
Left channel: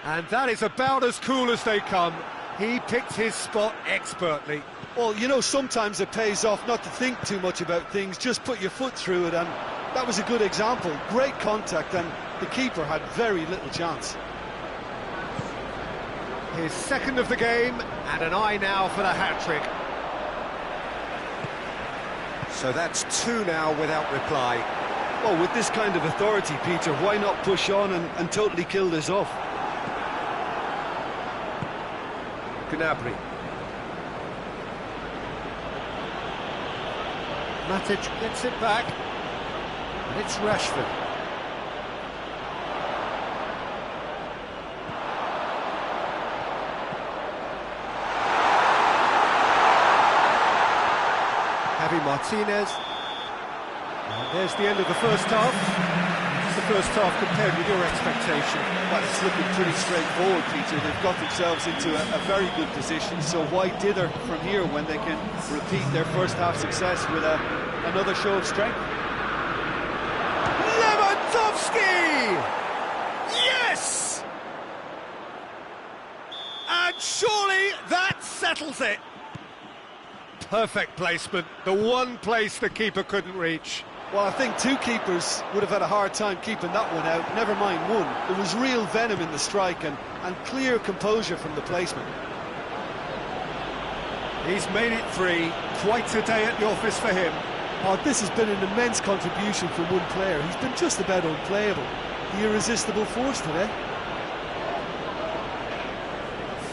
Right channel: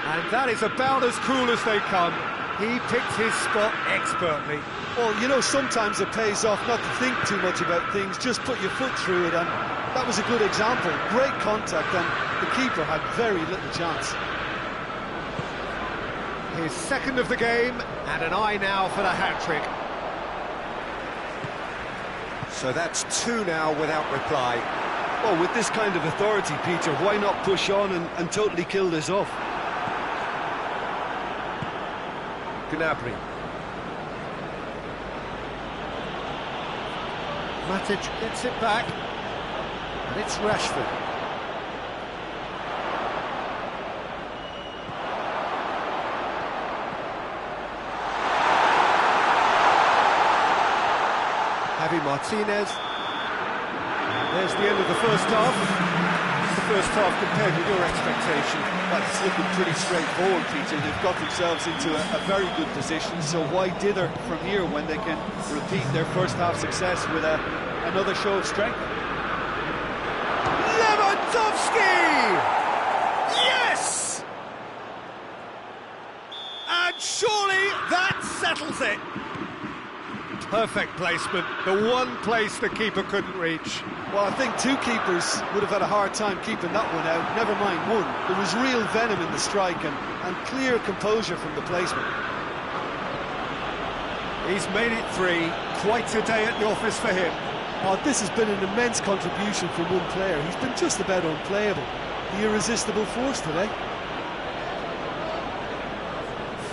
And that is about as cool as they come. He picked his spot expertly. Well, you know, sometimes it pays off not to think too much about things, just put your foot through it, and that was a good example. Great contact, and the keeper had very little chance. His second of the game, and an eye now for the hat-trick. So that's two now without reply. Well, with this kind of authority, Peter, why not push on and totally kill this off? Gnabry. Matic gets it back, and it's Rashford. Javi Martinez. And there's the end of the first half. What's the first half compared with your expectation? Well, it's looking pretty straightforward, Peter. They've got themselves into a very good position, so why dither from here when they can repeat their first half success with another show of strength? Lewandowski! Yes! And surely that settles it. Perfect placement, the one place the keeper couldn't reach. Well, I think two keepers would have had a hard time keeping that one out, never mind one. There was real venom in the strike and clear composure from the placement. He's made it three, quite a day at the office for him. Oh, this has been an immense contribution from one player. He's been just about unplayable. The irresistible force today.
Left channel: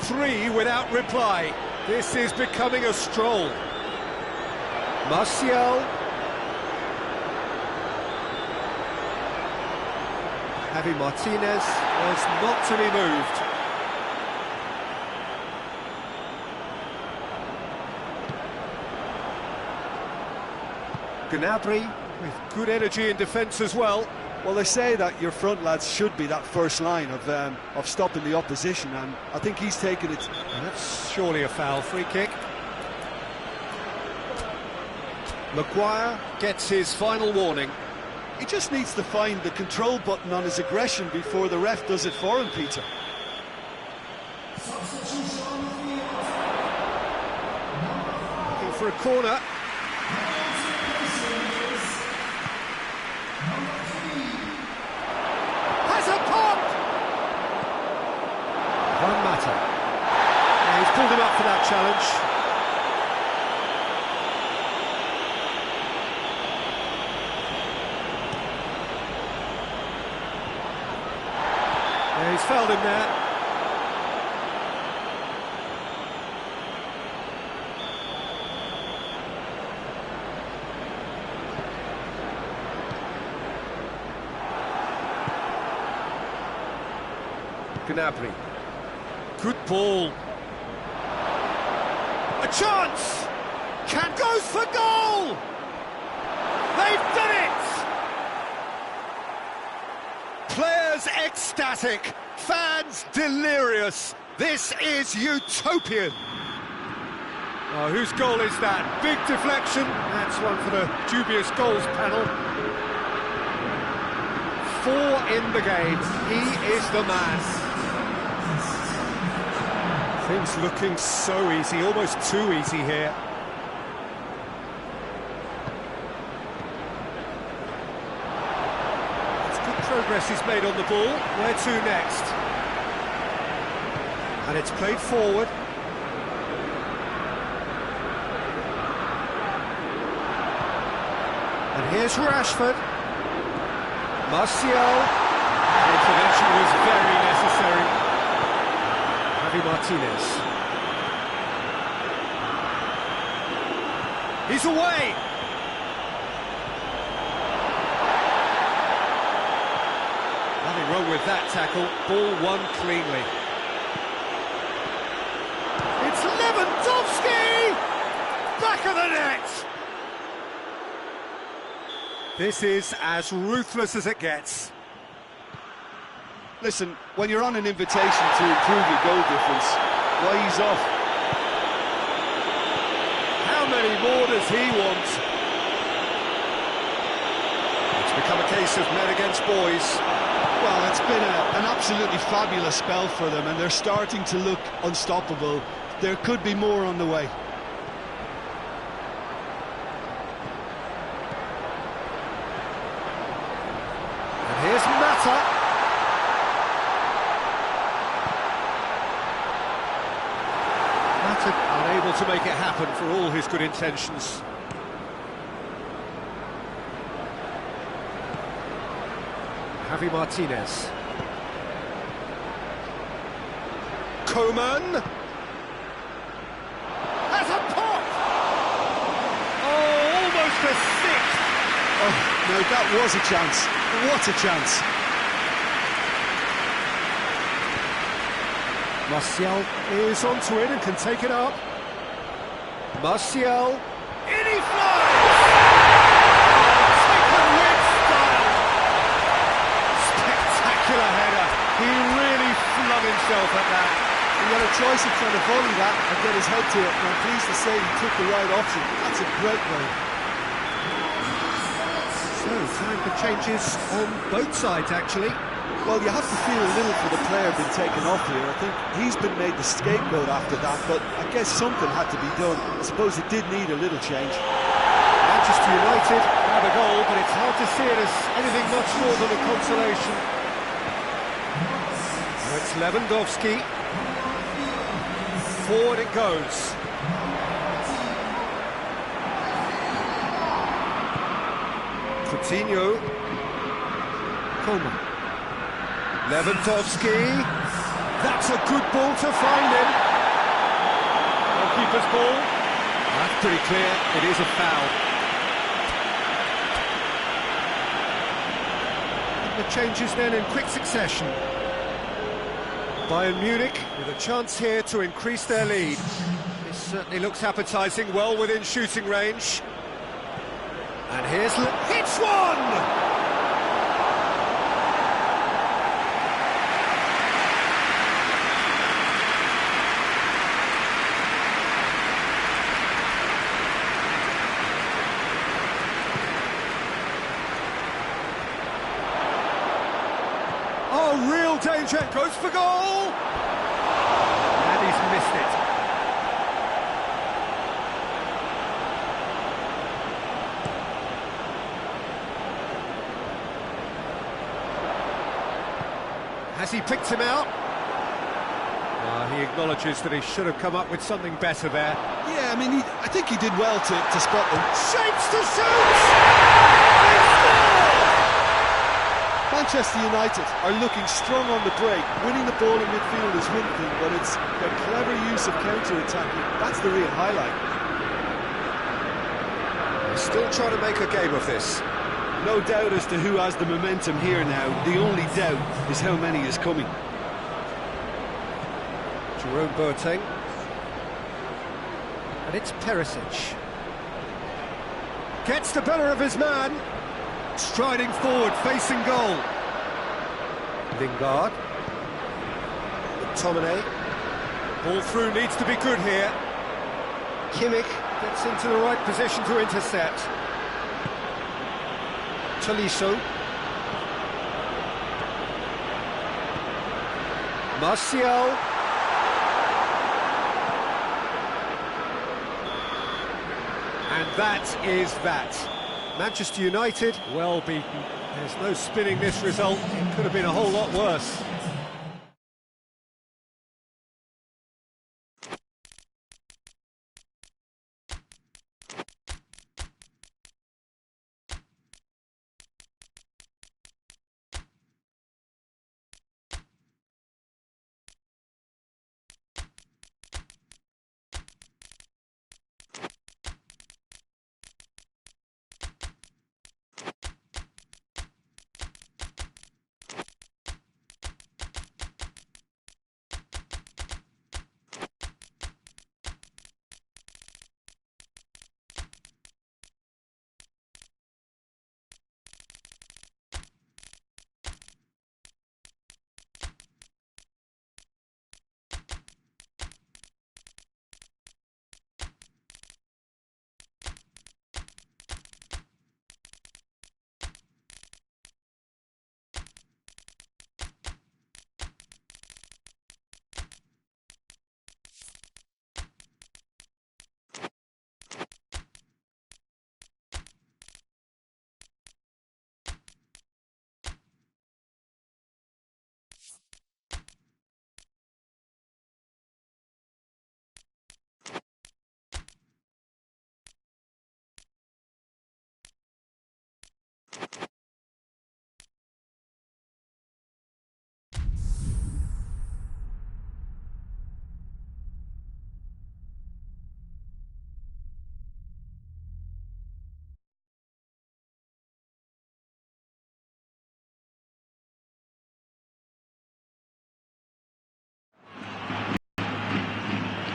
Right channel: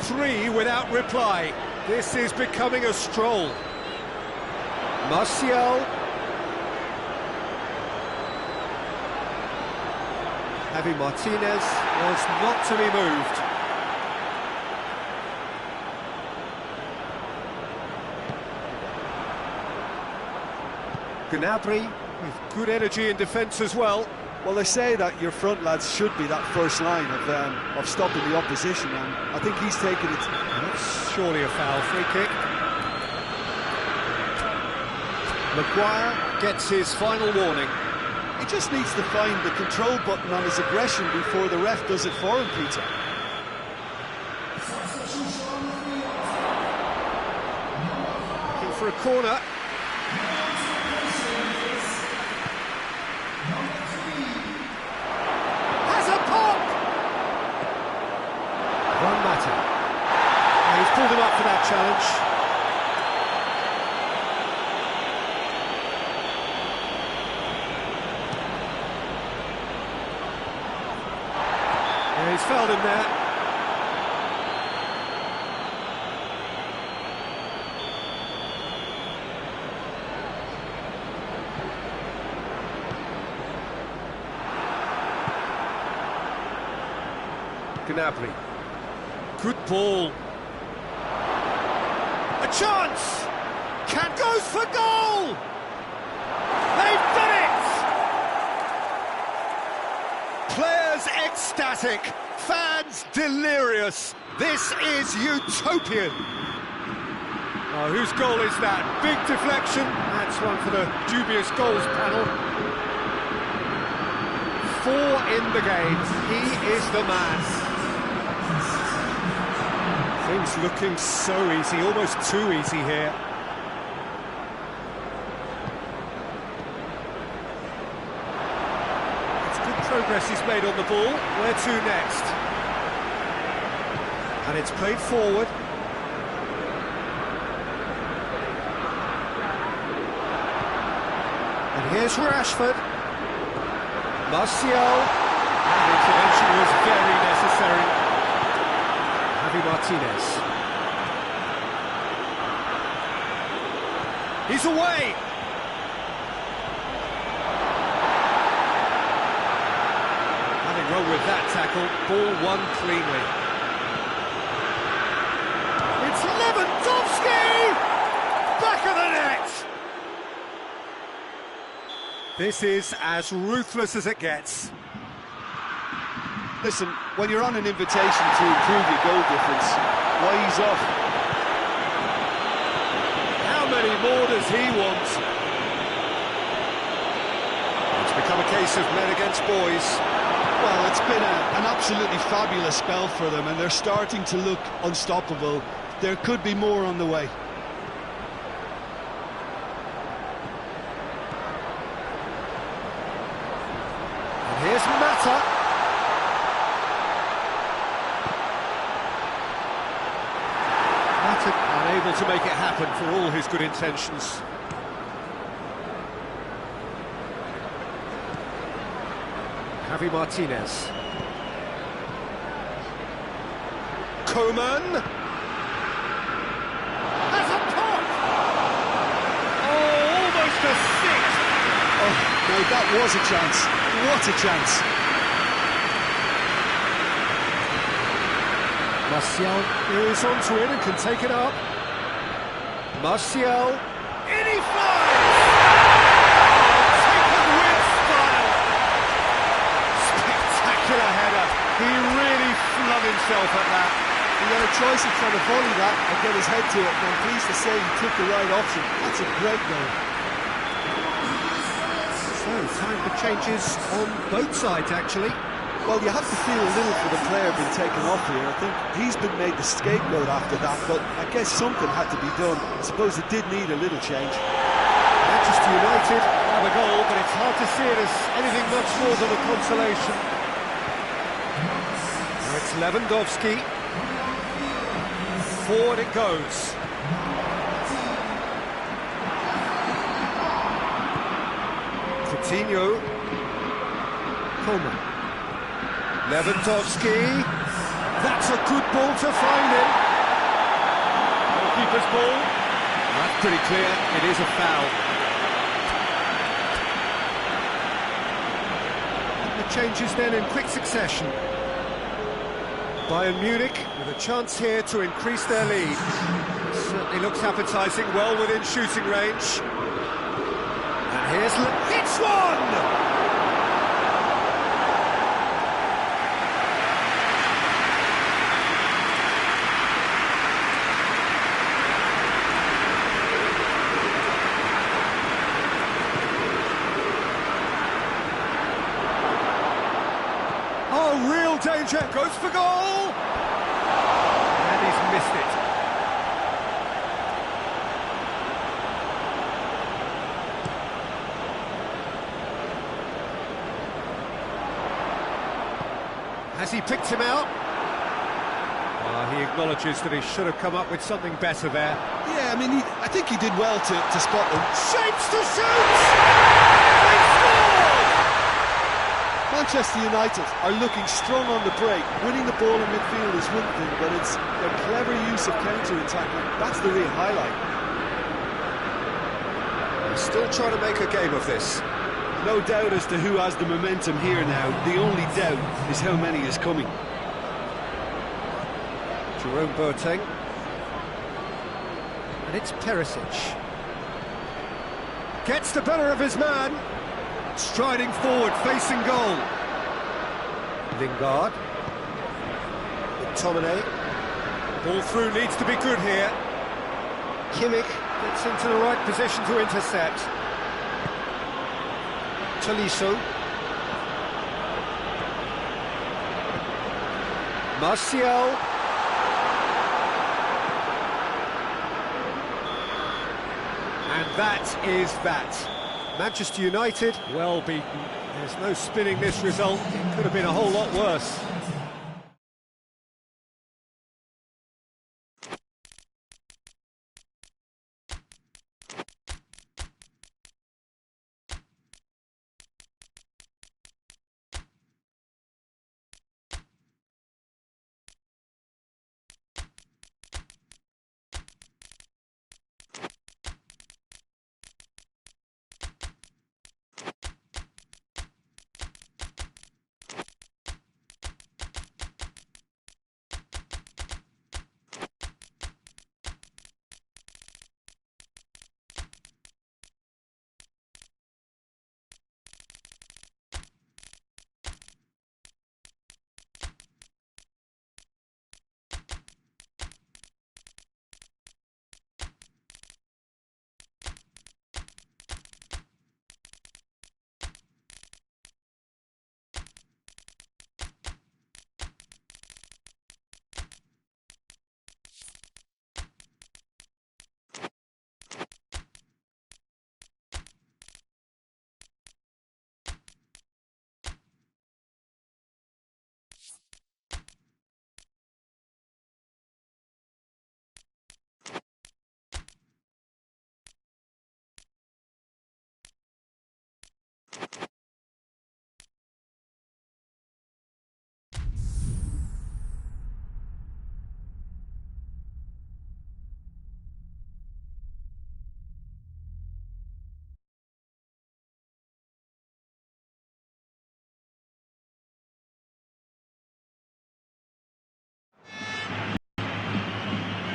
Three without reply. This is becoming a stroll. Martial. Javi Martinez was not to be moved. Gnabry with good energy in defence as well. Well, they say that your front lads should be that first line of stopping the opposition, and I think he's taken it. That's surely a foul. Free kick. Maguire gets his final warning. He just needs to find the control button on his aggression before the ref does it for him, Peter. Looking for a corner. Has a pop! One matter. Yeah, he's pulled him up for that challenge. Yeah, he's fouled him there. Gnabry. Good ball. A chance! Can goes for goal! They've done it! Players ecstatic, fans delirious. This is utopian. Oh, whose goal is that? Big deflection. That's one for the dubious goals panel. 4 in the game. He is the man. Things looking so easy, almost too easy here. Progress is made on the ball. Where to next? And it's played forward. And here's Rashford. Martial. And intervention was very necessary. Javi Martinez. He's away. Nothing wrong with that tackle. Ball won cleanly. It's Lewandowski! Back of the net! This is as ruthless as it gets. Listen, when you're on an invitation to improve your goal difference, why ease off? How many more does he want? It's become a case of men against boys. Well, it's been an absolutely fabulous spell for them, and they're starting to look unstoppable. There could be more on the way. And here's Mata. Mata unable to make it happen for all his good intentions. Javi Martinez. Coman. Has a pop! Oh, almost a sixth! Oh, no, that was a chance. What a chance. Martial is onto it and can take it up. Martial. In he flies! Oh, taken with style! Spectacular header. He really flung himself at that. He had a choice of trying to volley that and get his head to it, and I'm pleased to say he took the right option. That's a great goal. So, time for changes on both sides, actually. Well, you have to feel a little for the player being taken off here. I think he's been made the scapegoat after that, but I guess something had to be done. I suppose it did need a little change. Manchester United have a goal, but it's hard to see it as anything much more than a consolation. Now it's Lewandowski. Forward it goes. Coutinho. Coman. Lewandowski. That's a good ball to find him. Goalkeeper's ball. That's pretty clear. It is a foul. The changes then in quick succession. Bayern Munich with a chance here to increase their lead. It certainly looks appetising, well within shooting range. And here's... hits one! Oh, real danger, goes for goal! And he's missed it. Has he picked him out? Well, he acknowledges that he should have come up with something better there. Yeah, I mean, I think he did well to spot them. Shapes to shoot! They scored! Manchester United are looking strong on the break. Winning the ball in midfield is one thing, but it's their clever use of counter-attacking. That's the real highlight. They're still trying to make a game of this. No doubt as to who has the momentum here now. The only doubt is how many is coming. Jerome Boateng. And it's Perisic. Gets the better of his man. Striding forward, facing goal. Lingard. McTominay. Ball through needs to be good here. Kimmich gets into the right position to intercept. Tolisso. Martial. And that is that. Manchester United, well beaten. There's no spinning this result. It could have been a whole lot worse.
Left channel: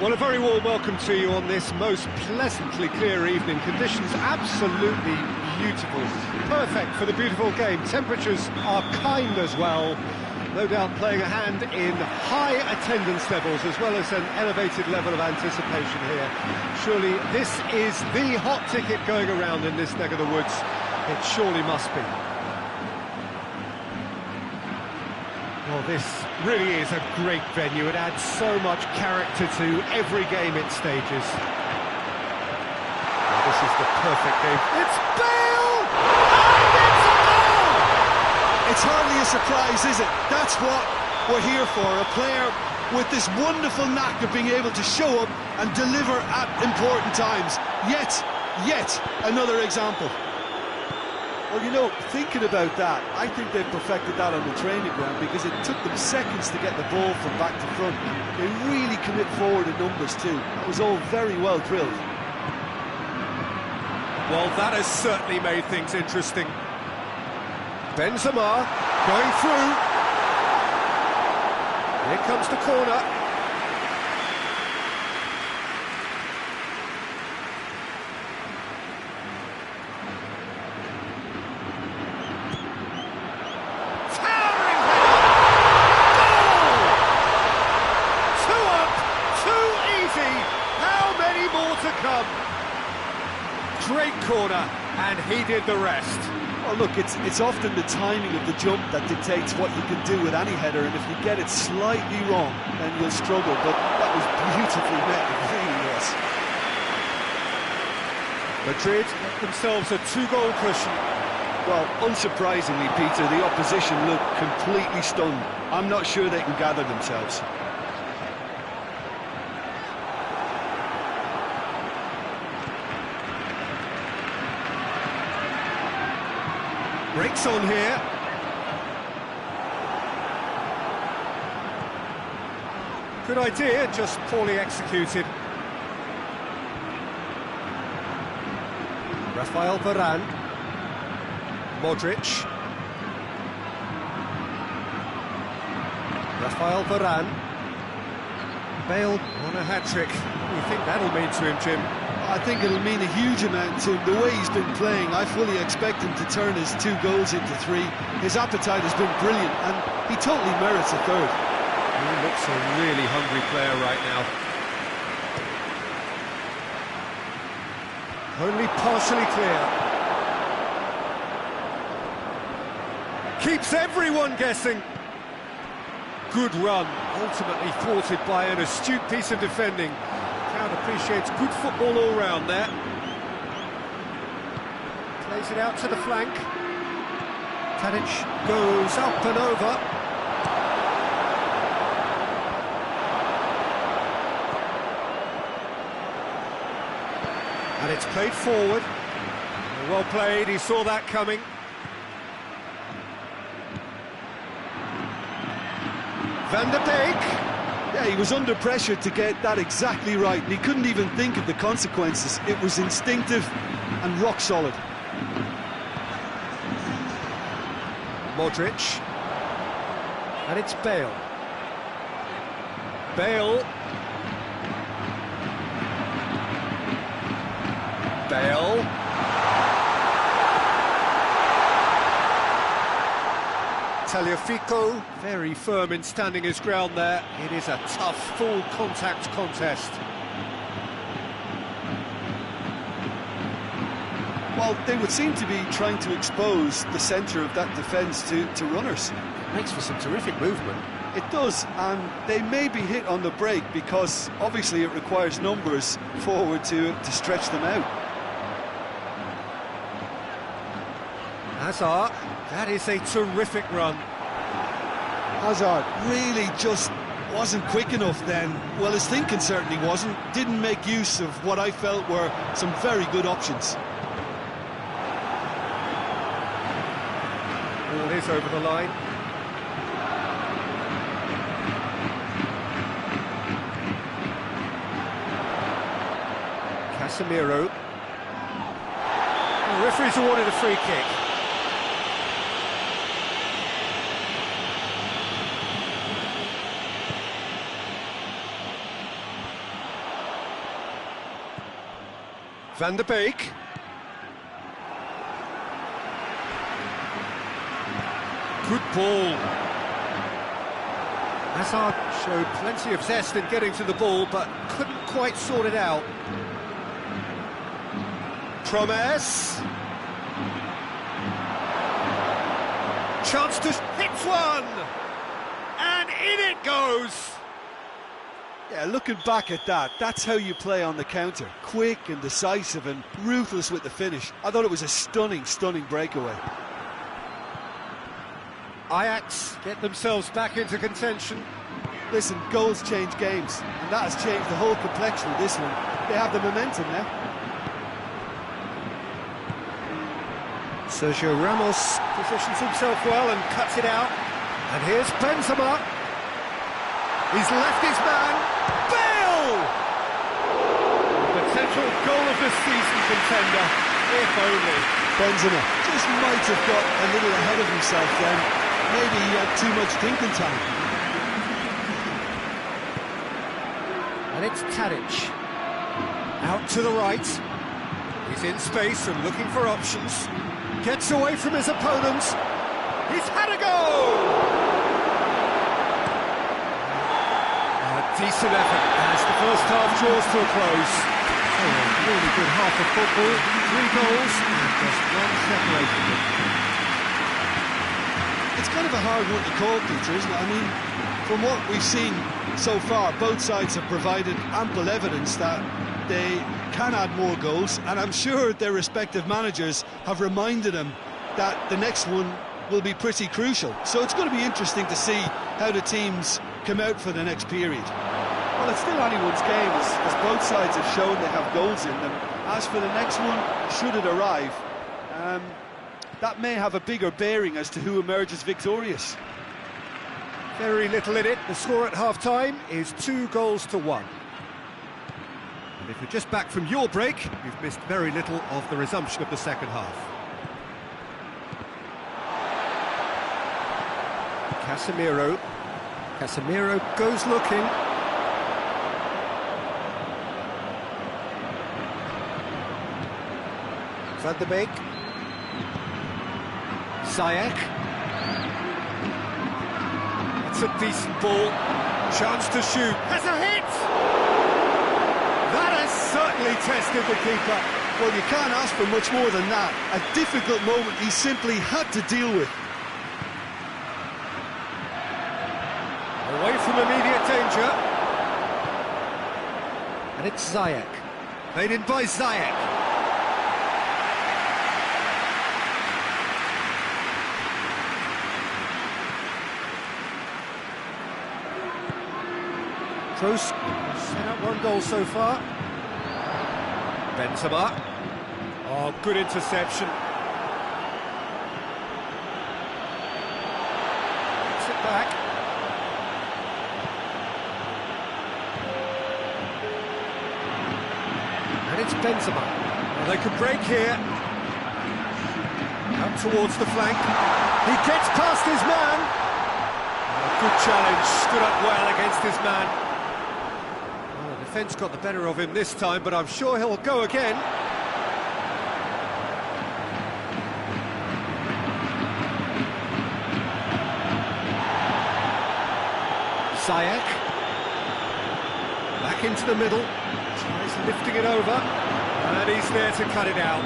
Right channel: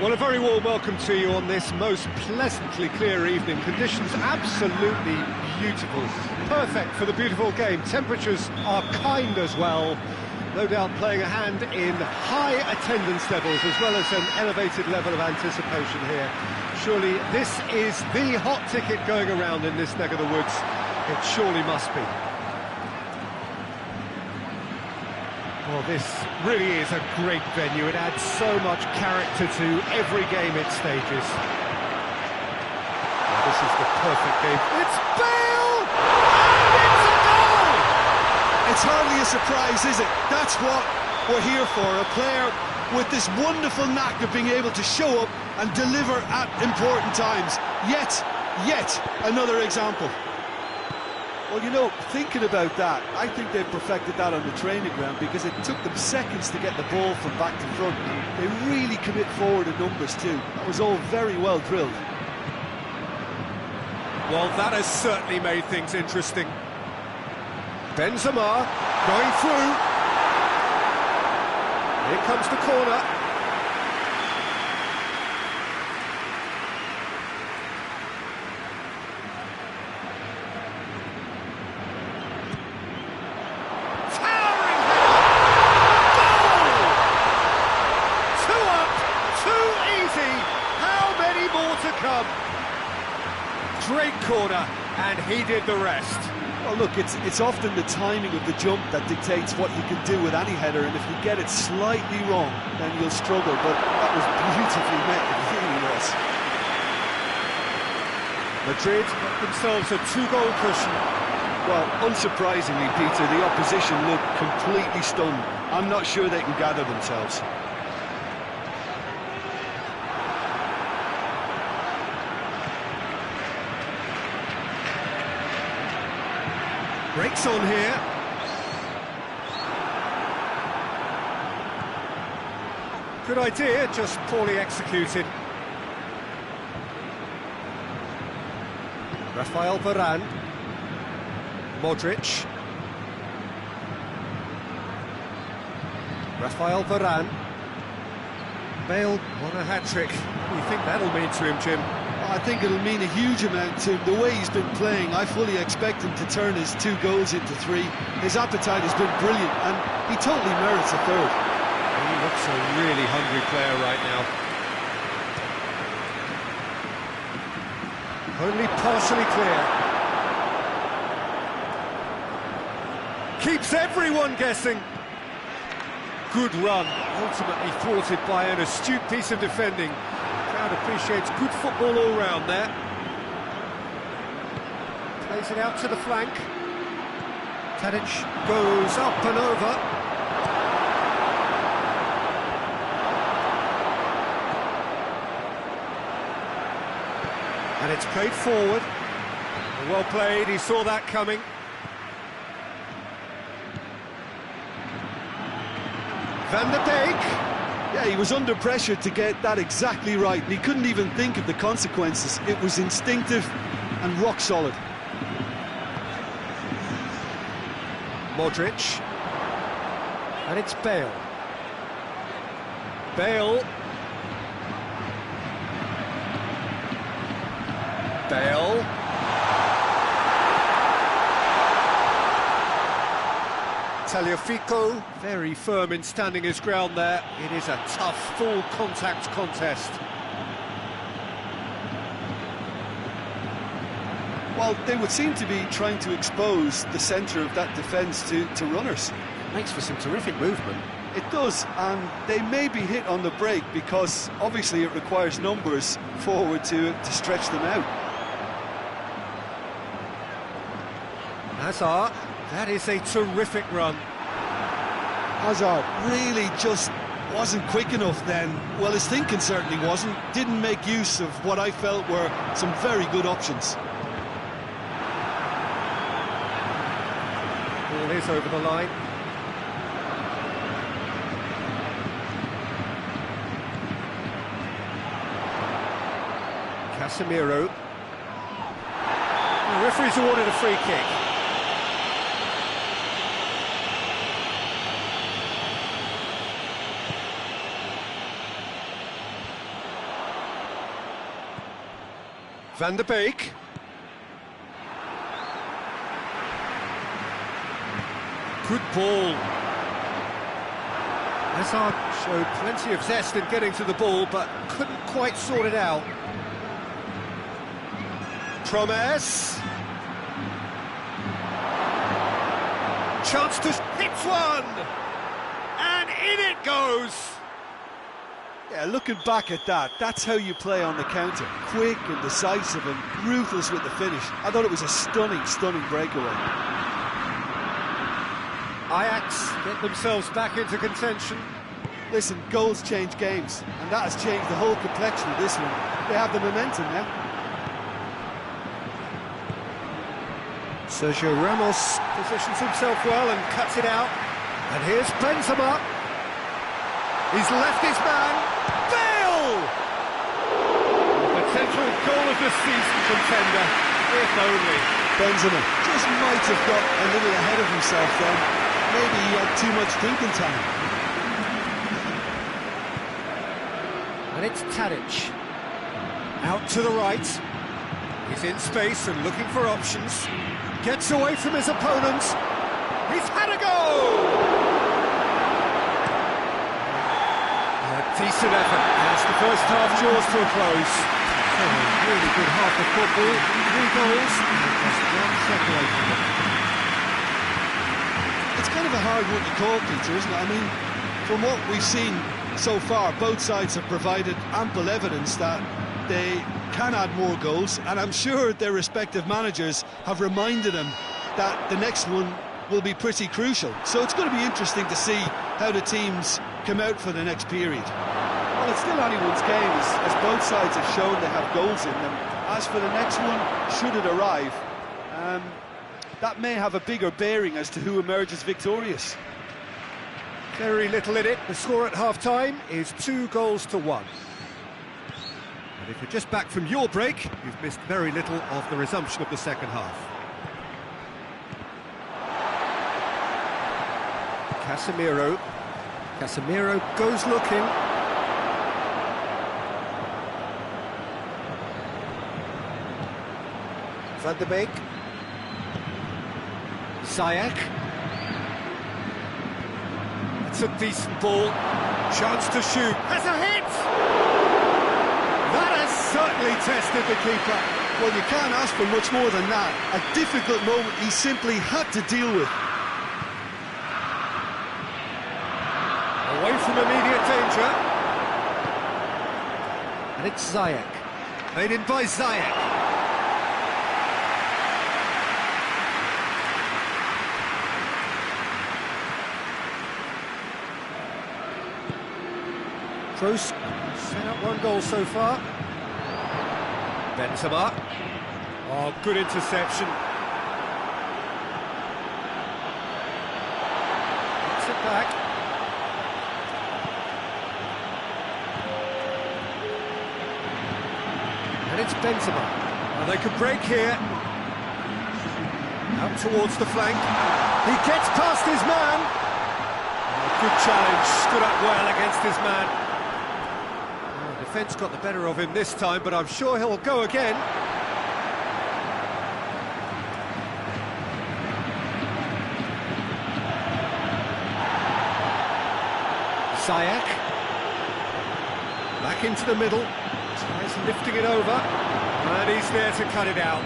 Well, a very warm welcome to you on this most pleasantly clear evening. Conditions absolutely beautiful. Perfect for the beautiful game. Temperatures are kind as well. No doubt playing a hand in high attendance levels as well as an elevated level of anticipation here. Surely this is the hot ticket going around in this neck of the woods. It surely must be. Well, this really is a great venue. It adds so much character to every game it stages. Well, this is the perfect game. It's Bale! And it's a goal! It's hardly a surprise, is it? That's what we're here for. A player with this wonderful knack of being able to show up and deliver at important times. Yet another example. Well, you know, thinking about that, I think they've perfected that on the training ground because it took them seconds to get the ball from back to front, and they really commit forward in numbers too. That was all very well drilled. Well, that has certainly made things interesting. Benzema, Going through. Here comes the corner. Towering header! Goal! 2 up, 2 easy. How many more to come? Great corner, and he did the rest. Well, look, it's often the timing of the jump that dictates what you can do with any header, and if you get it slightly wrong, then you'll struggle, but that was beautifully met, it really was. Madrid get themselves a 2-goal cushion. Well, unsurprisingly, Peter, the opposition look completely stunned. I'm not sure they can gather themselves. Breaks on here. Good idea, just poorly executed. Rafael Varane. Modric. Rafael Varane. Bale on a hat-trick. What do you think that'll mean to him, Jim? I think it'll mean a huge amount to him. The way he's been playing, I fully expect him to turn his 2 goals into 3. His appetite has been brilliant, and he totally merits a 3rd. He looks a really hungry player right now. Only partially clear. Keeps everyone guessing. Good run, ultimately thwarted by an astute piece of defending. Crowd appreciates good football all round there. Plays it out to the flank. Tadic goes up and over. And it's played forward. Well played, he saw that coming. Van der Beek. Yeah, he was under pressure to get that exactly right, and he couldn't even think of the consequences. It was instinctive and rock solid. Modric. And it's Bale. Bale. Bale. Tagliafico, very firm in standing his ground there. It is a tough, full contact contest. Well, they would seem to be trying to expose the centre of that defence to runners. Makes for some terrific movement. It does, and they may be hit on the break because obviously it requires numbers forward to stretch them out. Hazard, that is a terrific run. Hazard really just wasn't quick enough then. Well, his thinking certainly wasn't. Didn't make use of what I felt were some very good options. Ball is over the line. Casemiro. The referee's awarded a free kick. Van der Beek. Good ball. Hazard showed plenty of zest in getting to the ball, but couldn't quite sort it out. Promise. Chance to hit one! And in it goes! Yeah, looking back at that, that's how you play on the counter. Quick and decisive and ruthless with the finish. I thought it was a stunning, stunning breakaway. Ajax get themselves back into contention. Listen, goals change games, and that has changed the whole complexion of this one. They have the momentum now. Sergio Ramos positions himself well and cuts it out. And here's Benzema. He's left his man. Bale! Potential goal of the season contender, if only. Benzema just might have got a little ahead of himself then. maybe he had too much thinking time. And it's Tadic. Out to the right. He's in space and looking for options. Gets away from his opponent. He's had a go! A decent effort as the first half draws to a close. So a really good half of football. 3 goals and just one separating them. It's kind of a hard one to call, Peter, isn't it? I mean, from what we've seen so far, both sides have provided ample evidence that they can add more goals, and I'm sure their respective managers have reminded them that the next one will be pretty crucial. So it's going to be interesting to see how the teams come out for the next period. Well, it's still anyone's game, as both sides have shown they have goals in them. As for the next one, should it arrive, that may have a bigger bearing as to who emerges victorious. Very little in it. The score at half-time is 2-1. And if you're just back from your break, you've missed very little of the resumption of the second half. Casemiro. Casemiro goes looking. Van de Beek. Ziyech. That's a decent ball. Chance to shoot. Has a hit! That has certainly tested the keeper. Well, you can't ask for much more than that. A difficult moment he simply had to deal with. Away from immediate danger. And it's Ziyech. Made in by Ziyech. Kroos set up 1 goal so far. Benzema. Oh, good interception. Gets it back. And it's Benzema. Well, they could break here. Out towards the flank. He gets past his man. Oh, good challenge. Stood up well against his man. Well, the defence got the better of him this time, but I'm sure he'll go again. Ziyech. Back into the middle. Tries lifting it over. And he's there to cut it out.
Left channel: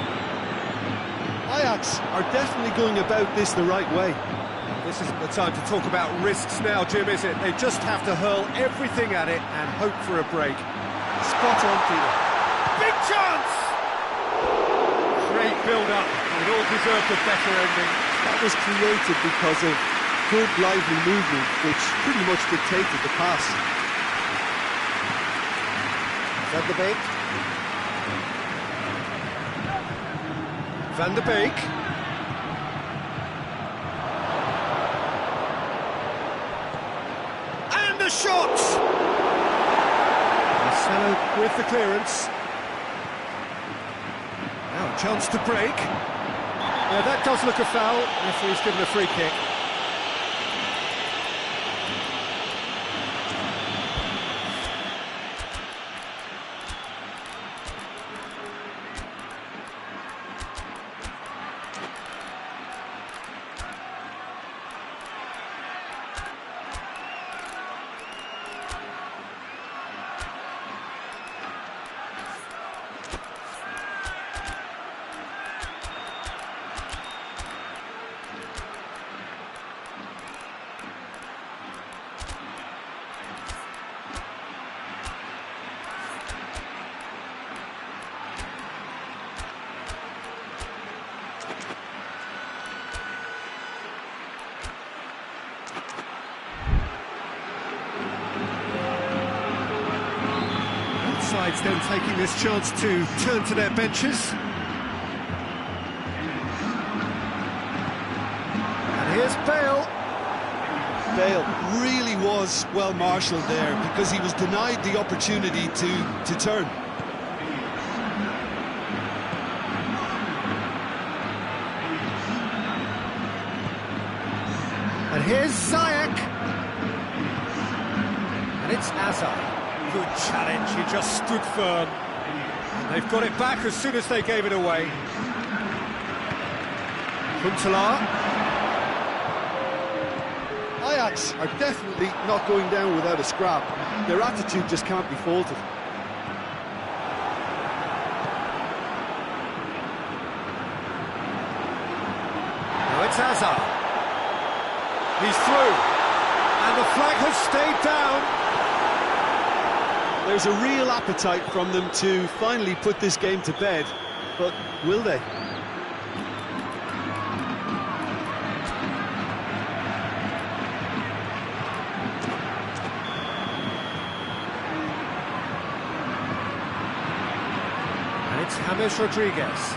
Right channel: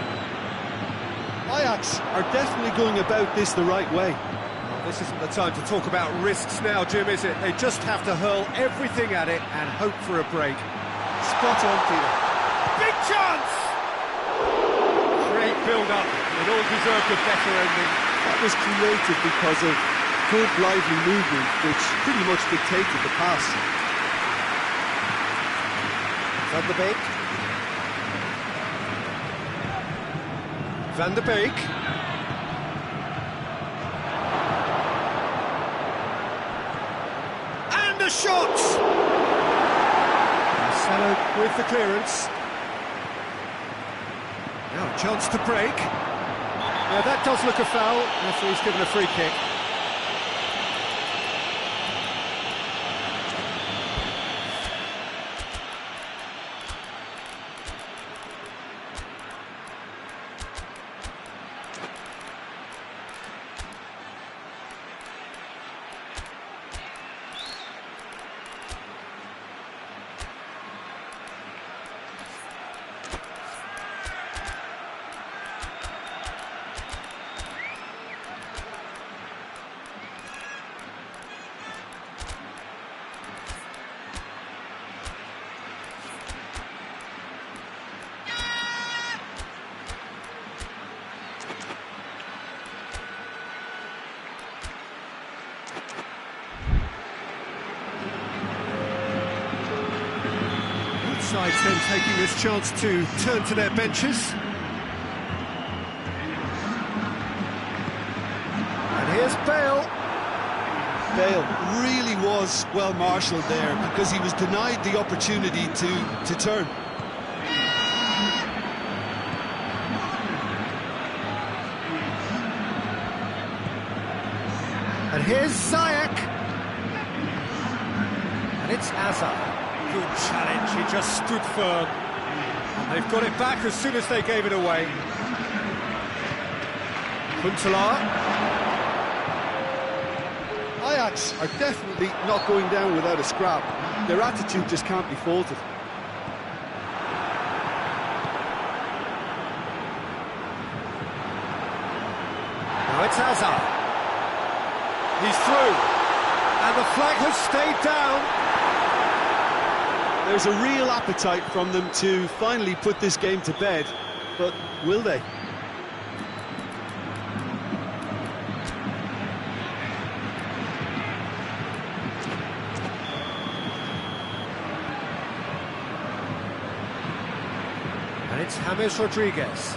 Ajax are definitely going about this the right way. Well, this isn't the time to talk about risks now, Jim, is it? They just have to hurl everything at it and hope for a break. Spot on, Peter. Big chance! Great build-up. It all deserved a better ending. That was created because of good, lively movement, which pretty much dictated the pass. Van de Beek. Van de Beek. And a shot! Marcelo with the clearance. Now a chance to break. Yeah, that does look a foul. Referee's given a free kick. Sides then taking this chance to turn to their benches. And here's Bale. Bale really was well marshalled there because he was denied the opportunity to turn. And Here's Ziyech. And it's Azar. Good challenge, he just stood firm. And they've got it back as soon as they gave it away. Huntelaar. Ajax are definitely not going down without a scrap. Their attitude just can't be faulted. Now it's Azar. He's through. And the flag has stayed down. There's a real appetite from them to finally put this game to bed, but will they? And it's James Rodriguez.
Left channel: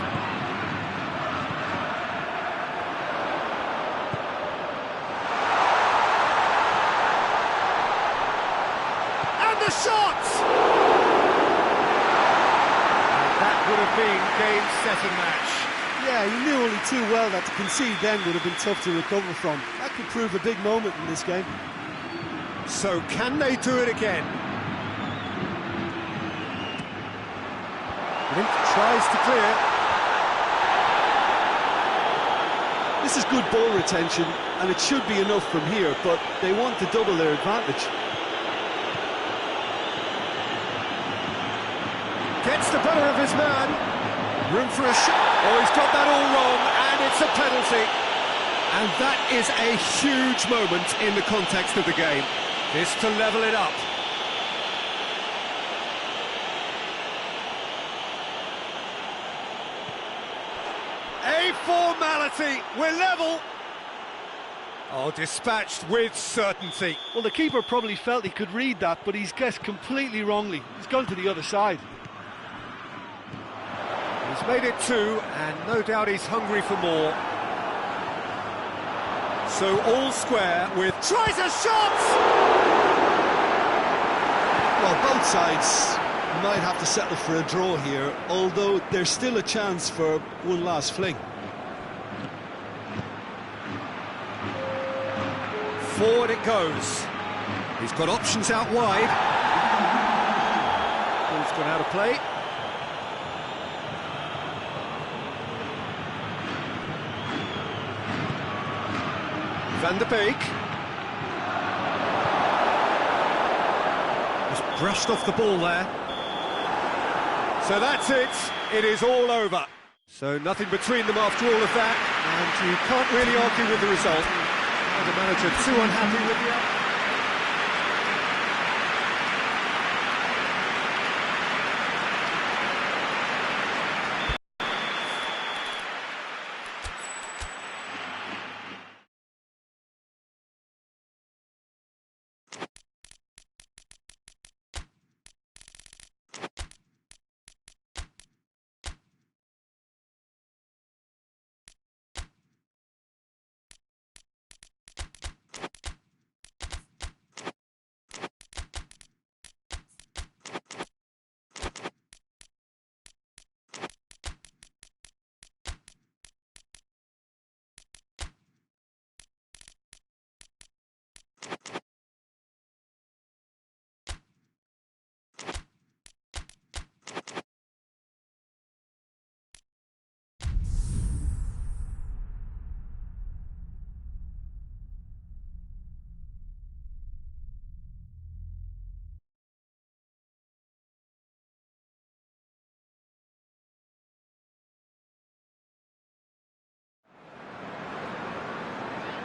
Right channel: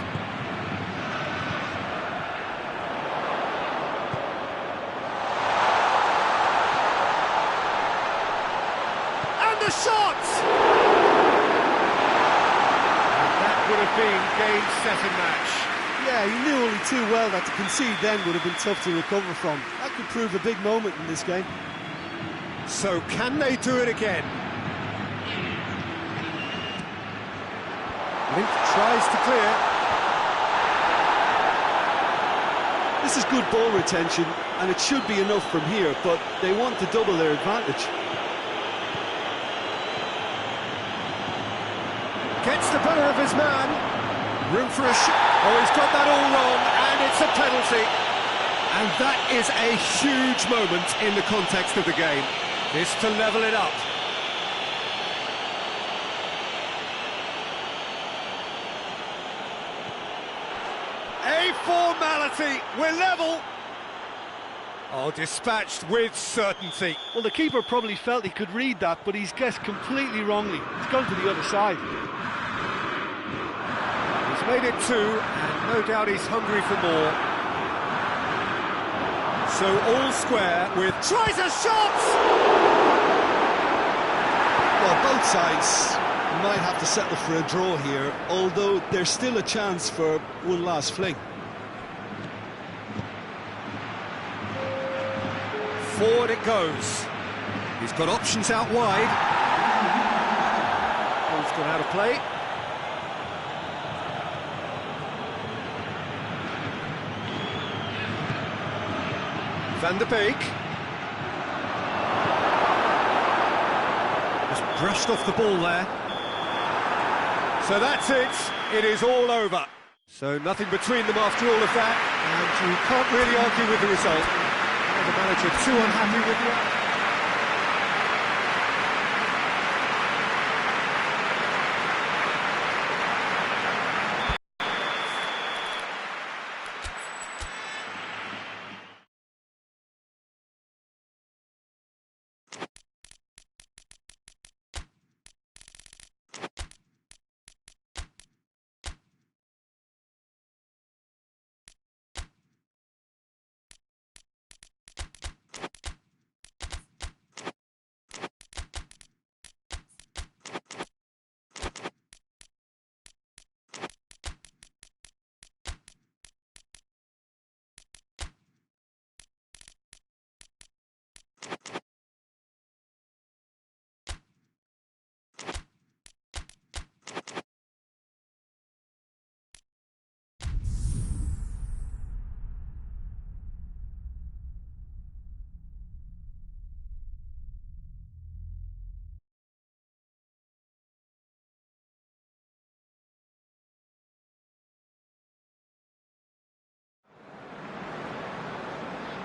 And the shot! And that would have been game, set and match. Yeah, he knew only too well that to concede then would have been tough to recover from. That could prove a big moment in this game. So can they do it again? Link tries to clear. This is good ball retention, and it should be enough from here, but they want to double their advantage. Gets the better of his man. Room for a shot. Oh, he's got that all wrong, and it's a penalty. And that is a huge moment in the context of the game. This to level it up. A formality, we're level. Oh, dispatched with certainty. Well, the keeper probably felt he could read that, but he's guessed completely wrongly. He's gone to the other side. He's made it two, and no doubt he's hungry for more. So all square with... Tries a shot! Well, both sides might have to settle for a draw here, although there's still a chance for one last fling. Forward it goes. He's got options out wide. Ball's gone out of play. Van der Beek. Just brushed off the ball there. So that's it. It is all over. So nothing between them after all of that, and you can't really argue with the result. Now the manager too unhappy with the outcome.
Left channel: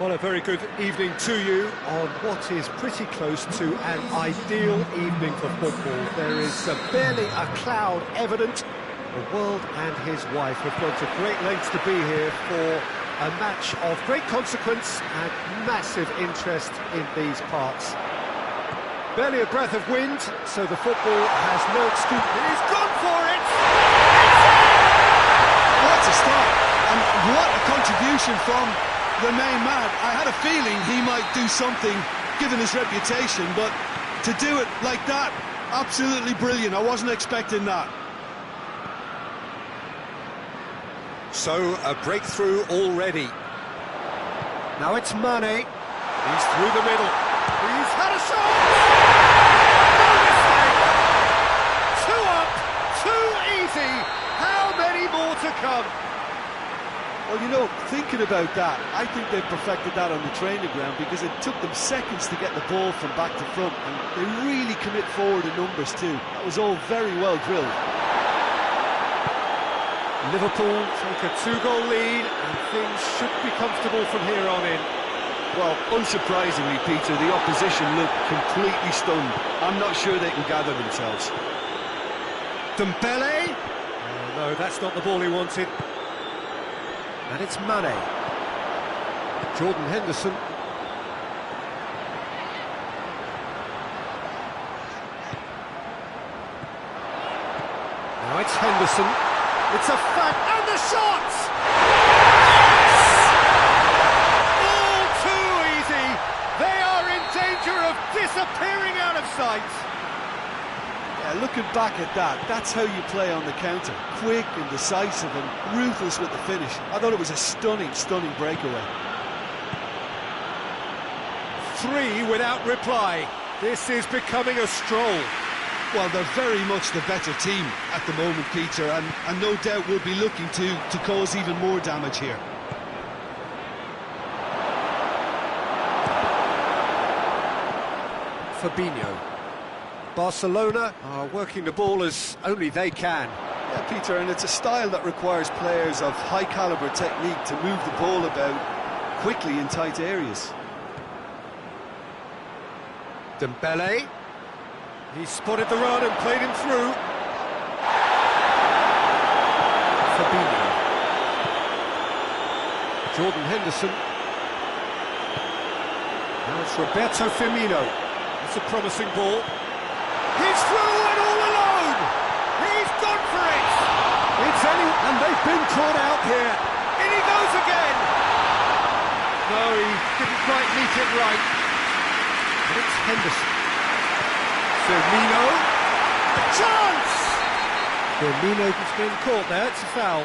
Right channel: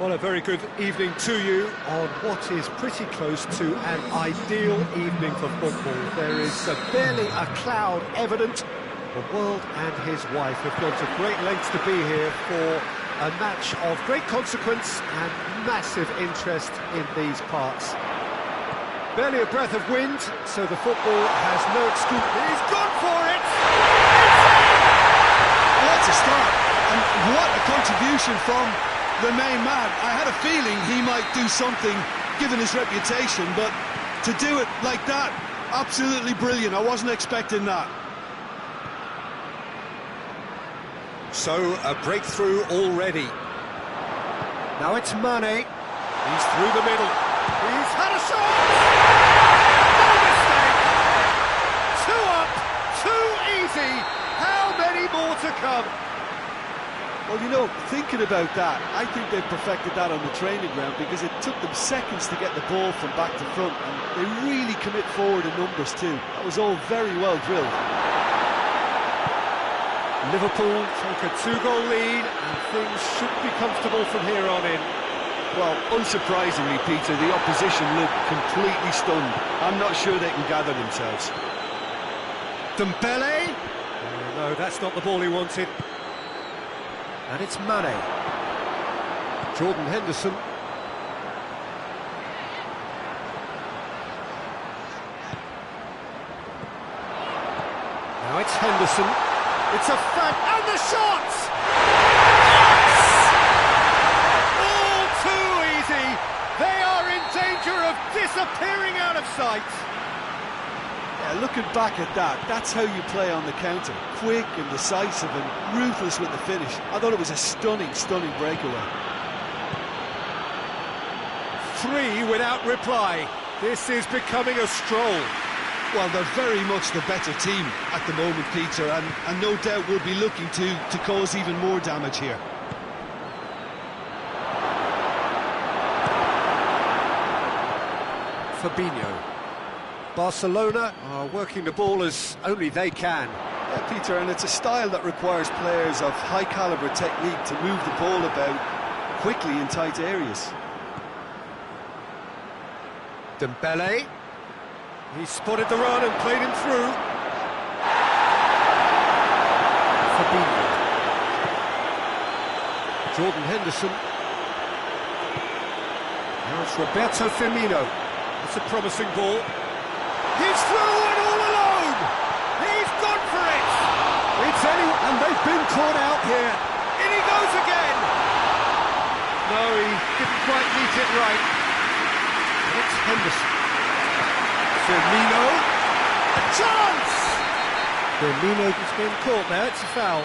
Well, a very good evening to you on what is pretty close to an ideal evening for football. There is barely a cloud evident. The world and his wife have gone to great lengths to be here for a match of great consequence and massive interest in these parts. Barely a breath of wind, so the football has no excuse. He's gone for it! It's in! What a start, and what a contribution from the main man. I had a feeling he might do something, given his reputation, but to do it like that, absolutely brilliant. I wasn't expecting that. So, a breakthrough already. Now it's Mane. He's through the middle. He's had a shot! No mistake! 2 up, 2 easy. How many more to come? Well, you know, thinking about that, I think they've perfected that on the training ground because it took them seconds to get the ball from back to front, and they really commit forward in numbers too. That was all very well drilled. Liverpool take a 2-goal lead, and things should be comfortable from here on in. Well, unsurprisingly, Peter, the opposition looked completely stunned. I'm not sure they can gather themselves. Dembele? Oh, no, that's not the ball he wanted. And it's Mane. Jordan Henderson. Now it's Henderson. It's a fact, and the shot! Yes! All too easy. They are in danger of disappearing out of sight. Yeah, looking back at that, that's how you play on the counter. Quick and decisive and ruthless with the finish. I thought it was a stunning, stunning breakaway. 3 without reply. This is becoming a stroll. Well, they're very much the better team at the moment, Peter, and no doubt will be looking to cause even more damage here. Fabinho. Barcelona are working the ball as only they can. Yeah, Peter, and it's a style that requires players of high-caliber technique to move the ball about quickly in tight areas. Dembele. He spotted the run and played him through. Fabinho. Jordan Henderson. Now it's Roberto Firmino. It's a promising ball. He's through and all alone! He's gone for it! It's and they've been caught out here. In he goes again! No, he didn't quite meet it right. And it's Henderson. Firmino. A chance! Firmino has been caught there, it's a foul.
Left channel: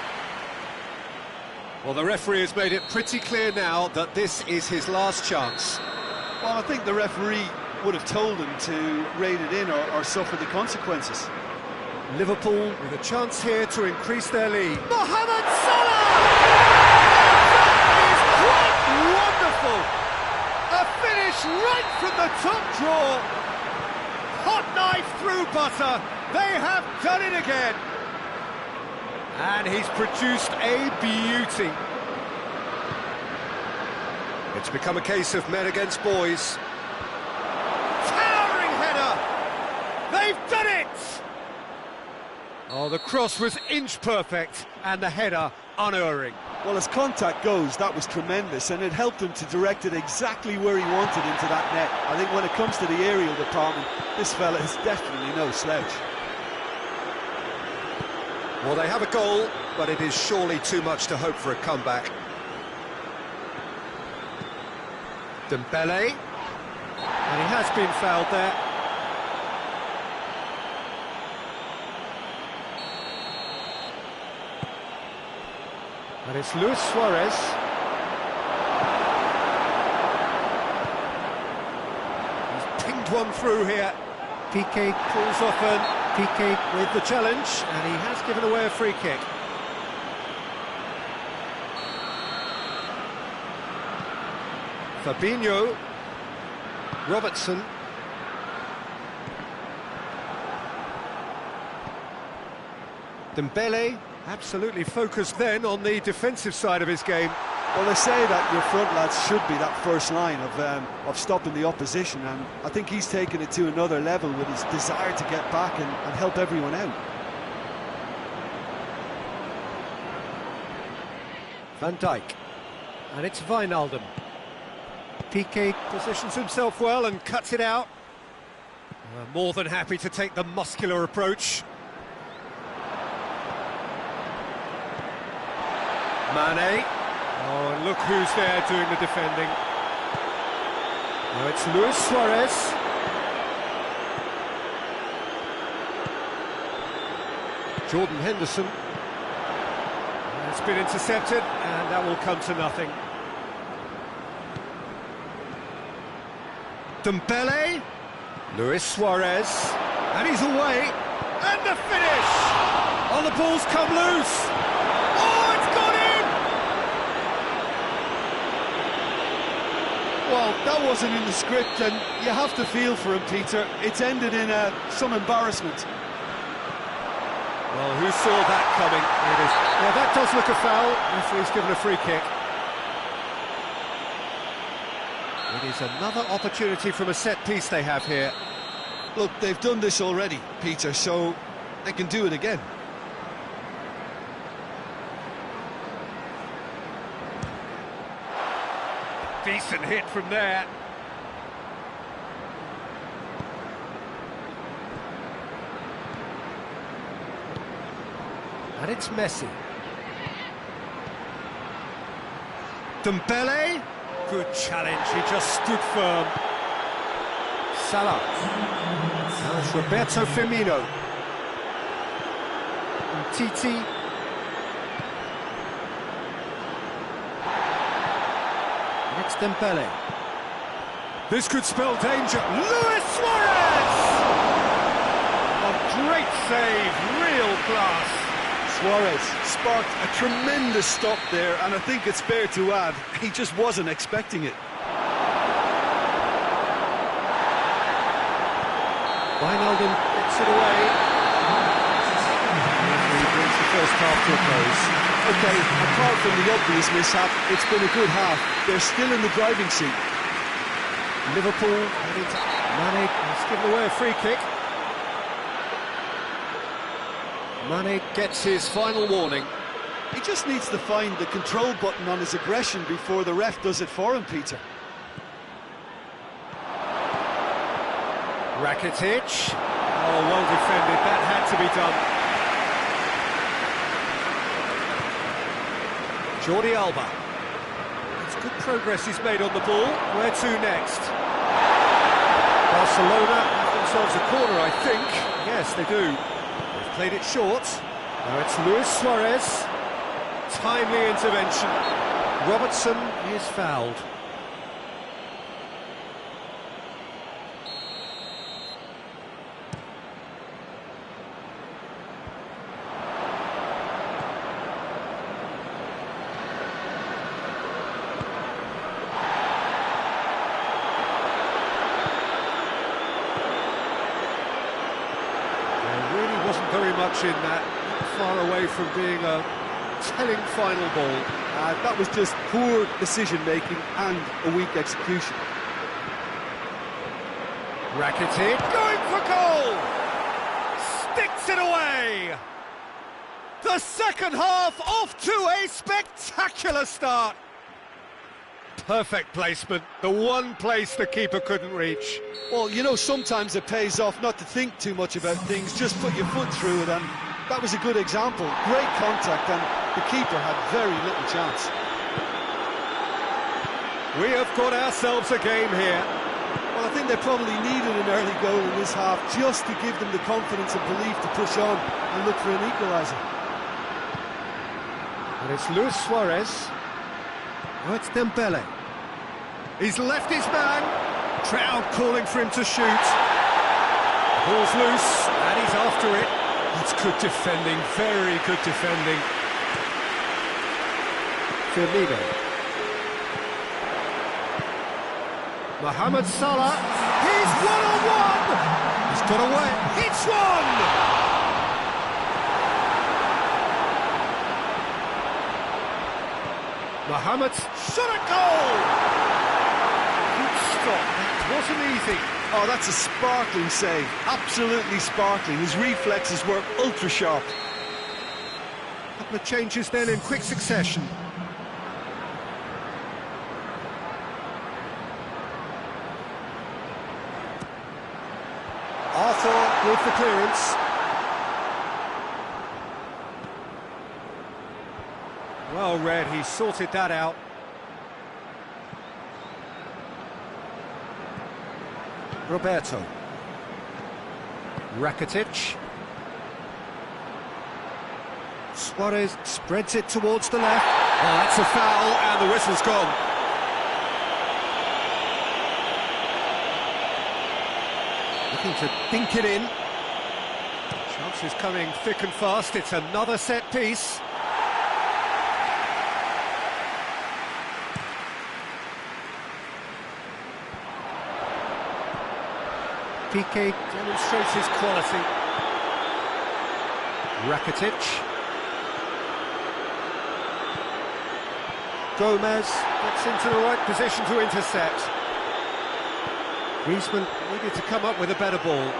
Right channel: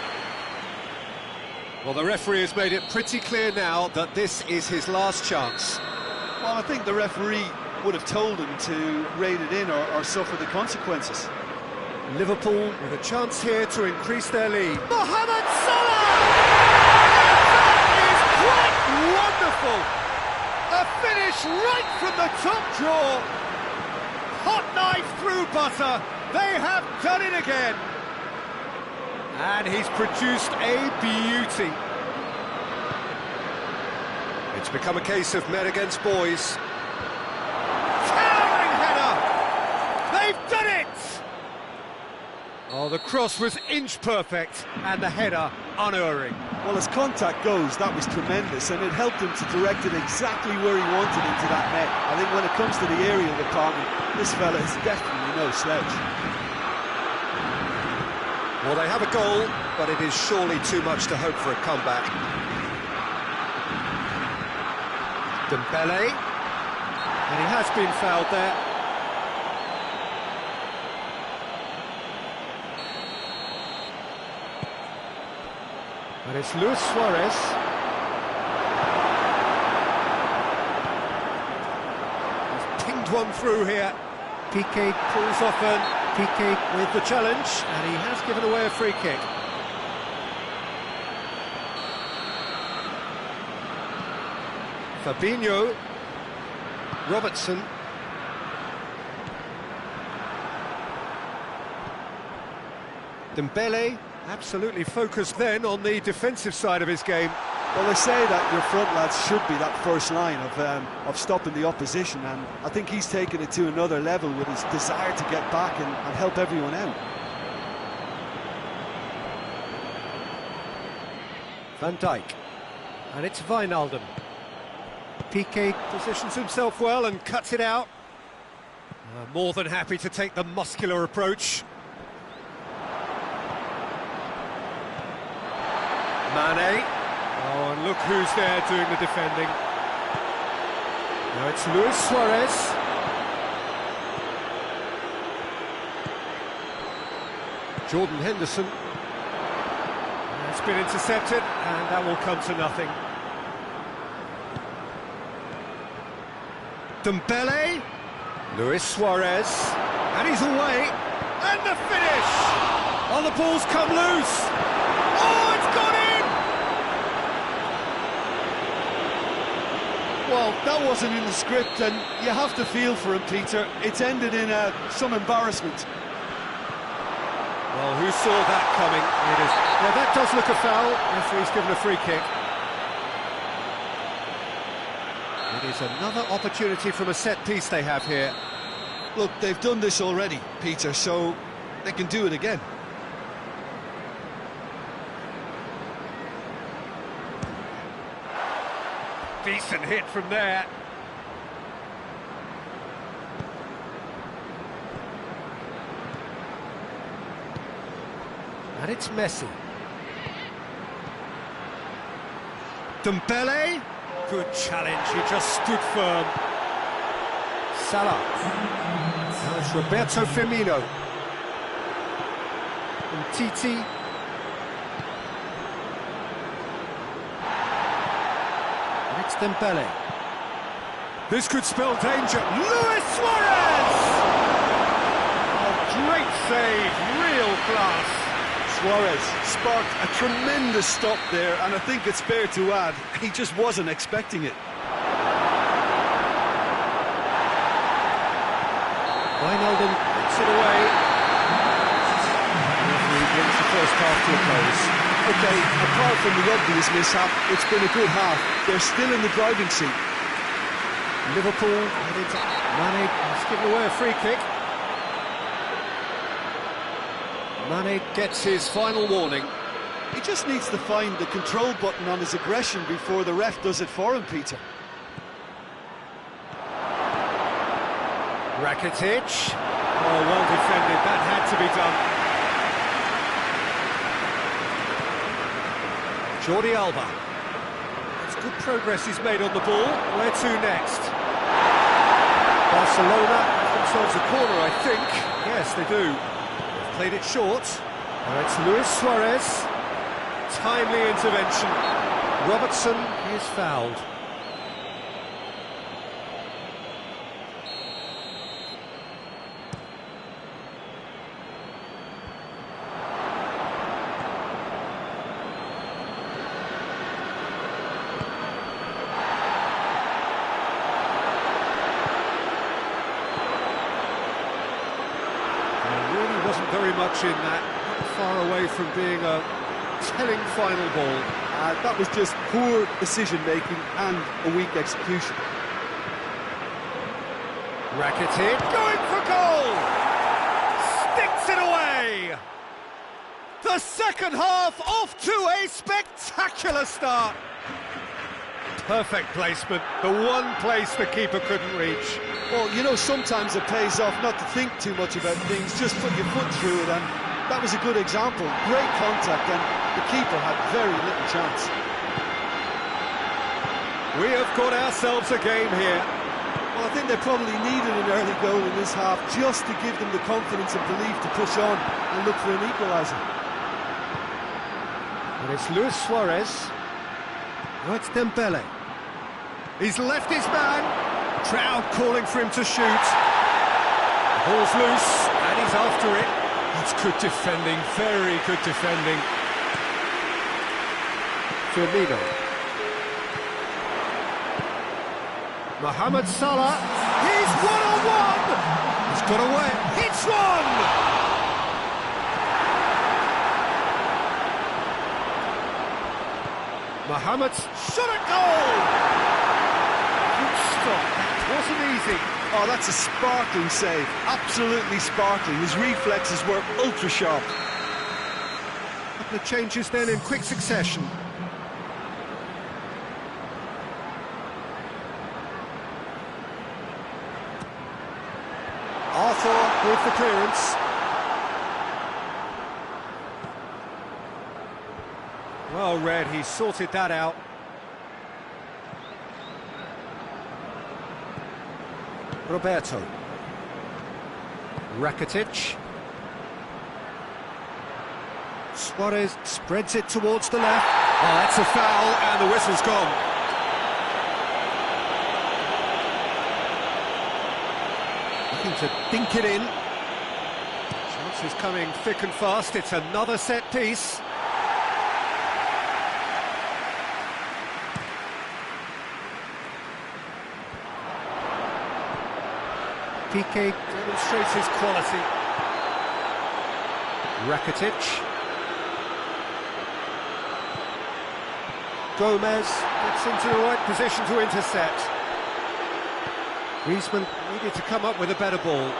Well, the referee has made it pretty clear now that this is his last chance. Well, I think the referee would have told him to rein it in or suffer the consequences. Liverpool with a chance here to increase their lead. Mohamed Salah! That is quite wonderful! A finish right from the top drawer. Hot knife through butter. They have done it again. And he's produced a beauty. It's become a case of men against boys. Towering header! They've done it! Oh, the cross was inch perfect, and the header unerring. Well, as contact goes, that was tremendous, and it helped him to direct it exactly where he wanted into that net. I think when it comes to the aerial department, this fella is definitely no slouch. Well, they have a goal, but it is surely too much to hope for a comeback. Dembele, and he has been fouled there. And it's Luis Suarez. He's pinged one through here. Piqué pulls off, and Piqué with the challenge, and he has given away a free kick. Fabinho. Robertson. Dembele, absolutely focused then on the defensive side of his game. Well, they say that your front lads should be that first line of stopping the opposition, and I think he's taken it to another level with his desire to get back and help everyone out. Van Dijk, and it's Wijnaldum. Piqué positions himself well and cuts it out. More than happy to take the muscular approach. Mane. Oh, and look who's there doing the defending. Now it's Luis Suarez. Jordan Henderson. It's been intercepted, and that will come to nothing. Dembele, Luis Suarez, and he's away, and the finish! Oh, the ball's come loose! Oh, it's gone in! Well, that wasn't in the script, and you have to feel for him, Peter. It's ended in some embarrassment. Well, who saw that coming? It is. Yeah, that does look a foul. Referee's given a free kick. It is another opportunity from a set piece they have here. Look, they've done this already, Peter, so they can do it again. Decent hit from there. And it's Messi. Dembele. Good challenge, he just stood firm. Salah. Now it's Roberto Firmino. And Titi. And it's Dembele. This could spell danger. Luis Suarez! Oh, great save, real class. Suarez sparked a tremendous stop there, and I think it's fair to add, he just wasn't expecting it. Wijnaldum gets it away. The referee brings the first half to a close. OK, apart from the obvious mishap, it's been a good half. They're still in the driving seat. Liverpool head into Mane. He's given away a free kick. Mane gets his final warning. He just needs to find the control button on his aggression before the ref does it for him, Peter. Rakitic. Oh, well defended. That had to be done. Jordi Alba. It's good progress he's made on the ball. Where to next? Barcelona have themselves a corner, I think. Yes, they do. They've played it short. Now it's Luis Suarez. Timely intervention. Robertson is fouled. There really wasn't very much in that. Not far away from being a telling final ball. That was just poor decision-making and a weak execution. Rakitic going for goal! Sticks it away! The second half off to a spectacular start! Perfect placement, the one place the keeper couldn't reach. Well, you know, sometimes it pays off not to think too much about things, just put your foot through it, and that was a good example. Great contact, and the keeper had very little chance. We have got ourselves a game here. Well, I think they probably needed an early goal in this half just to give them the confidence and belief to push on and look for an equaliser. And it's Luis Suarez. Oh, it's Dembele. He's left his man. Crowd calling for him to shoot. The ball's loose, and he's after it. That's good defending, very good defending. Firmino. Mohamed Salah. He's one-on-one. He's got away. Hits one. Mohamed shot a goal. Good stop. That wasn't easy. Oh, that's a sparkling save. Absolutely sparkling. His reflexes were ultra sharp. A couple of changes then in quick succession. Arthur with the clearance. Well read, he sorted that out. Roberto. Rakitic. Suarez spreads it towards the left. Oh, that's a foul, and the whistle's gone. Looking to dink it in. Chances coming thick and fast. It's another set piece. Piqué demonstrates his quality. Rakitic. Gomez gets into the right position to intercept. Griezmann needed to come up with a better ball.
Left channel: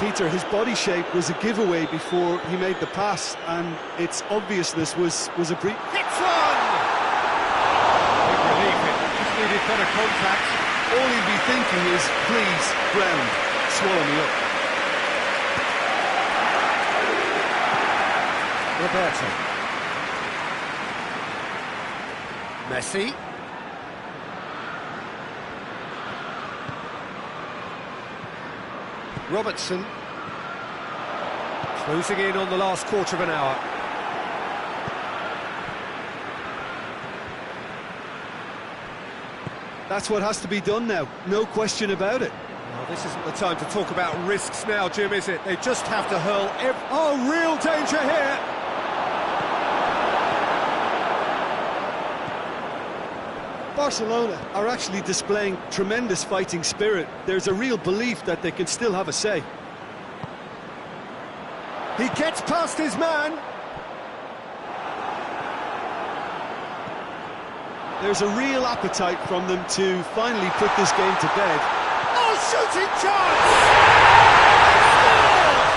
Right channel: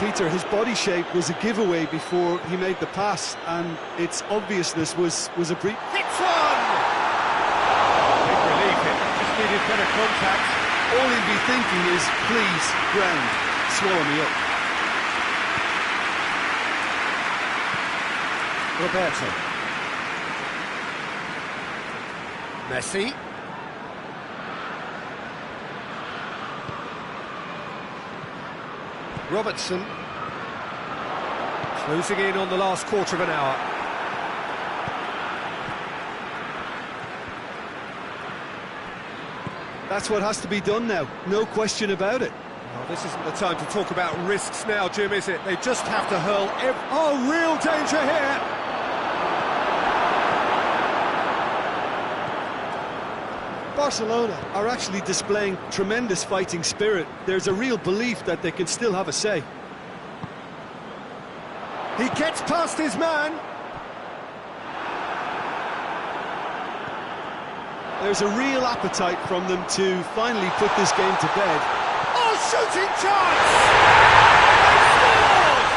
Peter, his body shape was a giveaway before he made the pass, and its obviousness was a brief. Hits one! Big relief, it just needed better contact. All he'd be thinking is, please, ground, swallow me up. Roberto. Messi. Robertson. Closing in on the last quarter of an hour. That's what has to be done now, no question about it. Well, this isn't the time to talk about risks now, Jim, is it? They just have to hurl Oh, real danger here! Barcelona are actually displaying tremendous fighting spirit. There's a real belief that they can still have a say. He gets past his man. There's a real appetite from them to finally put this game to bed. Oh, shooting chance! They scored!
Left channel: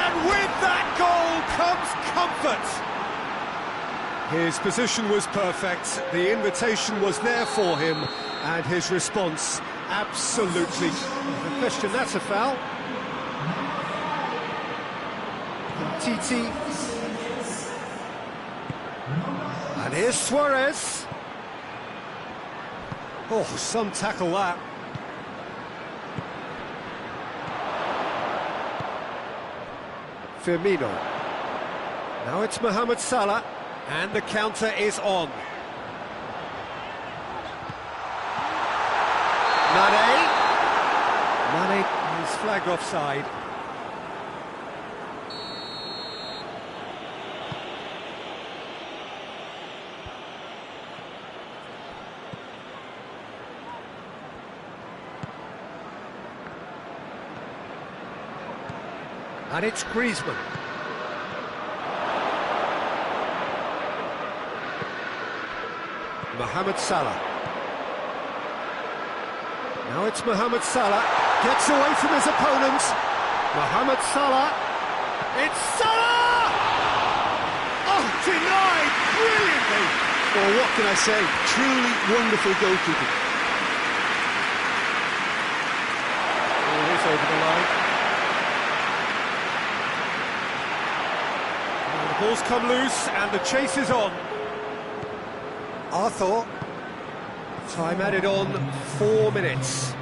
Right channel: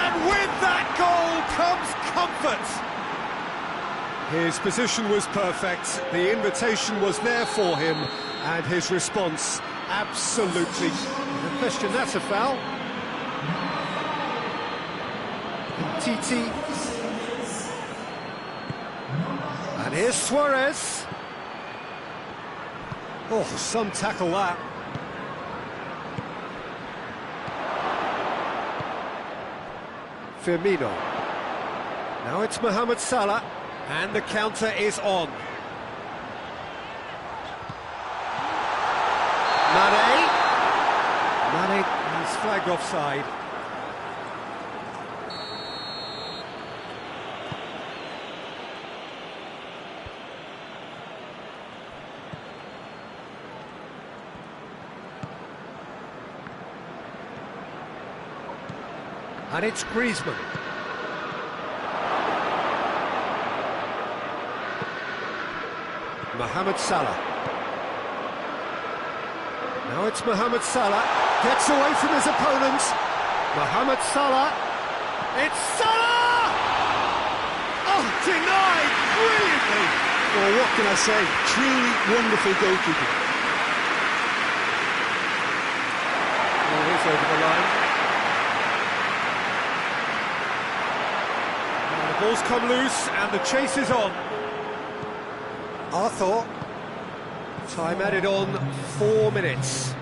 And with that goal comes comfort. His position was perfect, the invitation was there for him, and his response absolutely... No question, that's a foul. And Titi. And here's Suarez. Oh, some tackle that. Firmino. Now it's Mohamed Salah. And the counter is on. Mane is flagged offside. And it's Griezmann. Mohamed Salah. Now it's Mohamed Salah. Gets away from his opponent. Mohamed Salah. It's Salah! Oh, denied brilliantly. Well, what can I say? Truly wonderful goalkeeping. Oh, he's over the line. And the ball's come loose and the chase is on. Arthur, time added on 4 minutes.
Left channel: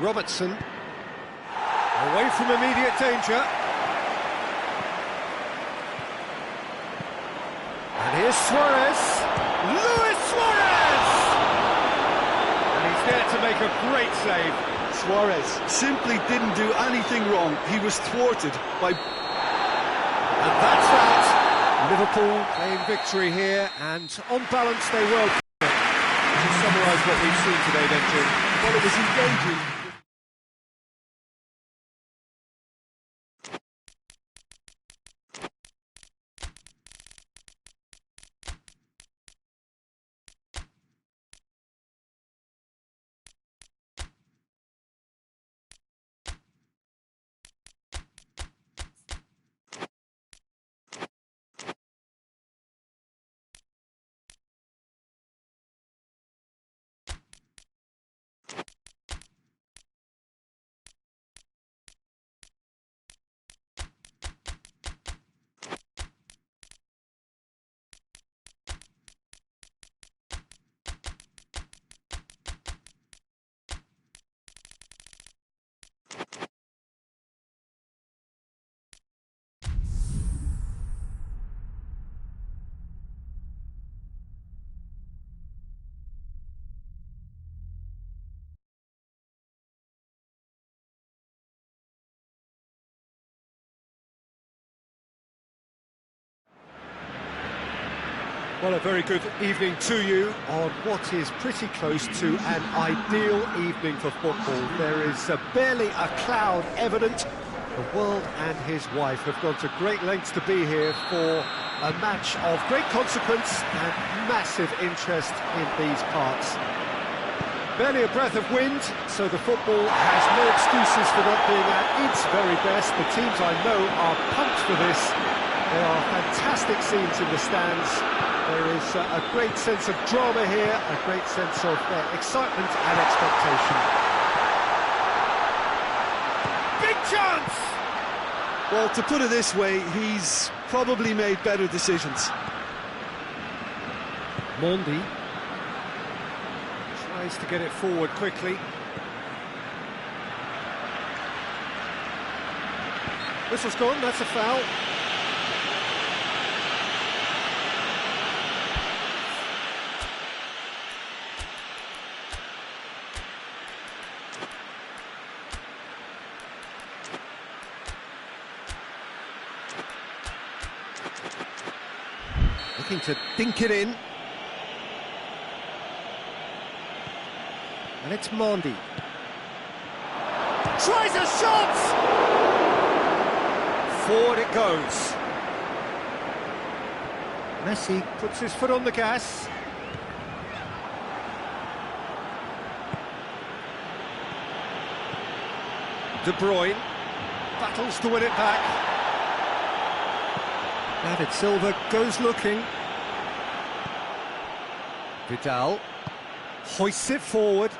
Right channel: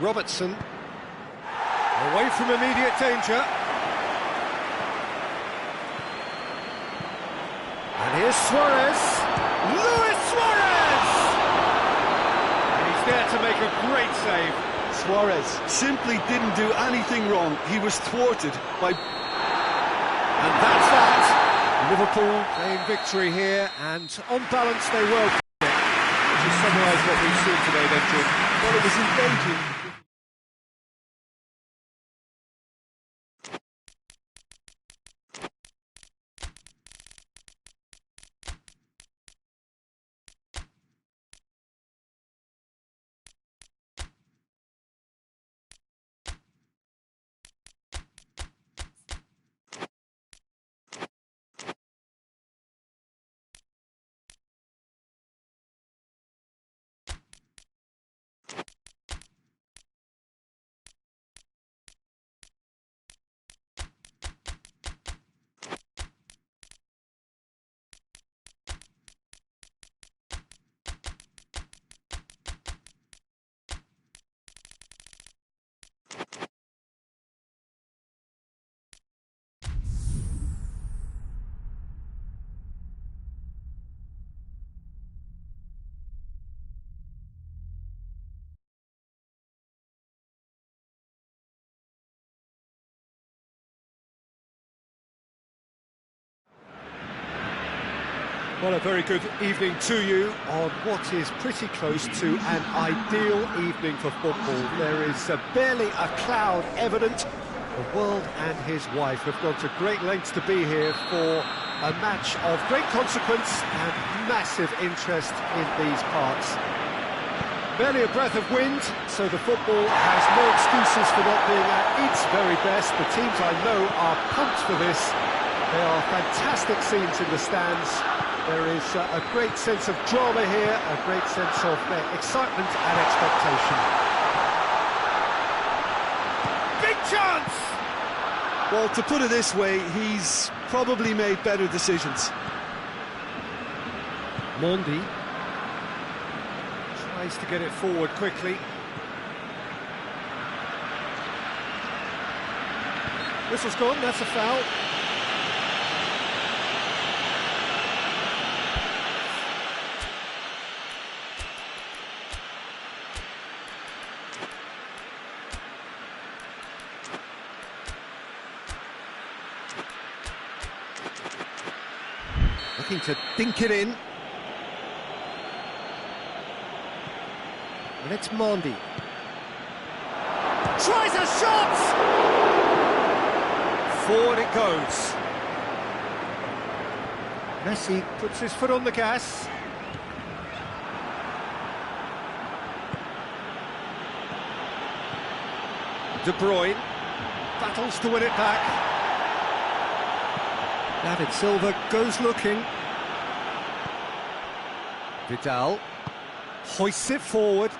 Robertson, away from immediate danger. And here's Suarez, Luis Suarez! And he's there to make a great save. Suarez simply didn't do anything wrong. He was thwarted by... And that's that. Liverpool playing victory here, and on balance they well played it. Would you summarise what we've seen today then, Jim? Well, it was engaging. Well, a very good evening to you on what is pretty close to an ideal evening for football. There is barely a cloud evident. The world and his wife have gone to great lengths to be here for a match of great consequence and massive interest in these parts. Barely a breath of wind, so the football has no excuses for not being at its very best. The teams I know are pumped for this. There are fantastic scenes in the stands. There is a great sense of drama here, a great sense of excitement and expectation. Big chance! Well, to put it this way, he's probably made better decisions. Mondi tries to get it forward quickly. Whistle's gone, that's a foul. Looking to dink it in. And it's Mondi. Tries a shot! Forward it goes. Messi puts his foot on the gas. De Bruyne battles to win it back. David Silva goes looking. Vidal hoists it forward.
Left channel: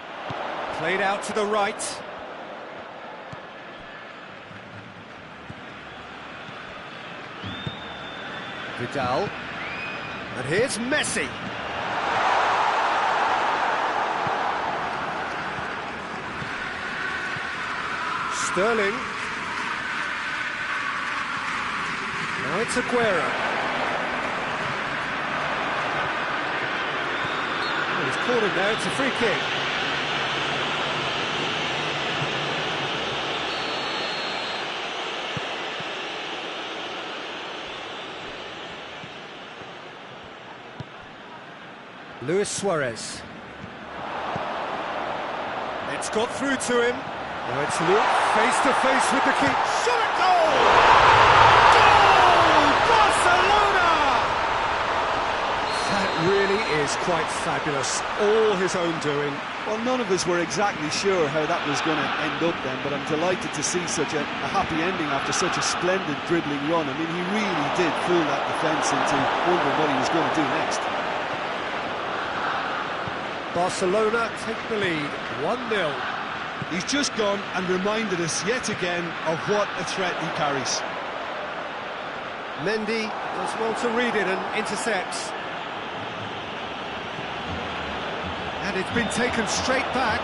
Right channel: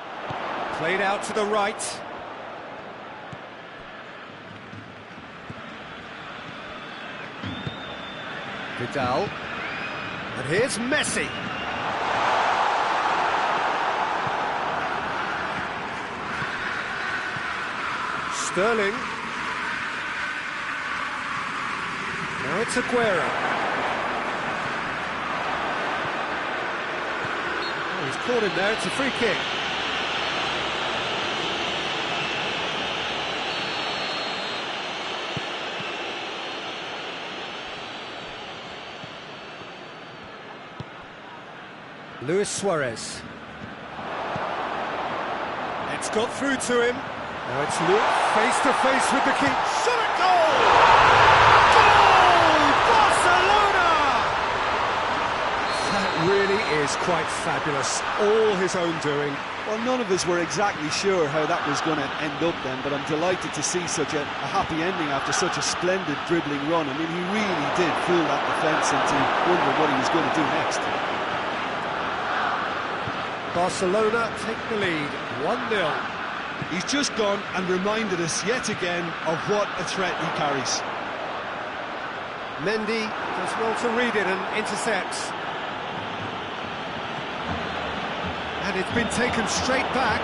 Played out to the right. Vidal. And here's Messi. Sterling. Now it's Aguero. Oh, he's caught him there, it's a free kick. Luis Suarez. It's got through to him. Now it's Luke face to face with the keeper. Shot at goal! Goal! Barcelona! That really is quite fabulous. All his own doing. Well, none of us were exactly sure how that was going to end up then, but I'm delighted to see such a happy ending after such a splendid dribbling run. I mean, he really did fool that defence into wondering what he was going to do next. Barcelona take the lead, 1-0. He's just gone and reminded us yet again of what a threat he carries. Mendy does well to read it and intercepts. And it's been taken straight back.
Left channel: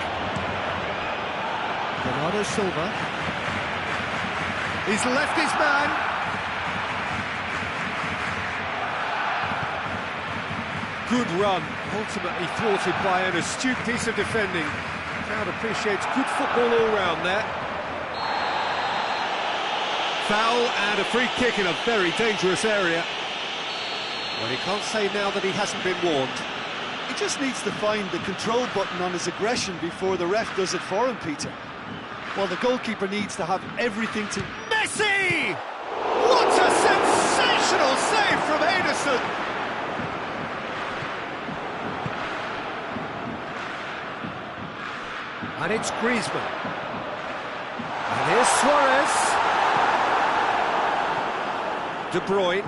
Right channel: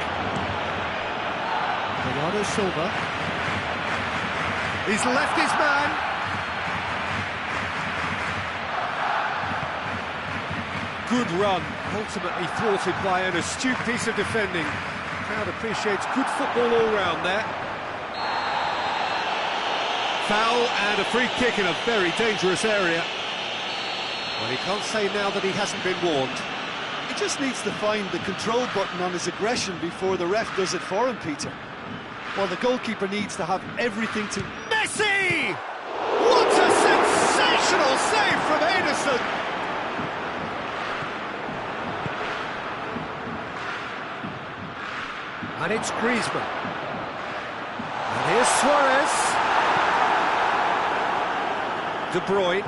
Bernardo Silva. He's left his man. Good run, ultimately thwarted by an astute piece of defending. The crowd appreciates good football all round there. Foul and a free kick in a very dangerous area. Well, he can't say now that he hasn't been warned. He just needs to find the control button on his aggression before the ref does it for him, Peter. Well, the goalkeeper needs to have everything to... Messi! What a sensational save from Ederson! And it's Griezmann. And here's Suarez. De Bruyne.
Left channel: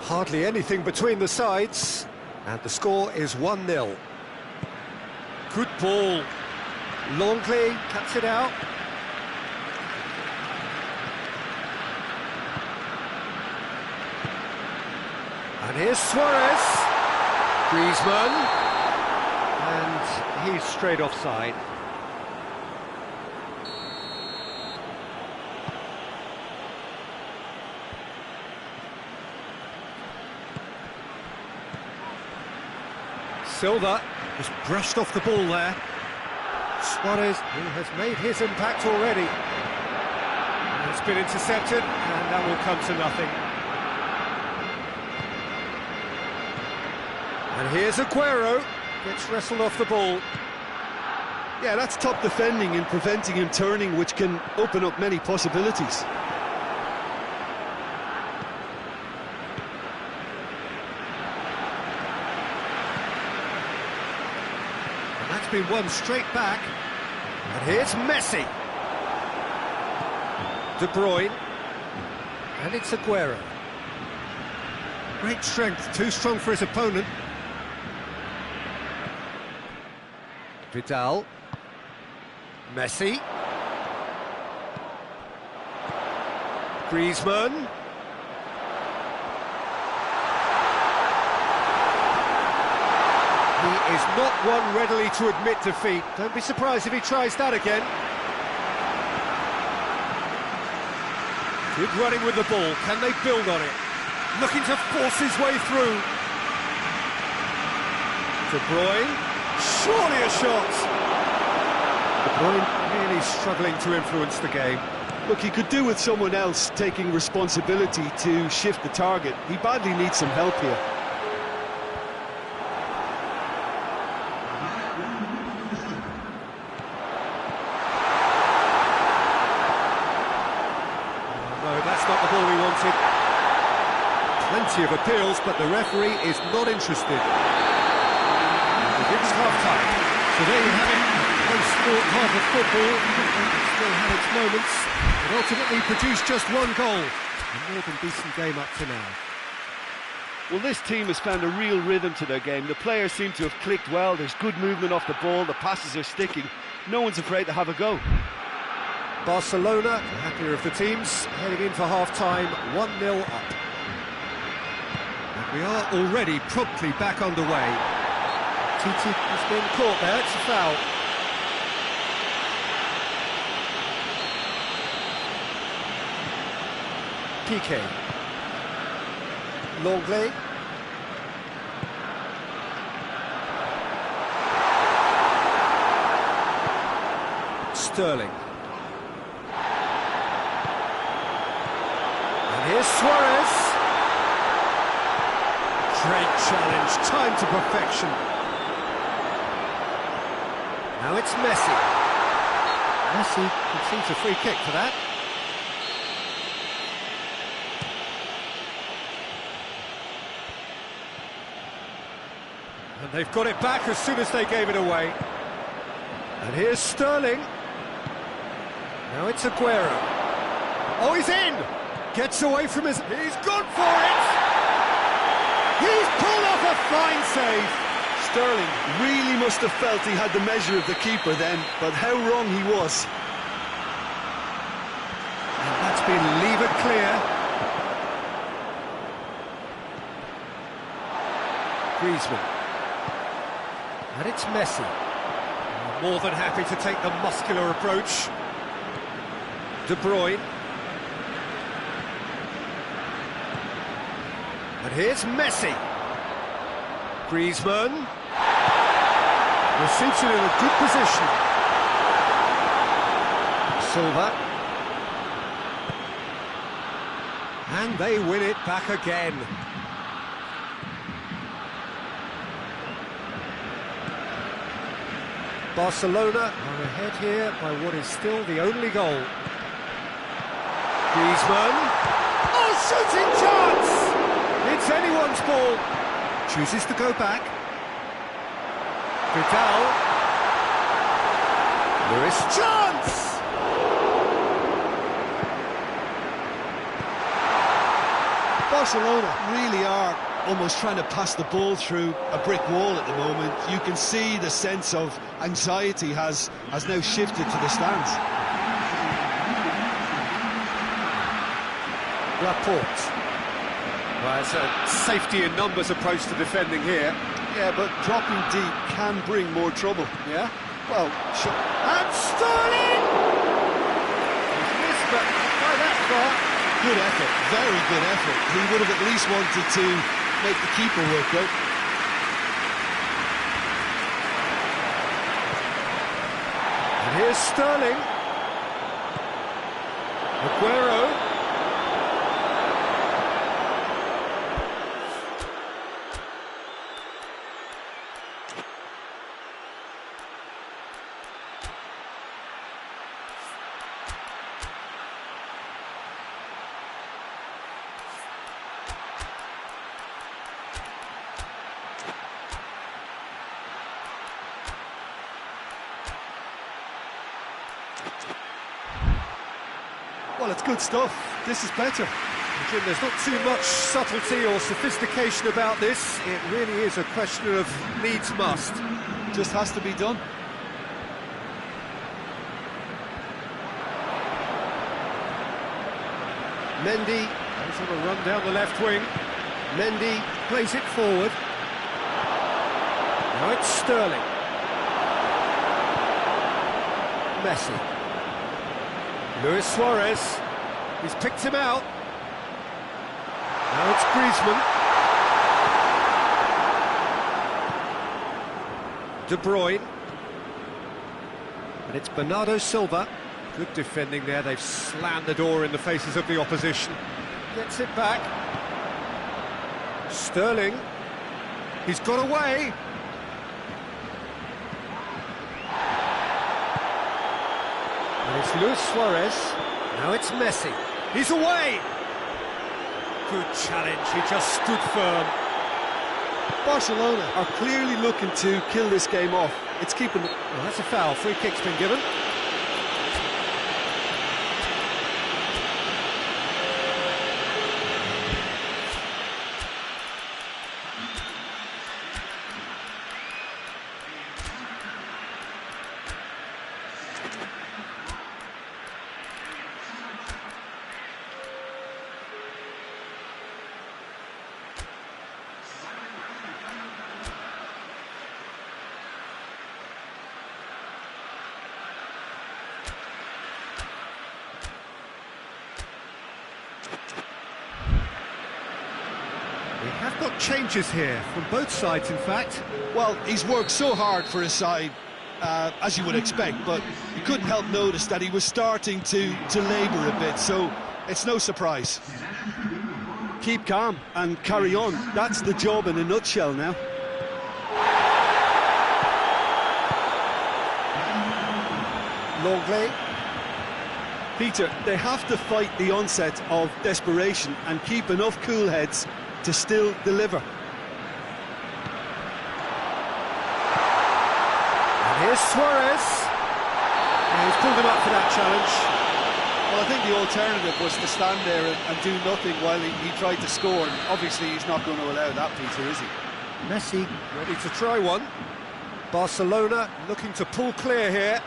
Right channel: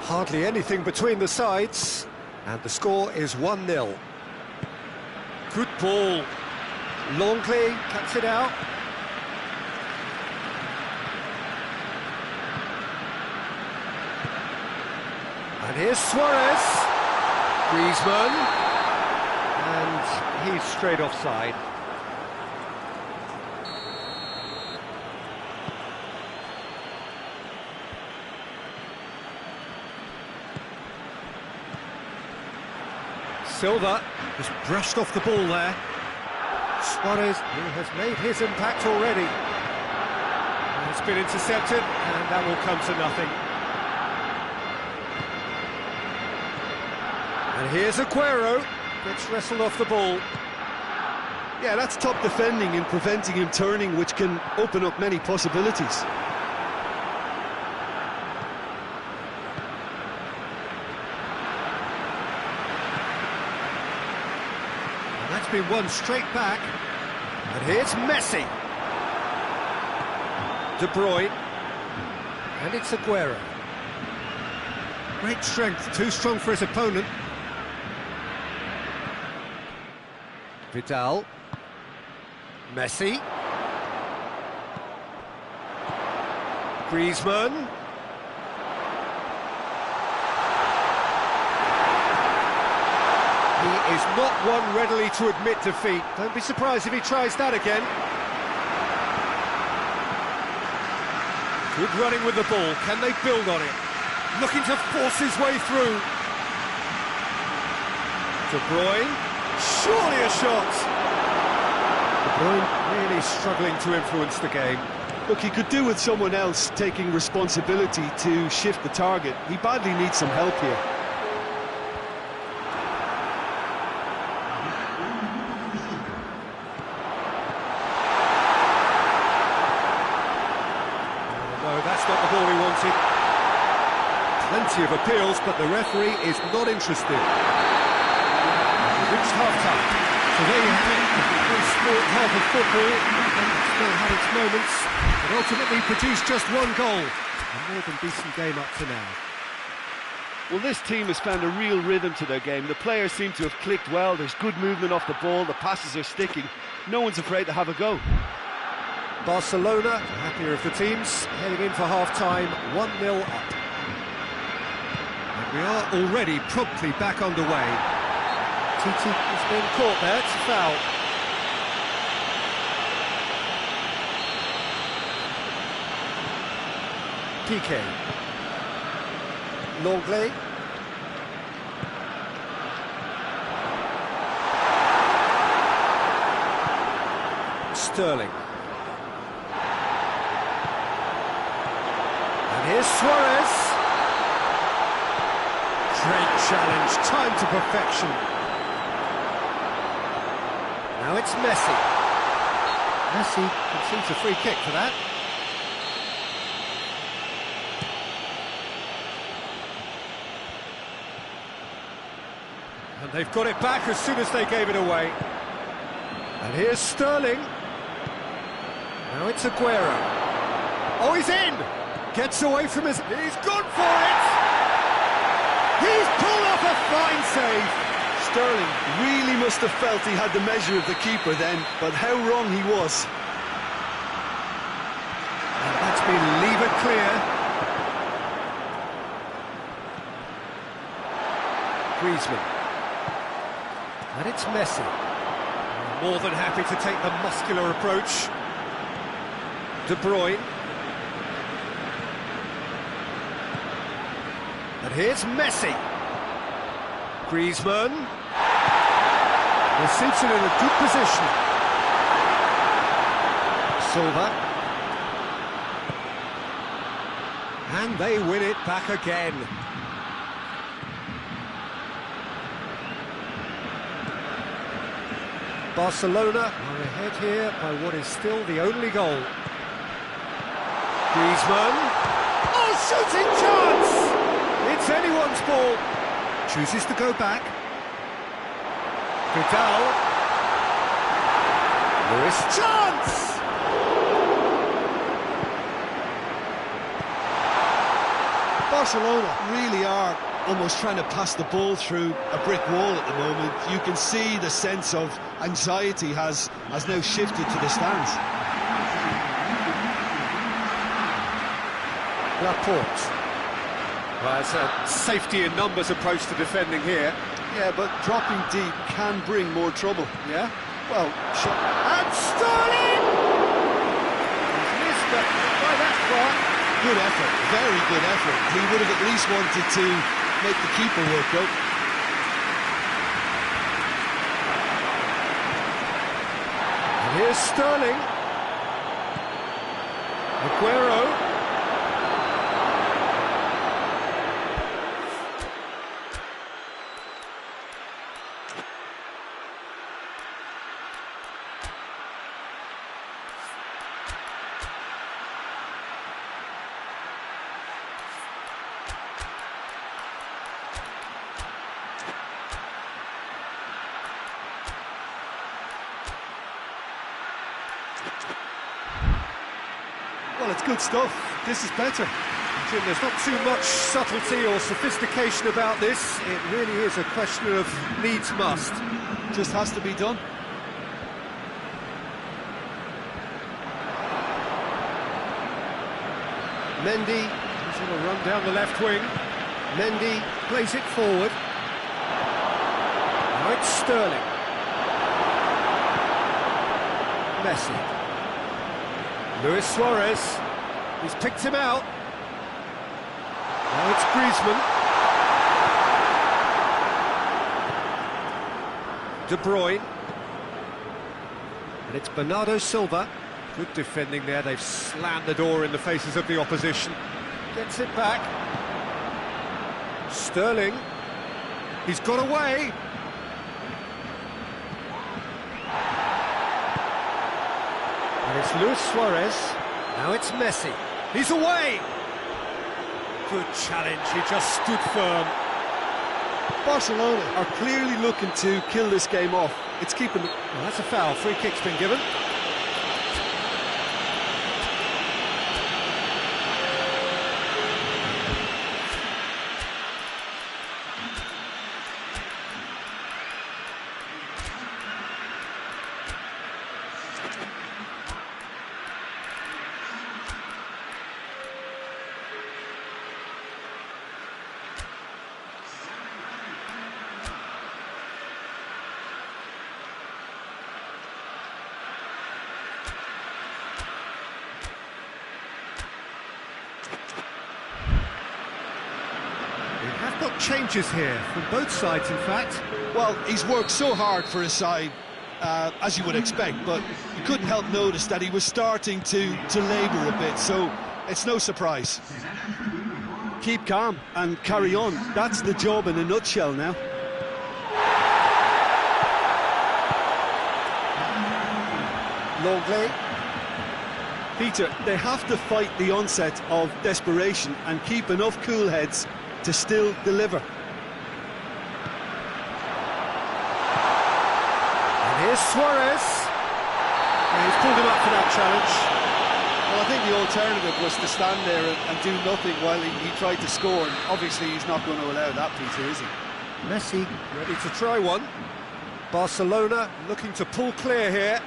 Hardly anything between the sides. And the score is 1-0. Good ball. Longley cuts it out. And here's Suarez. Griezmann. And he's straight offside. Silva just brushed off the ball there. Suarez, who has made his impact already. And it's been intercepted, and that will come to nothing. And here's Aguero, gets wrestled off the ball. Yeah, that's top defending and preventing him turning, which can open up many possibilities. And that's been won straight back. And here's Messi. De Bruyne. And it's Aguero. Great strength, too strong for his opponent. Vidal. Messi. Griezmann. He is not one readily to admit defeat. Don't be surprised if he tries that again. Good running with the ball. Can they build on it? Looking to force his way through. De Bruyne. Surely a shot. De Bruyne really struggling to influence the game. Look, he could do with someone else taking responsibility to shift the target. He badly needs some help here. No, that's not the ball he wanted. Plenty of appeals, but the referee is not interested. And we've reached half-time. So there you have it, a close-fought half of football. It still had its moments, but ultimately produced just one goal. A more than decent game up to now. Well, this team has found a real rhythm to their game. The players seem to have clicked well. There's good movement off the ball. The passes are sticking. No one's afraid to have a go. Barcelona, the happier of the teams, heading in for half-time, 1-0 up. And we are already promptly back underway. Titi has been caught there, it's a foul. Piqué. Longley. Sterling. And here's Suarez. Great challenge, time to perfection. Now it's Messi. Messi concedes a free kick for that. And they've got it back as soon as they gave it away. And here's Sterling. Now it's Aguero. Oh, he's in! Gets away from his... He's gone for it! He's pulled off a fine save! Sterling really must have felt he had the measure of the keeper then, but how wrong he was. And that's been levered clear. Griezmann. And it's Messi. More than happy to take the muscular approach. De Bruyne. And here's Messi. Griezmann. Receives it in a good position. Silva. And they win it back again. Barcelona are ahead here by what is still the only goal. Griezmann. Oh, shooting chance! It's anyone's ball. Chooses to go back. Vidal. Lewis. Chance! Barcelona really are almost trying to pass the ball through a brick wall at the moment. You can see the sense of anxiety has now shifted to the stands. Laporte. Well, it's a safety in numbers approach to defending here. Yeah, but dropping deep can bring more trouble. Yeah? Well, and Sterling! He's missed, but not by that far. Good effort, very good effort. He would have at least wanted to make the keeper work out. And here's Sterling. Aguero. Well, it's good stuff. This is better. Jim, there's not too much subtlety or sophistication about this. It really is a question of needs must. Just has to be done. Mendy, he's on a run down the left wing. Mendy plays it forward. Now it's Sterling. Messi. Luis Suarez. He's picked him out. Now it's Griezmann. De Bruyne. And it's Bernardo Silva. Good defending there. They've slammed the door in the faces of the opposition. Gets it back. Sterling. He's got away. And it's Luis Suarez. Now it's Messi. He's away. Good challenge. He just stood firm. Barcelona are clearly looking to kill this game off. It's keeping them. Well, that's a foul. Free kick's been given. We have got changes here, from both sides in fact. Well, he's worked so hard for his side, as you would expect, but you couldn't help notice that he was starting to labour a bit, so it's no surprise. Keep calm and carry on. That's the job in a nutshell now. Longley. Peter, they have to fight the onset of desperation and keep enough cool heads to still deliver. And here's Suarez. Yeah, he's pulled him up for that challenge. Well, I think the alternative was to stand there and do nothing while he tried to score, and obviously he's not going to allow that, Peter, is he? Messi ready to try one. Barcelona looking to pull clear here.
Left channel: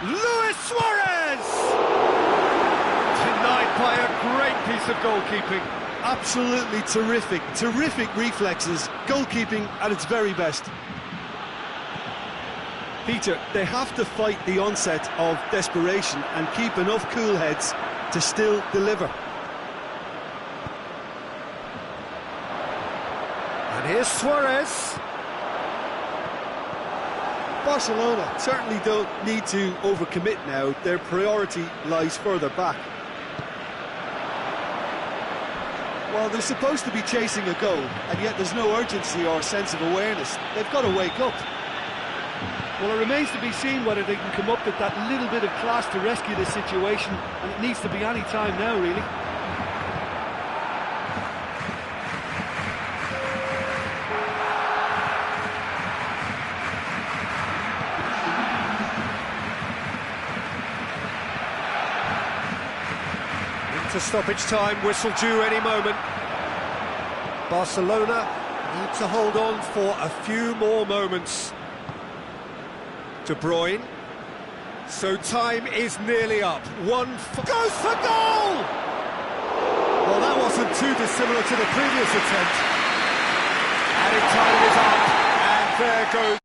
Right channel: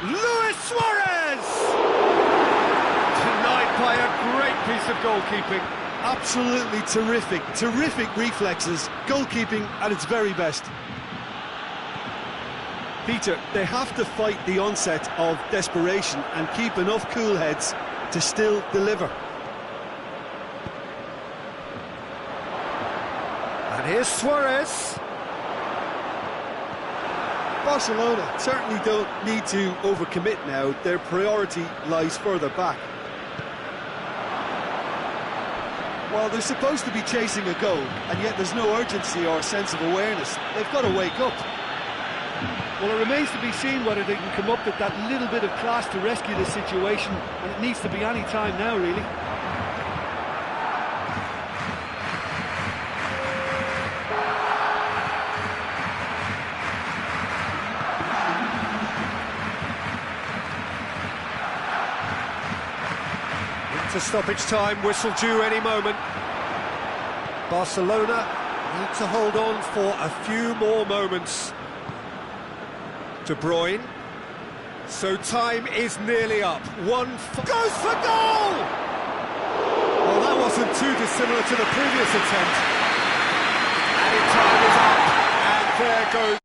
Luis Suarez! Denied by a great piece of goalkeeping. Absolutely terrific reflexes, goalkeeping at its very best. Peter, they have to fight the onset of desperation and keep enough cool heads to still deliver. And here's Suarez. Barcelona certainly don't need to overcommit now. Their priority lies further back. Well, they're supposed to be chasing a goal, and yet there's no urgency or sense of awareness. They've got to wake up. Well, it remains to be seen whether they can come up with that little bit of class to rescue this situation, and it needs to be any time now, really. Into stoppage time, whistle due any moment. Barcelona need to hold on for a few more moments. De Bruyne. So time is nearly up. Goes for goal! Well, that wasn't too dissimilar to the previous attempt. Added time is up, and there goes...